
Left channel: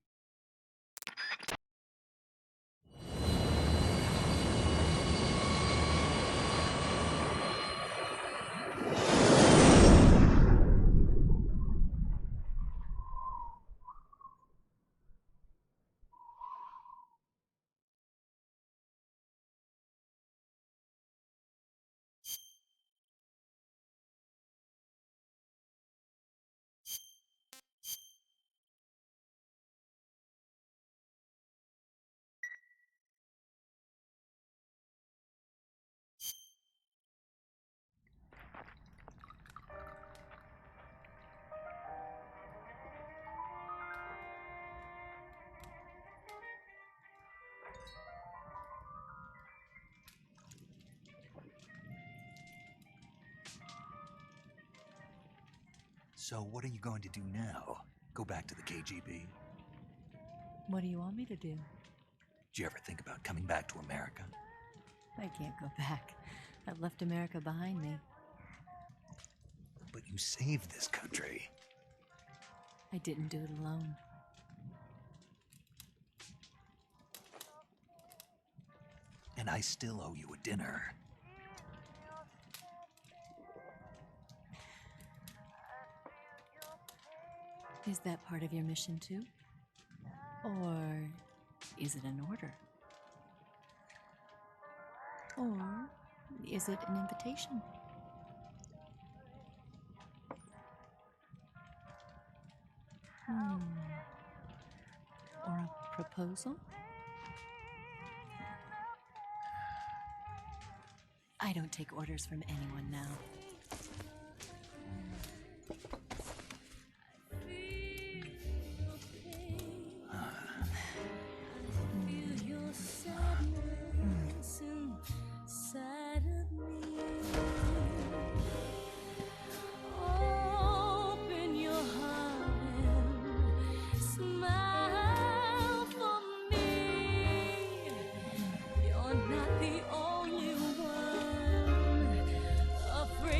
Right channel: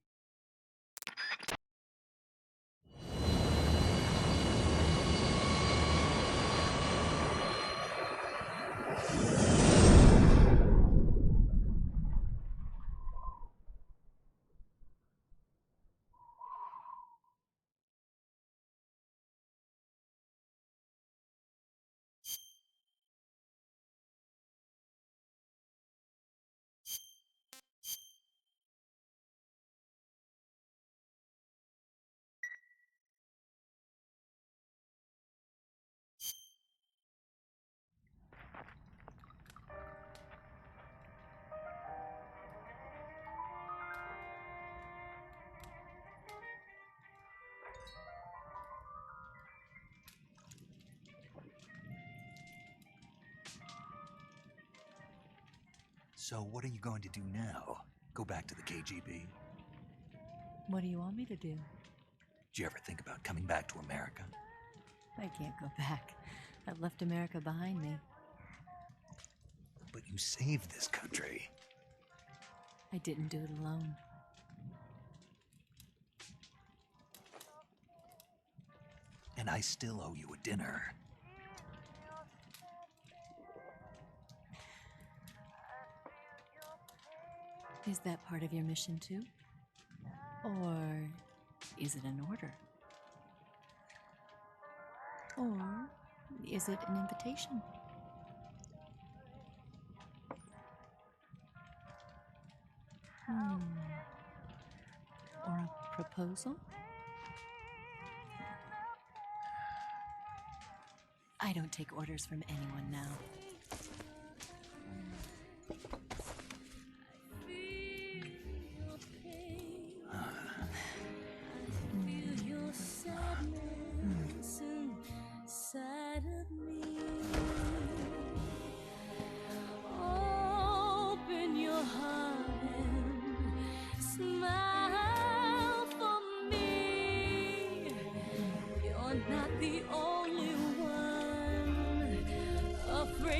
So what are you going to do now? Go back to the KGB? What do you want me to do? Did you ever think about coming back to America? I can't go back. I've left America behind me. But you saved this country. I didn't do it alone. And I still owe you a dinner. Is that part of your mission too? Or is it an order? Or is it an invitation? Or a proposal? I don't take orders from anyone now. Not the only one afraid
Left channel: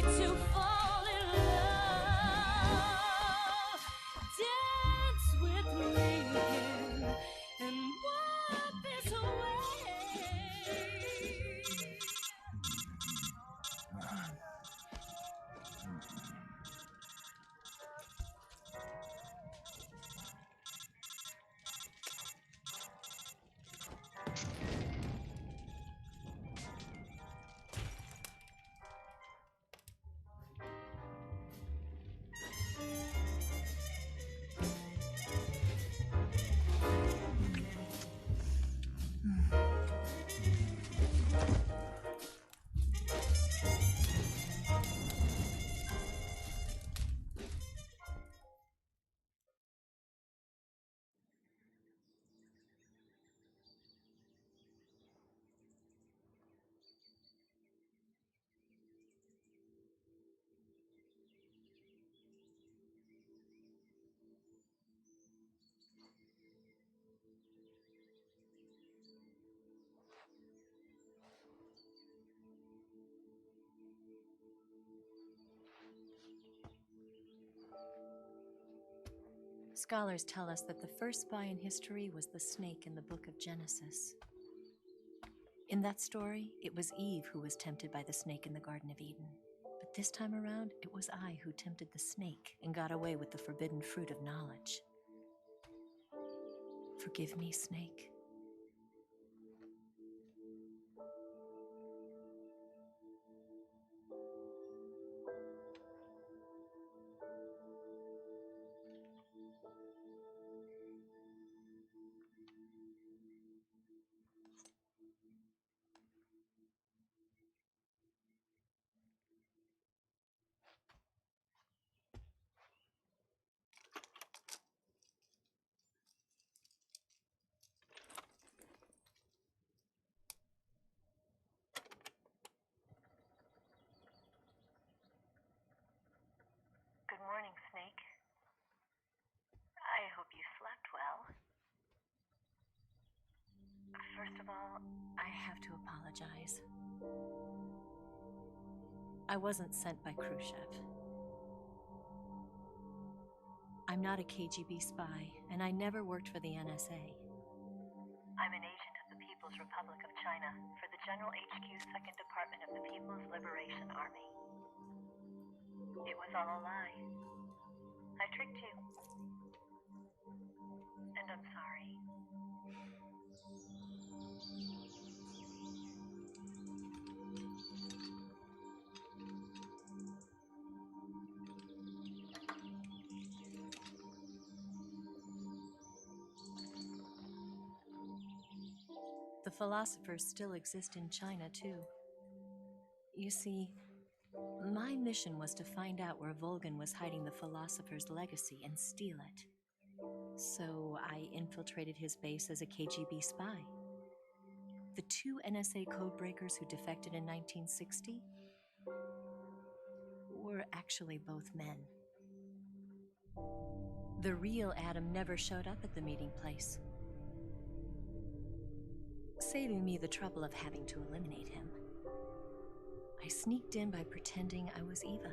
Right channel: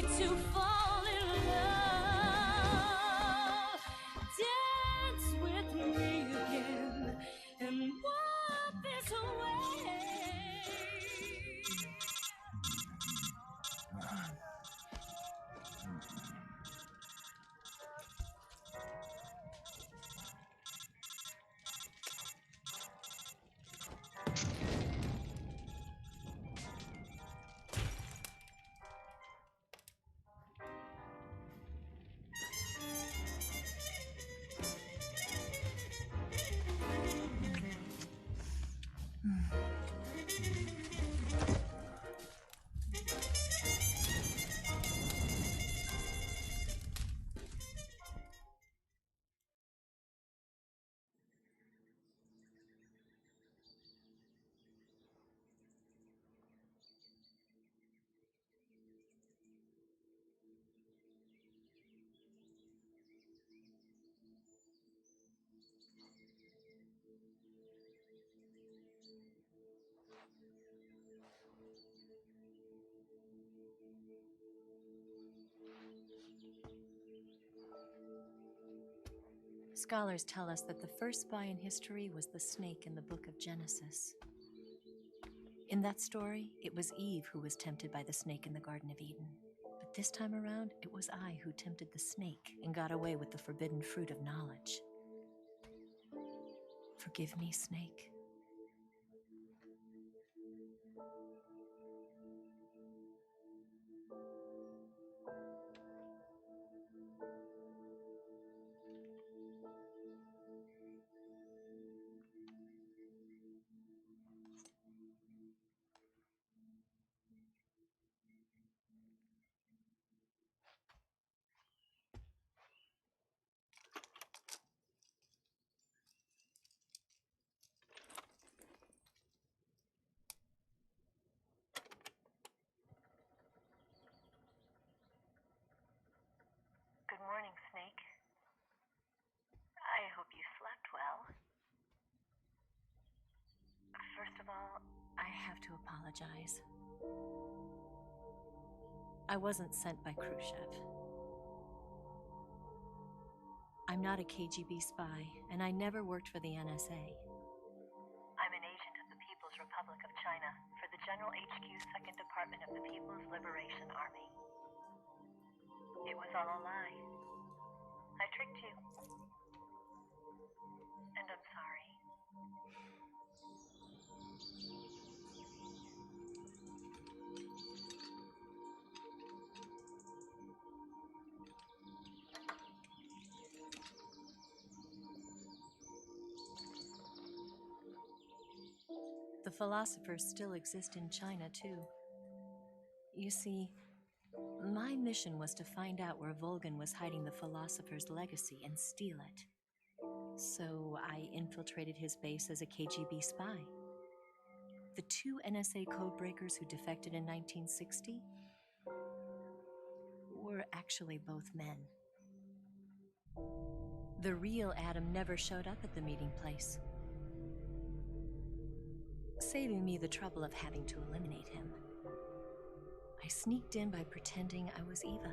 Scholars tell us that the first spy in history was the snake in the book of Genesis. In that story, it was Eve who was tempted by the snake in the Garden of Eden. But this time around, it was I who tempted the snake and got away with the forbidden fruit of knowledge. Forgive me, Snake. Good morning, Snake. I hope you slept well. First of all, I have to apologize. I wasn't sent by Khrushchev. I'm not a KGB spy, and I never worked for the NSA. I'm an agent of the People's Republic of China for the General HQ 2nd Department of the People's Liberation Army. It was all a lie. I tricked you. And I'm sorry. The philosophers still exist in China, too. You see, my mission was to find out where Volgin was hiding the philosopher's legacy and steal it. So I infiltrated his base as a KGB spy. The two NSA codebreakers who defected in 1960 were actually both men. The real Adam never showed up at the meeting place, saving me the trouble of having to eliminate him. I sneaked in by pretending I was Eva.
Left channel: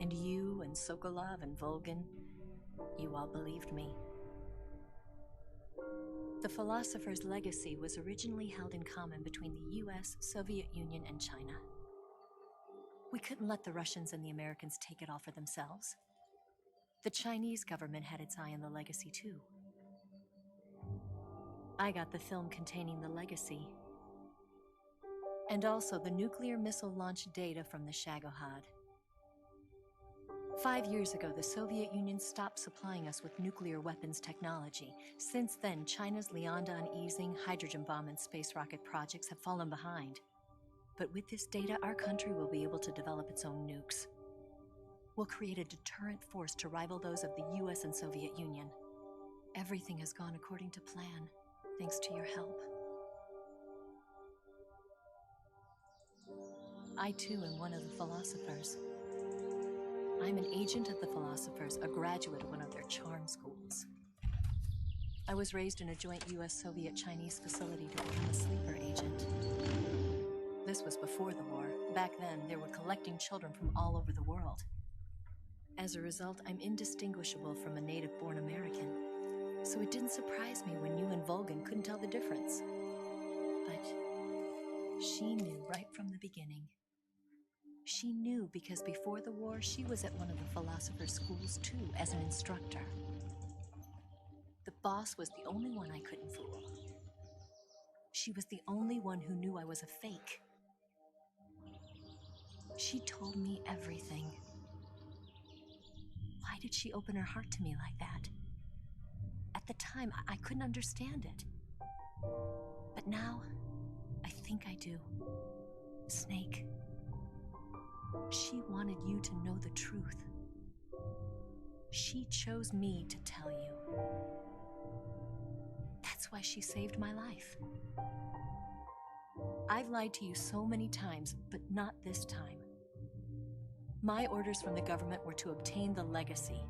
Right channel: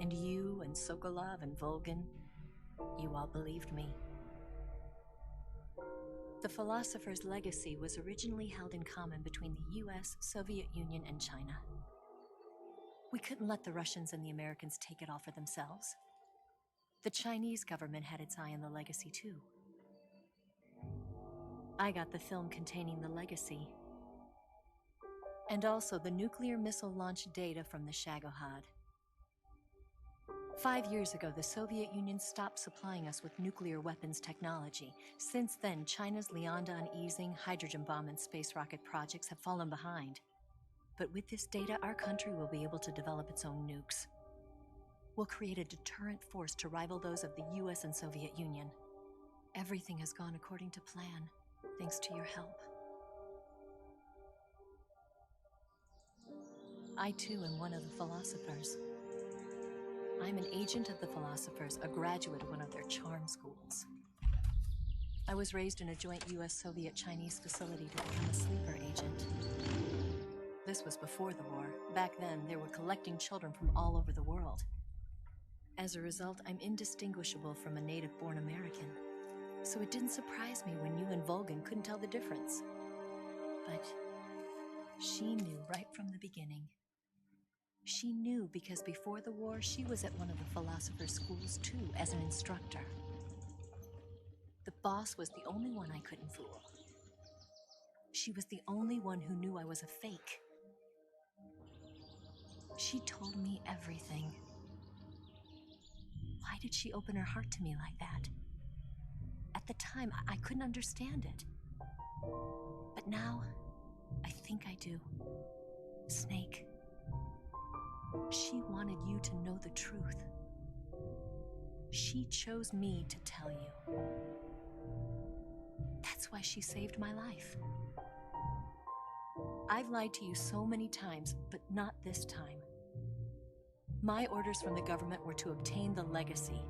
And you and Sokolov and Volgin, you all believed me. The philosopher's legacy was originally held in common between the US, Soviet Union, and China. We couldn't let the Russians and the Americans take it all for themselves. The Chinese government had its eye on the legacy too. I got the film containing the legacy, and also the nuclear missile launch data from the Shagohod. 5 years ago, the Soviet Union stopped supplying us with nuclear weapons technology. Since then, China's Liaodong easing, hydrogen bomb, and space rocket projects have fallen behind. But with this data, our country will be able to develop its own nukes. We'll create a deterrent force to rival those of the US and Soviet Union. Everything has gone according to plan, thanks to your help. I too am one of the philosophers. I'm an agent of the philosophers, a graduate of one of their charm schools. I was raised in a joint US-Soviet-Chinese facility to become a sleeper agent. This was before the war. Back then, they were collecting children from all over the world. As a result, I'm indistinguishable from a native-born American. So it didn't surprise me when you and Volgin couldn't tell the difference. But she knew right from the beginning. She knew because before the war, she was at one of the philosopher's schools too, as an instructor. The boss was the only one I couldn't fool. She was the only one who knew I was a fake. She told me everything. Why did she open her heart to me like that? At the time, I couldn't understand it. But now, I think I do. Snake. She wanted you to know the truth. She chose me to tell you. That's why she saved my life. I've lied to you so many times, but not this time. My orders from the government were to obtain the legacy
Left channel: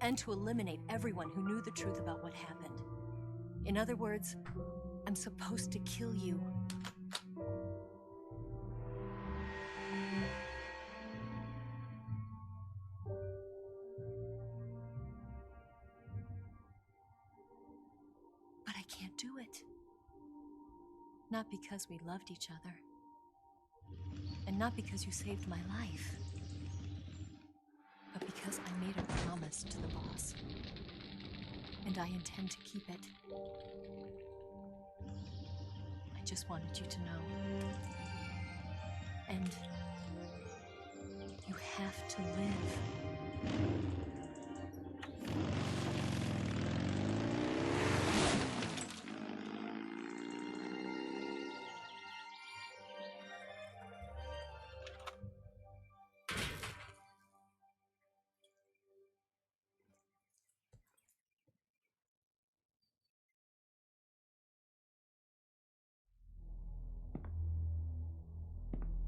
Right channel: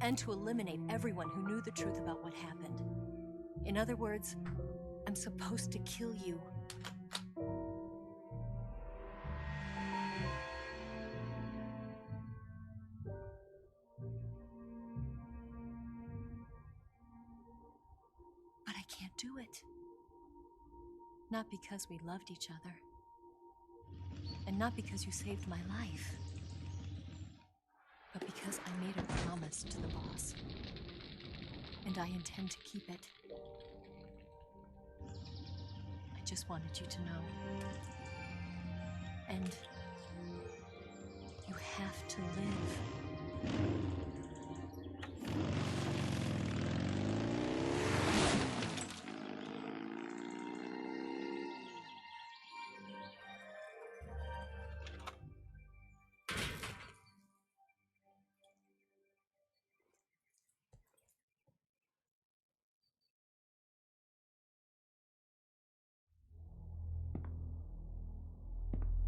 and to eliminate everyone who knew the truth about what happened. In other words, I'm supposed to kill you. do it. Not because we loved each other. And not because you saved my life. But because I made a promise to the boss. And I intend to keep it. I just wanted you to know. And you have to live.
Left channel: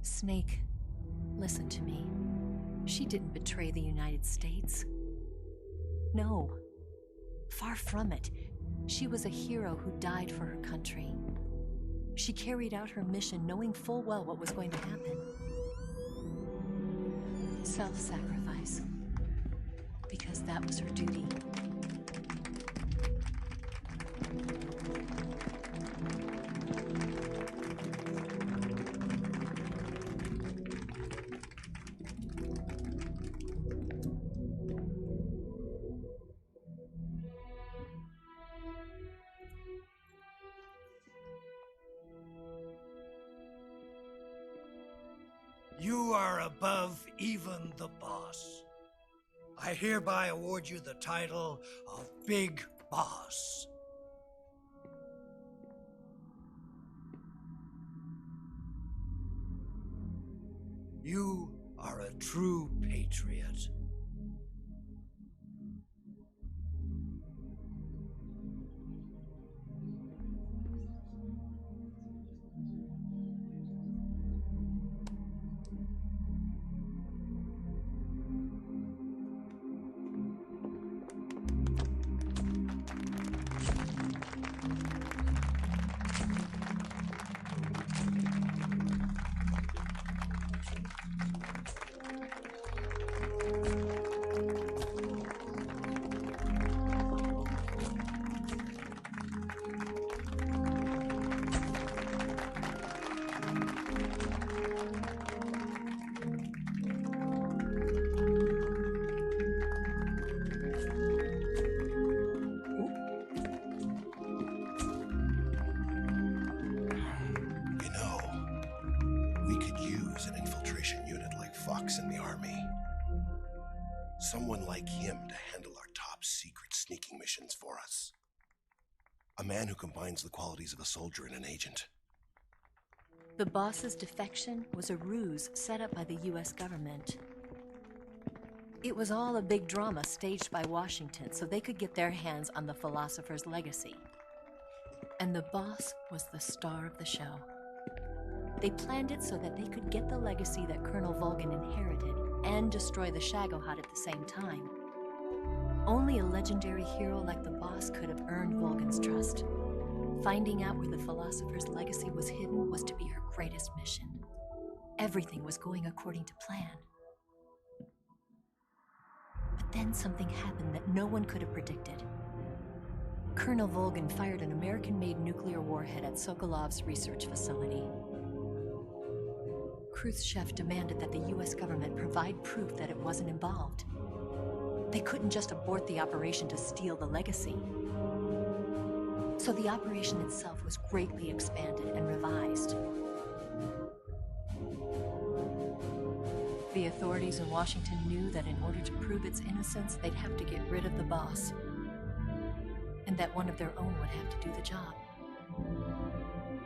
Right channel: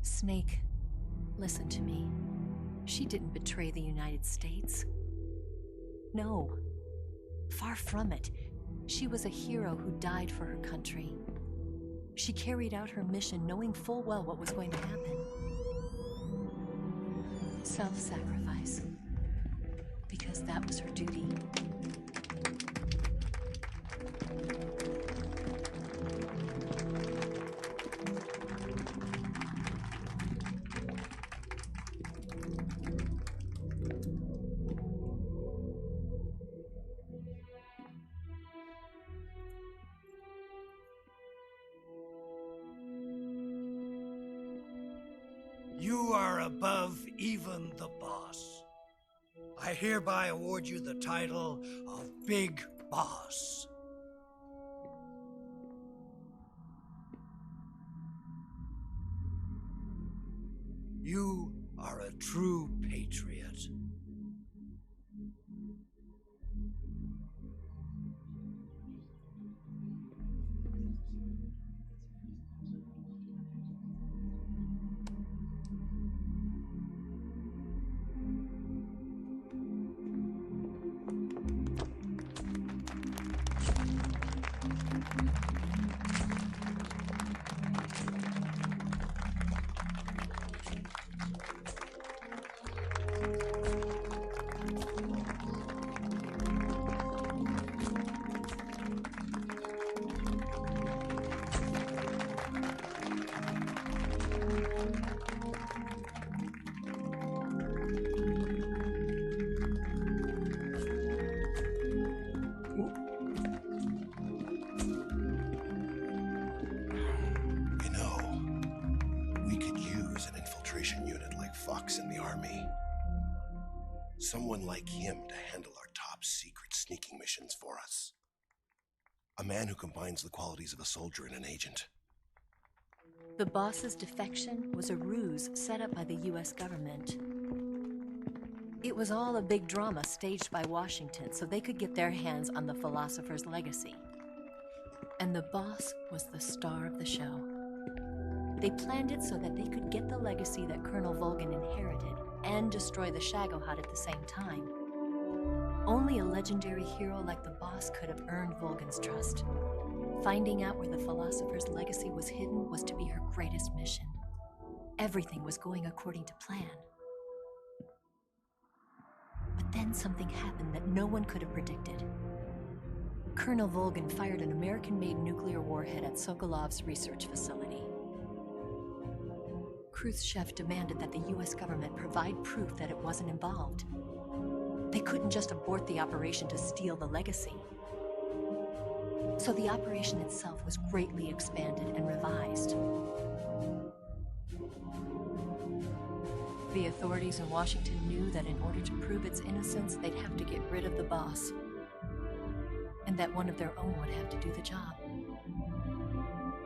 Snake, listen to me. She didn't betray the United States. No. Far from it. She was a hero who died for her country. She carried out her mission knowing full well what was going to happen. Self-sacrifice. Because that was her duty. You are above even the boss. I hereby award you the title of Big Boss. You are a true patriot. Fox in the army. Someone like him to handle our top secret sneaking missions for us. A man who combines the qualities of a soldier and an agent. The boss's defection was a ruse set up by the US government. It was all a big drama staged by Washington so they could get their hands on the philosopher's legacy. And the boss was the star of the show. They planned it so that they could get the legacy that Colonel Volgin inherited and destroy the Shagohod at the same time. Only a legendary hero like the boss could have earned Volgin's trust. Finding out where the philosopher's legacy was hidden was to be her greatest mission. Everything was going according to plan. But then something happened that no one could have predicted. Colonel Volgin fired an American-made nuclear warhead at Sokolov's research facility. Khrushchev demanded that the US government provide proof that it wasn't involved. They couldn't just abort the operation to steal the legacy. So the operation itself was greatly expanded and revised. The authorities in Washington knew that in order to prove its innocence, they'd have to get rid of the boss. And that one of their own would have to do the job.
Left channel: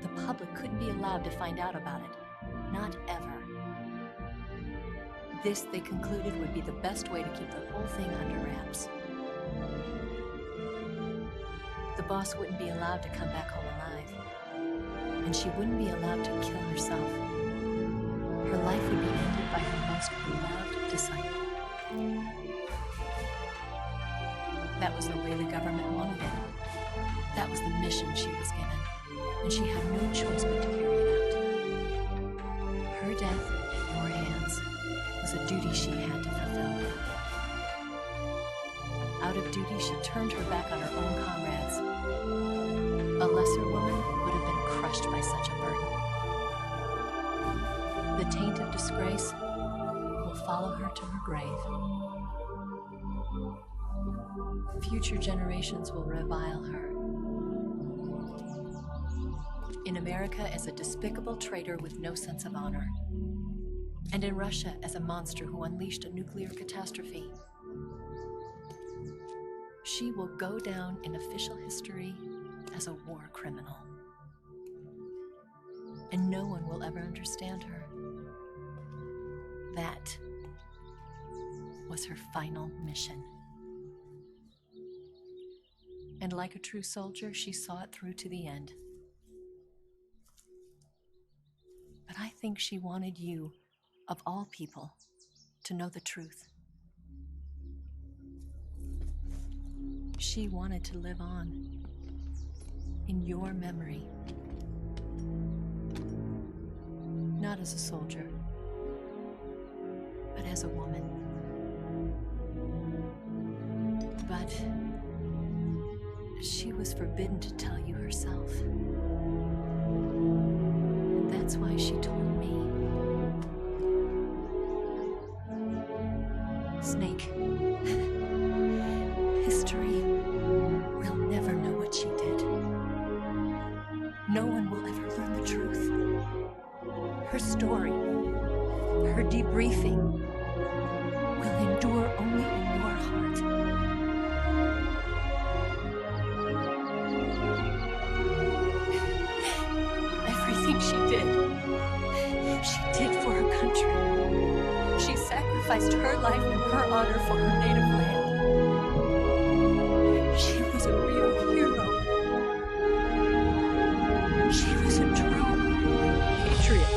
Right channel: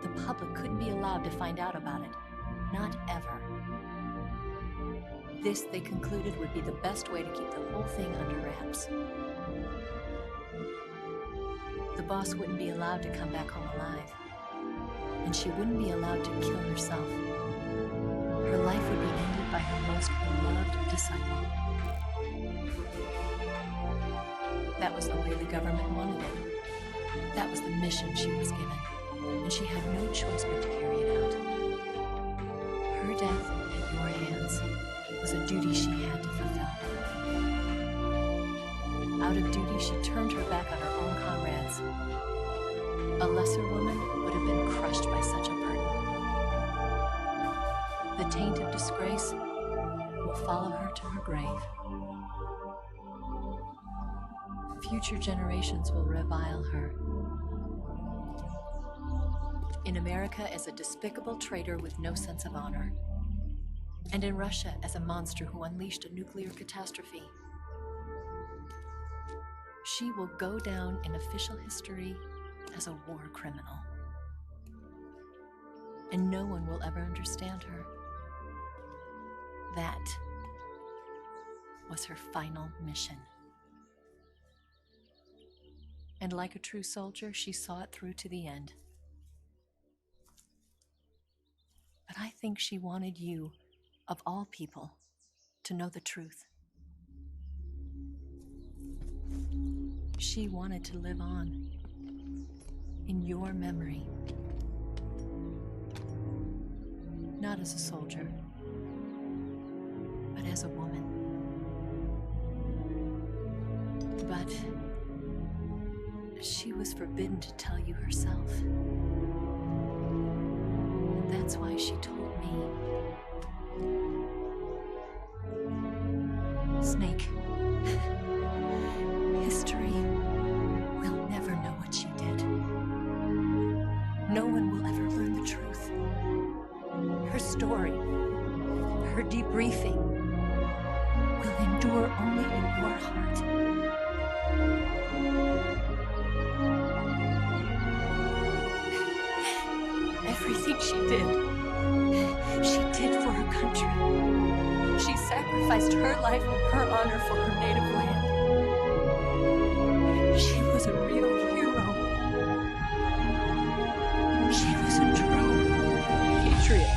The public couldn't be allowed to find out about it. Not ever. This, they concluded, would be the best way to keep the whole thing under wraps. The boss wouldn't be allowed to come back home alive. And she wouldn't be allowed to kill herself. Her life would be ended by her most beloved disciple. That was the way the government wanted it. That was the mission she was given. And she had no choice but to carry it out. Her death at your hands was a duty she had to fulfill. Out of duty, she turned her back on her own comrades. A lesser woman would have been crushed by such a burden. The taint of disgrace will follow her to her grave. Future generations will revile her. In America as a despicable traitor with no sense of honor. And in Russia as a monster who unleashed a nuclear catastrophe. She will go down in official history as a war criminal. And no one will ever understand her. That was her final mission. And like a true soldier, she saw it through to the end. But I think she wanted you, of all people, to know the truth. She wanted to live on in your memory. Not as a soldier, but as a woman. But she was forbidden to tell you herself. And that's why she told me. Snake, history will never know what she did. No one will ever learn the truth. Her story, her debriefing, will endure only in your heart. Everything she did for her country. She sacrificed her life and her honor for her native land. She was a real hero. She was a true patriot.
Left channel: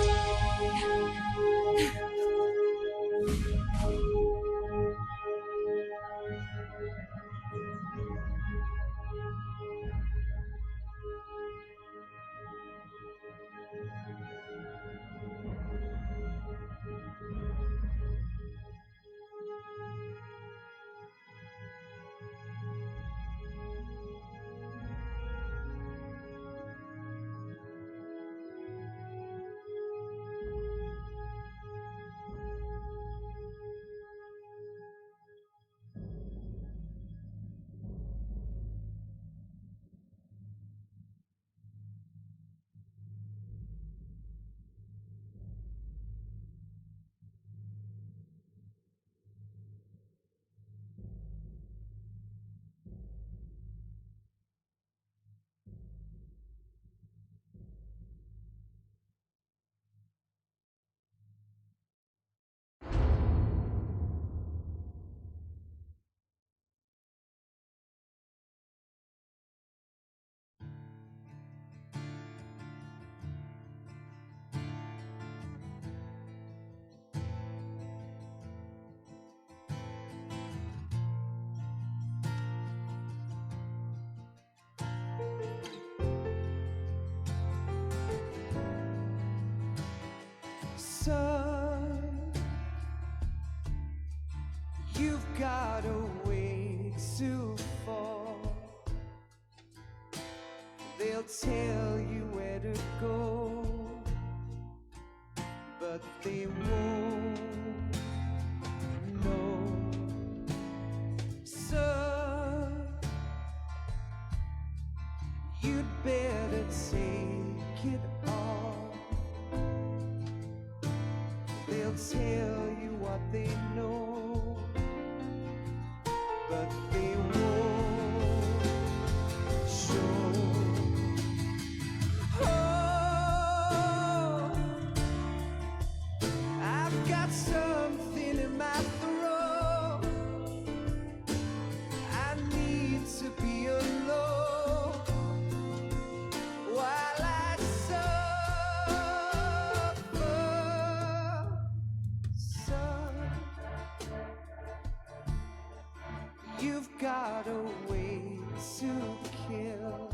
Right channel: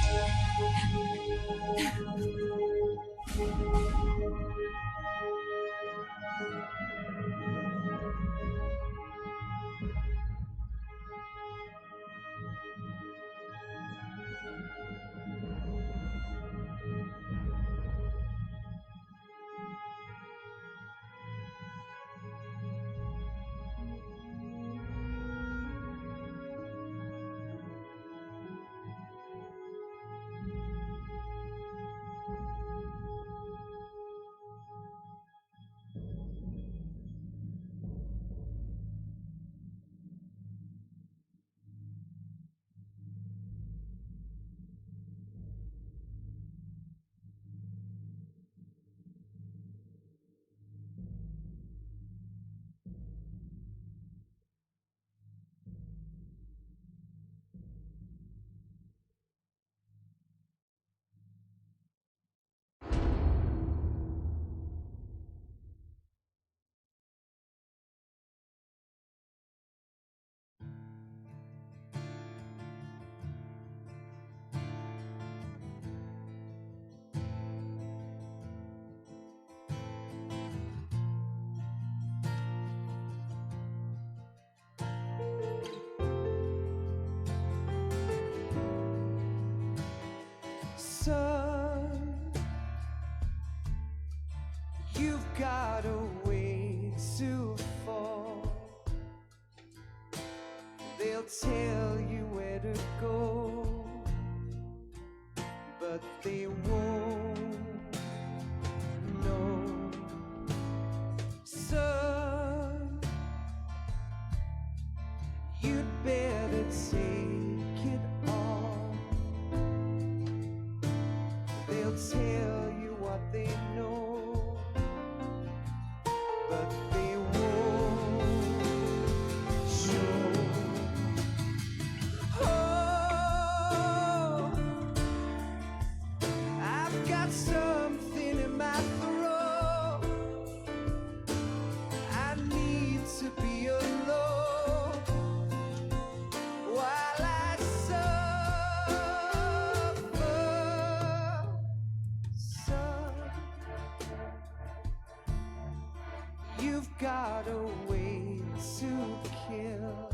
Son, you've got a way to fall. They'll tell you where to go, but they won't know. Son, you'd better take it all. They'll tell you what they know, but they won't show. Oh, I've got something in my throat. I need to be alone while I suffer. Son, you've got a way to kill.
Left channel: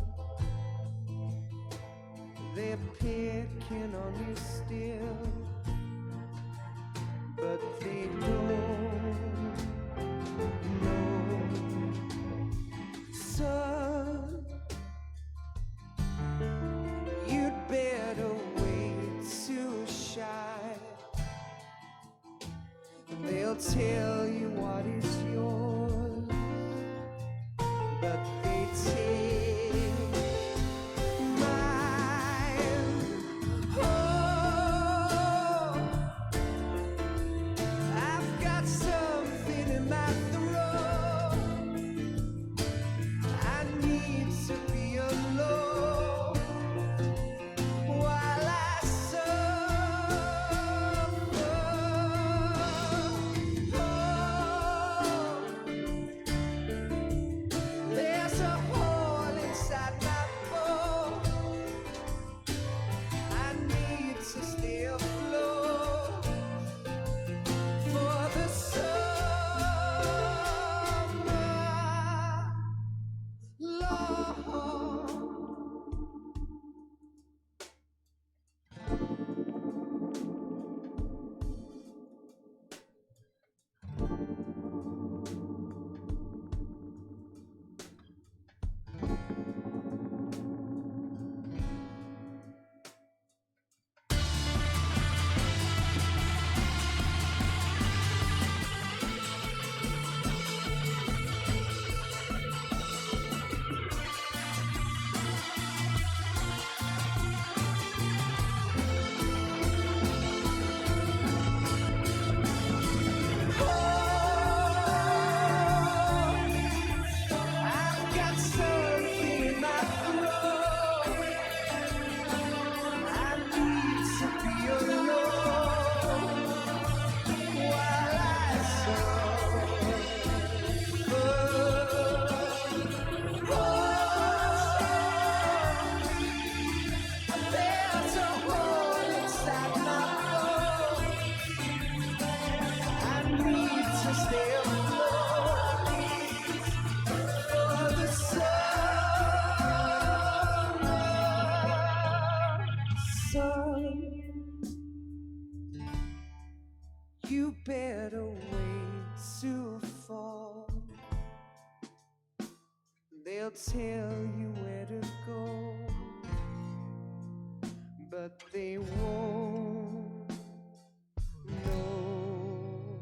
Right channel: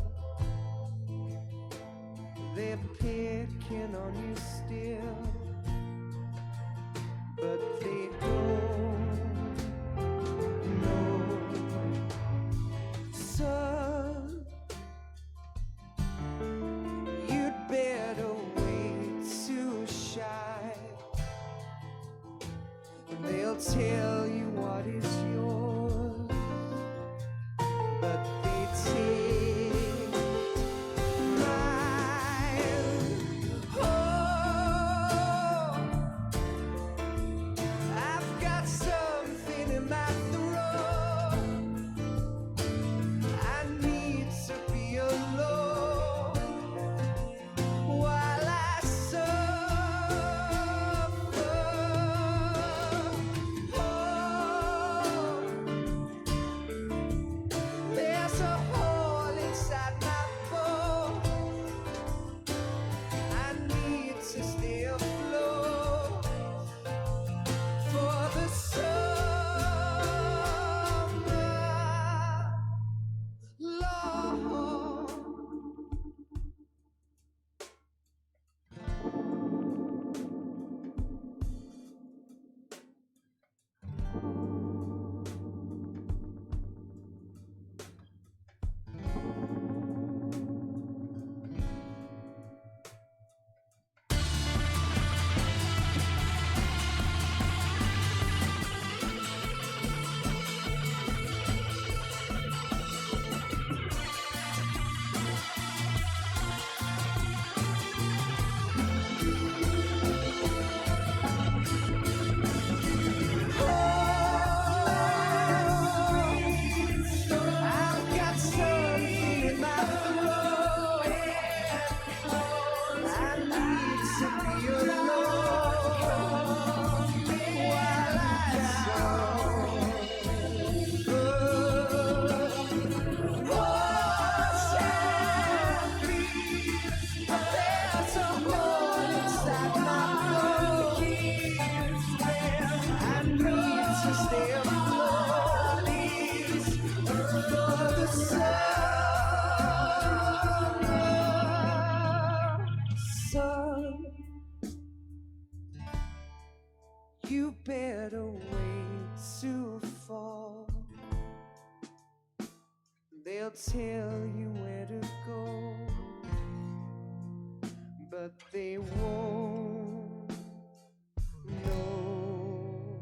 They're picking on you still, but they don't know. They'll tell you what is yours, but they take mine. Oh, I've got something in my throat. I need to be alone while I suffer. Oh, there's a hole inside my bones. I need to stay afloat for the summer, Lord. I've got something in my throat. I need to be alone while I suffer. There's a hole inside my bones. I need to stay afloat for the summer sun. You better wait to fall. They'll tell you where to go, but they won't know.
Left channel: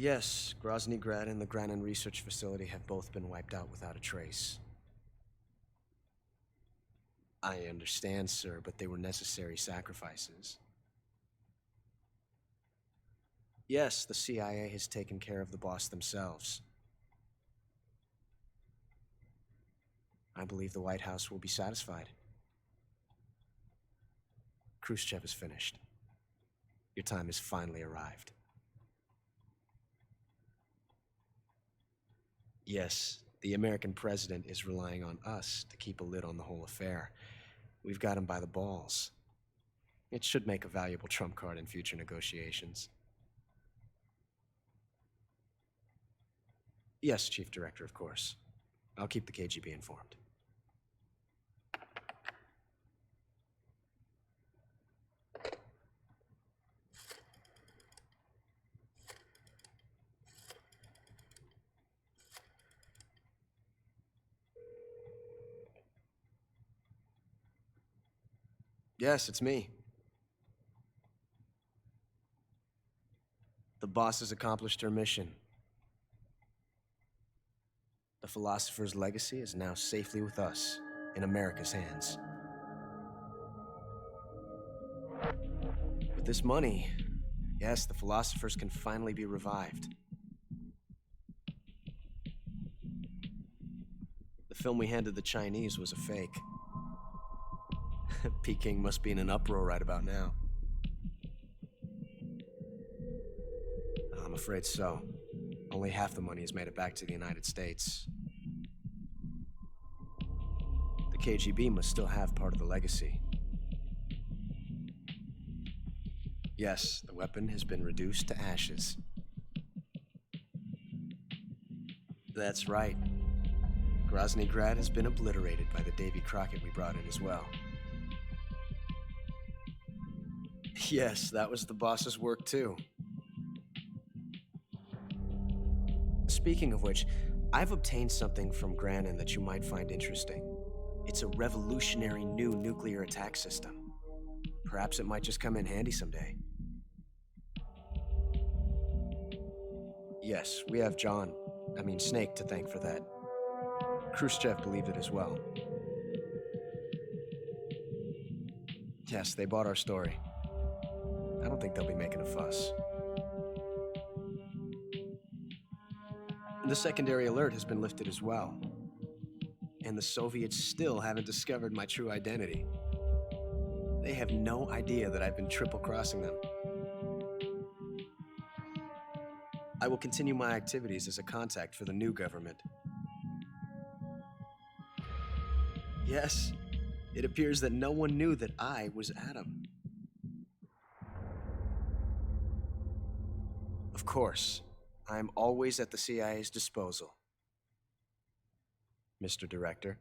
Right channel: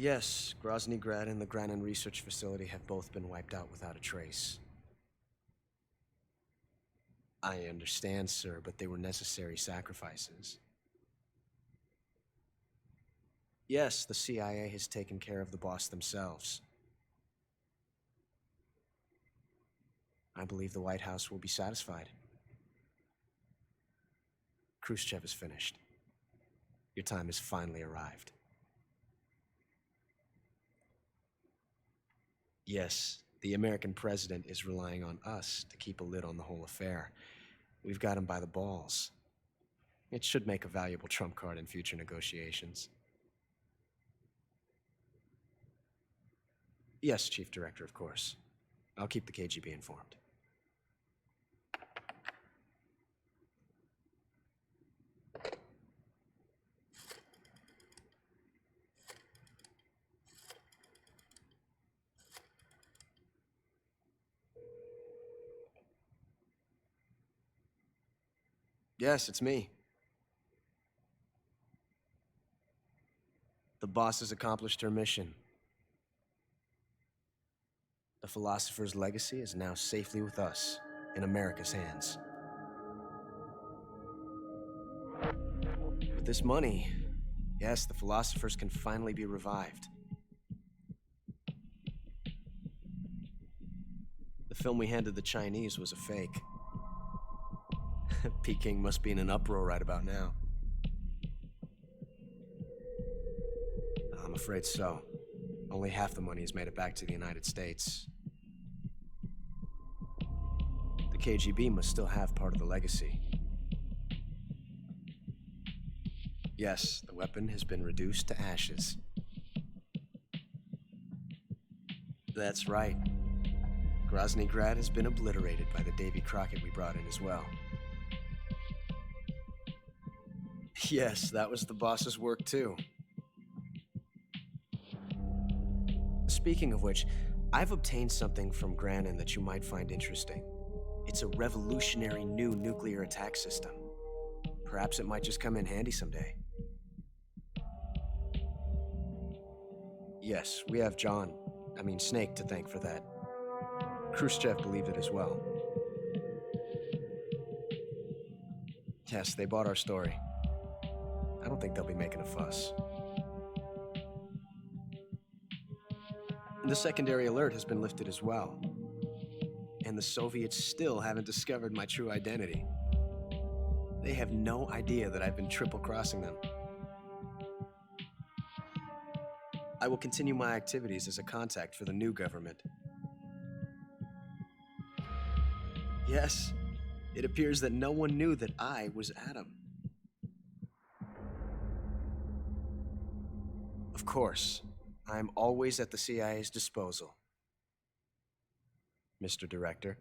Yes, Grozny Grad and the Granin Research Facility have both been wiped out without a trace. I understand, sir, but they were necessary sacrifices. Yes, the CIA has taken care of the boss themselves. I believe the White House will be satisfied. Khrushchev is finished. Your time has finally arrived. Yes, the American president is relying on us to keep a lid on the whole affair. We've got him by the balls. It should make a valuable trump card in future negotiations. Yes, Chief Director, of course. I'll keep the KGB informed. Yes, it's me. The boss has accomplished her mission. The Philosopher's legacy is now safely with us, in America's hands. With this money, yes, the Philosophers can finally be revived. The film we handed the Chinese was a fake. Peking must be in an uproar right about now. I'm afraid so. Only half the money has made it back to the United States. The KGB must still have part of the legacy. Yes, the weapon has been reduced to ashes. That's right. Grozny Grad has been obliterated by the Davy Crockett we brought in as well. Yes, that was the boss's work too. Speaking of which, I've obtained something from Granin that you might find interesting. It's a revolutionary new nuclear attack system. Perhaps it might just come in handy someday. Yes, we have Snake to thank for that. Khrushchev believed it as well. Yes, they bought our story. I don't think they'll be making a fuss. The secondary alert has been lifted as well. And the Soviets still haven't discovered my true identity. They have no idea that I've been triple-crossing them. I will continue my activities as a contact for the new government. Yes, it appears that no one knew that I was Adam. Of course, I'm always at the CIA's disposal, Mr. Director.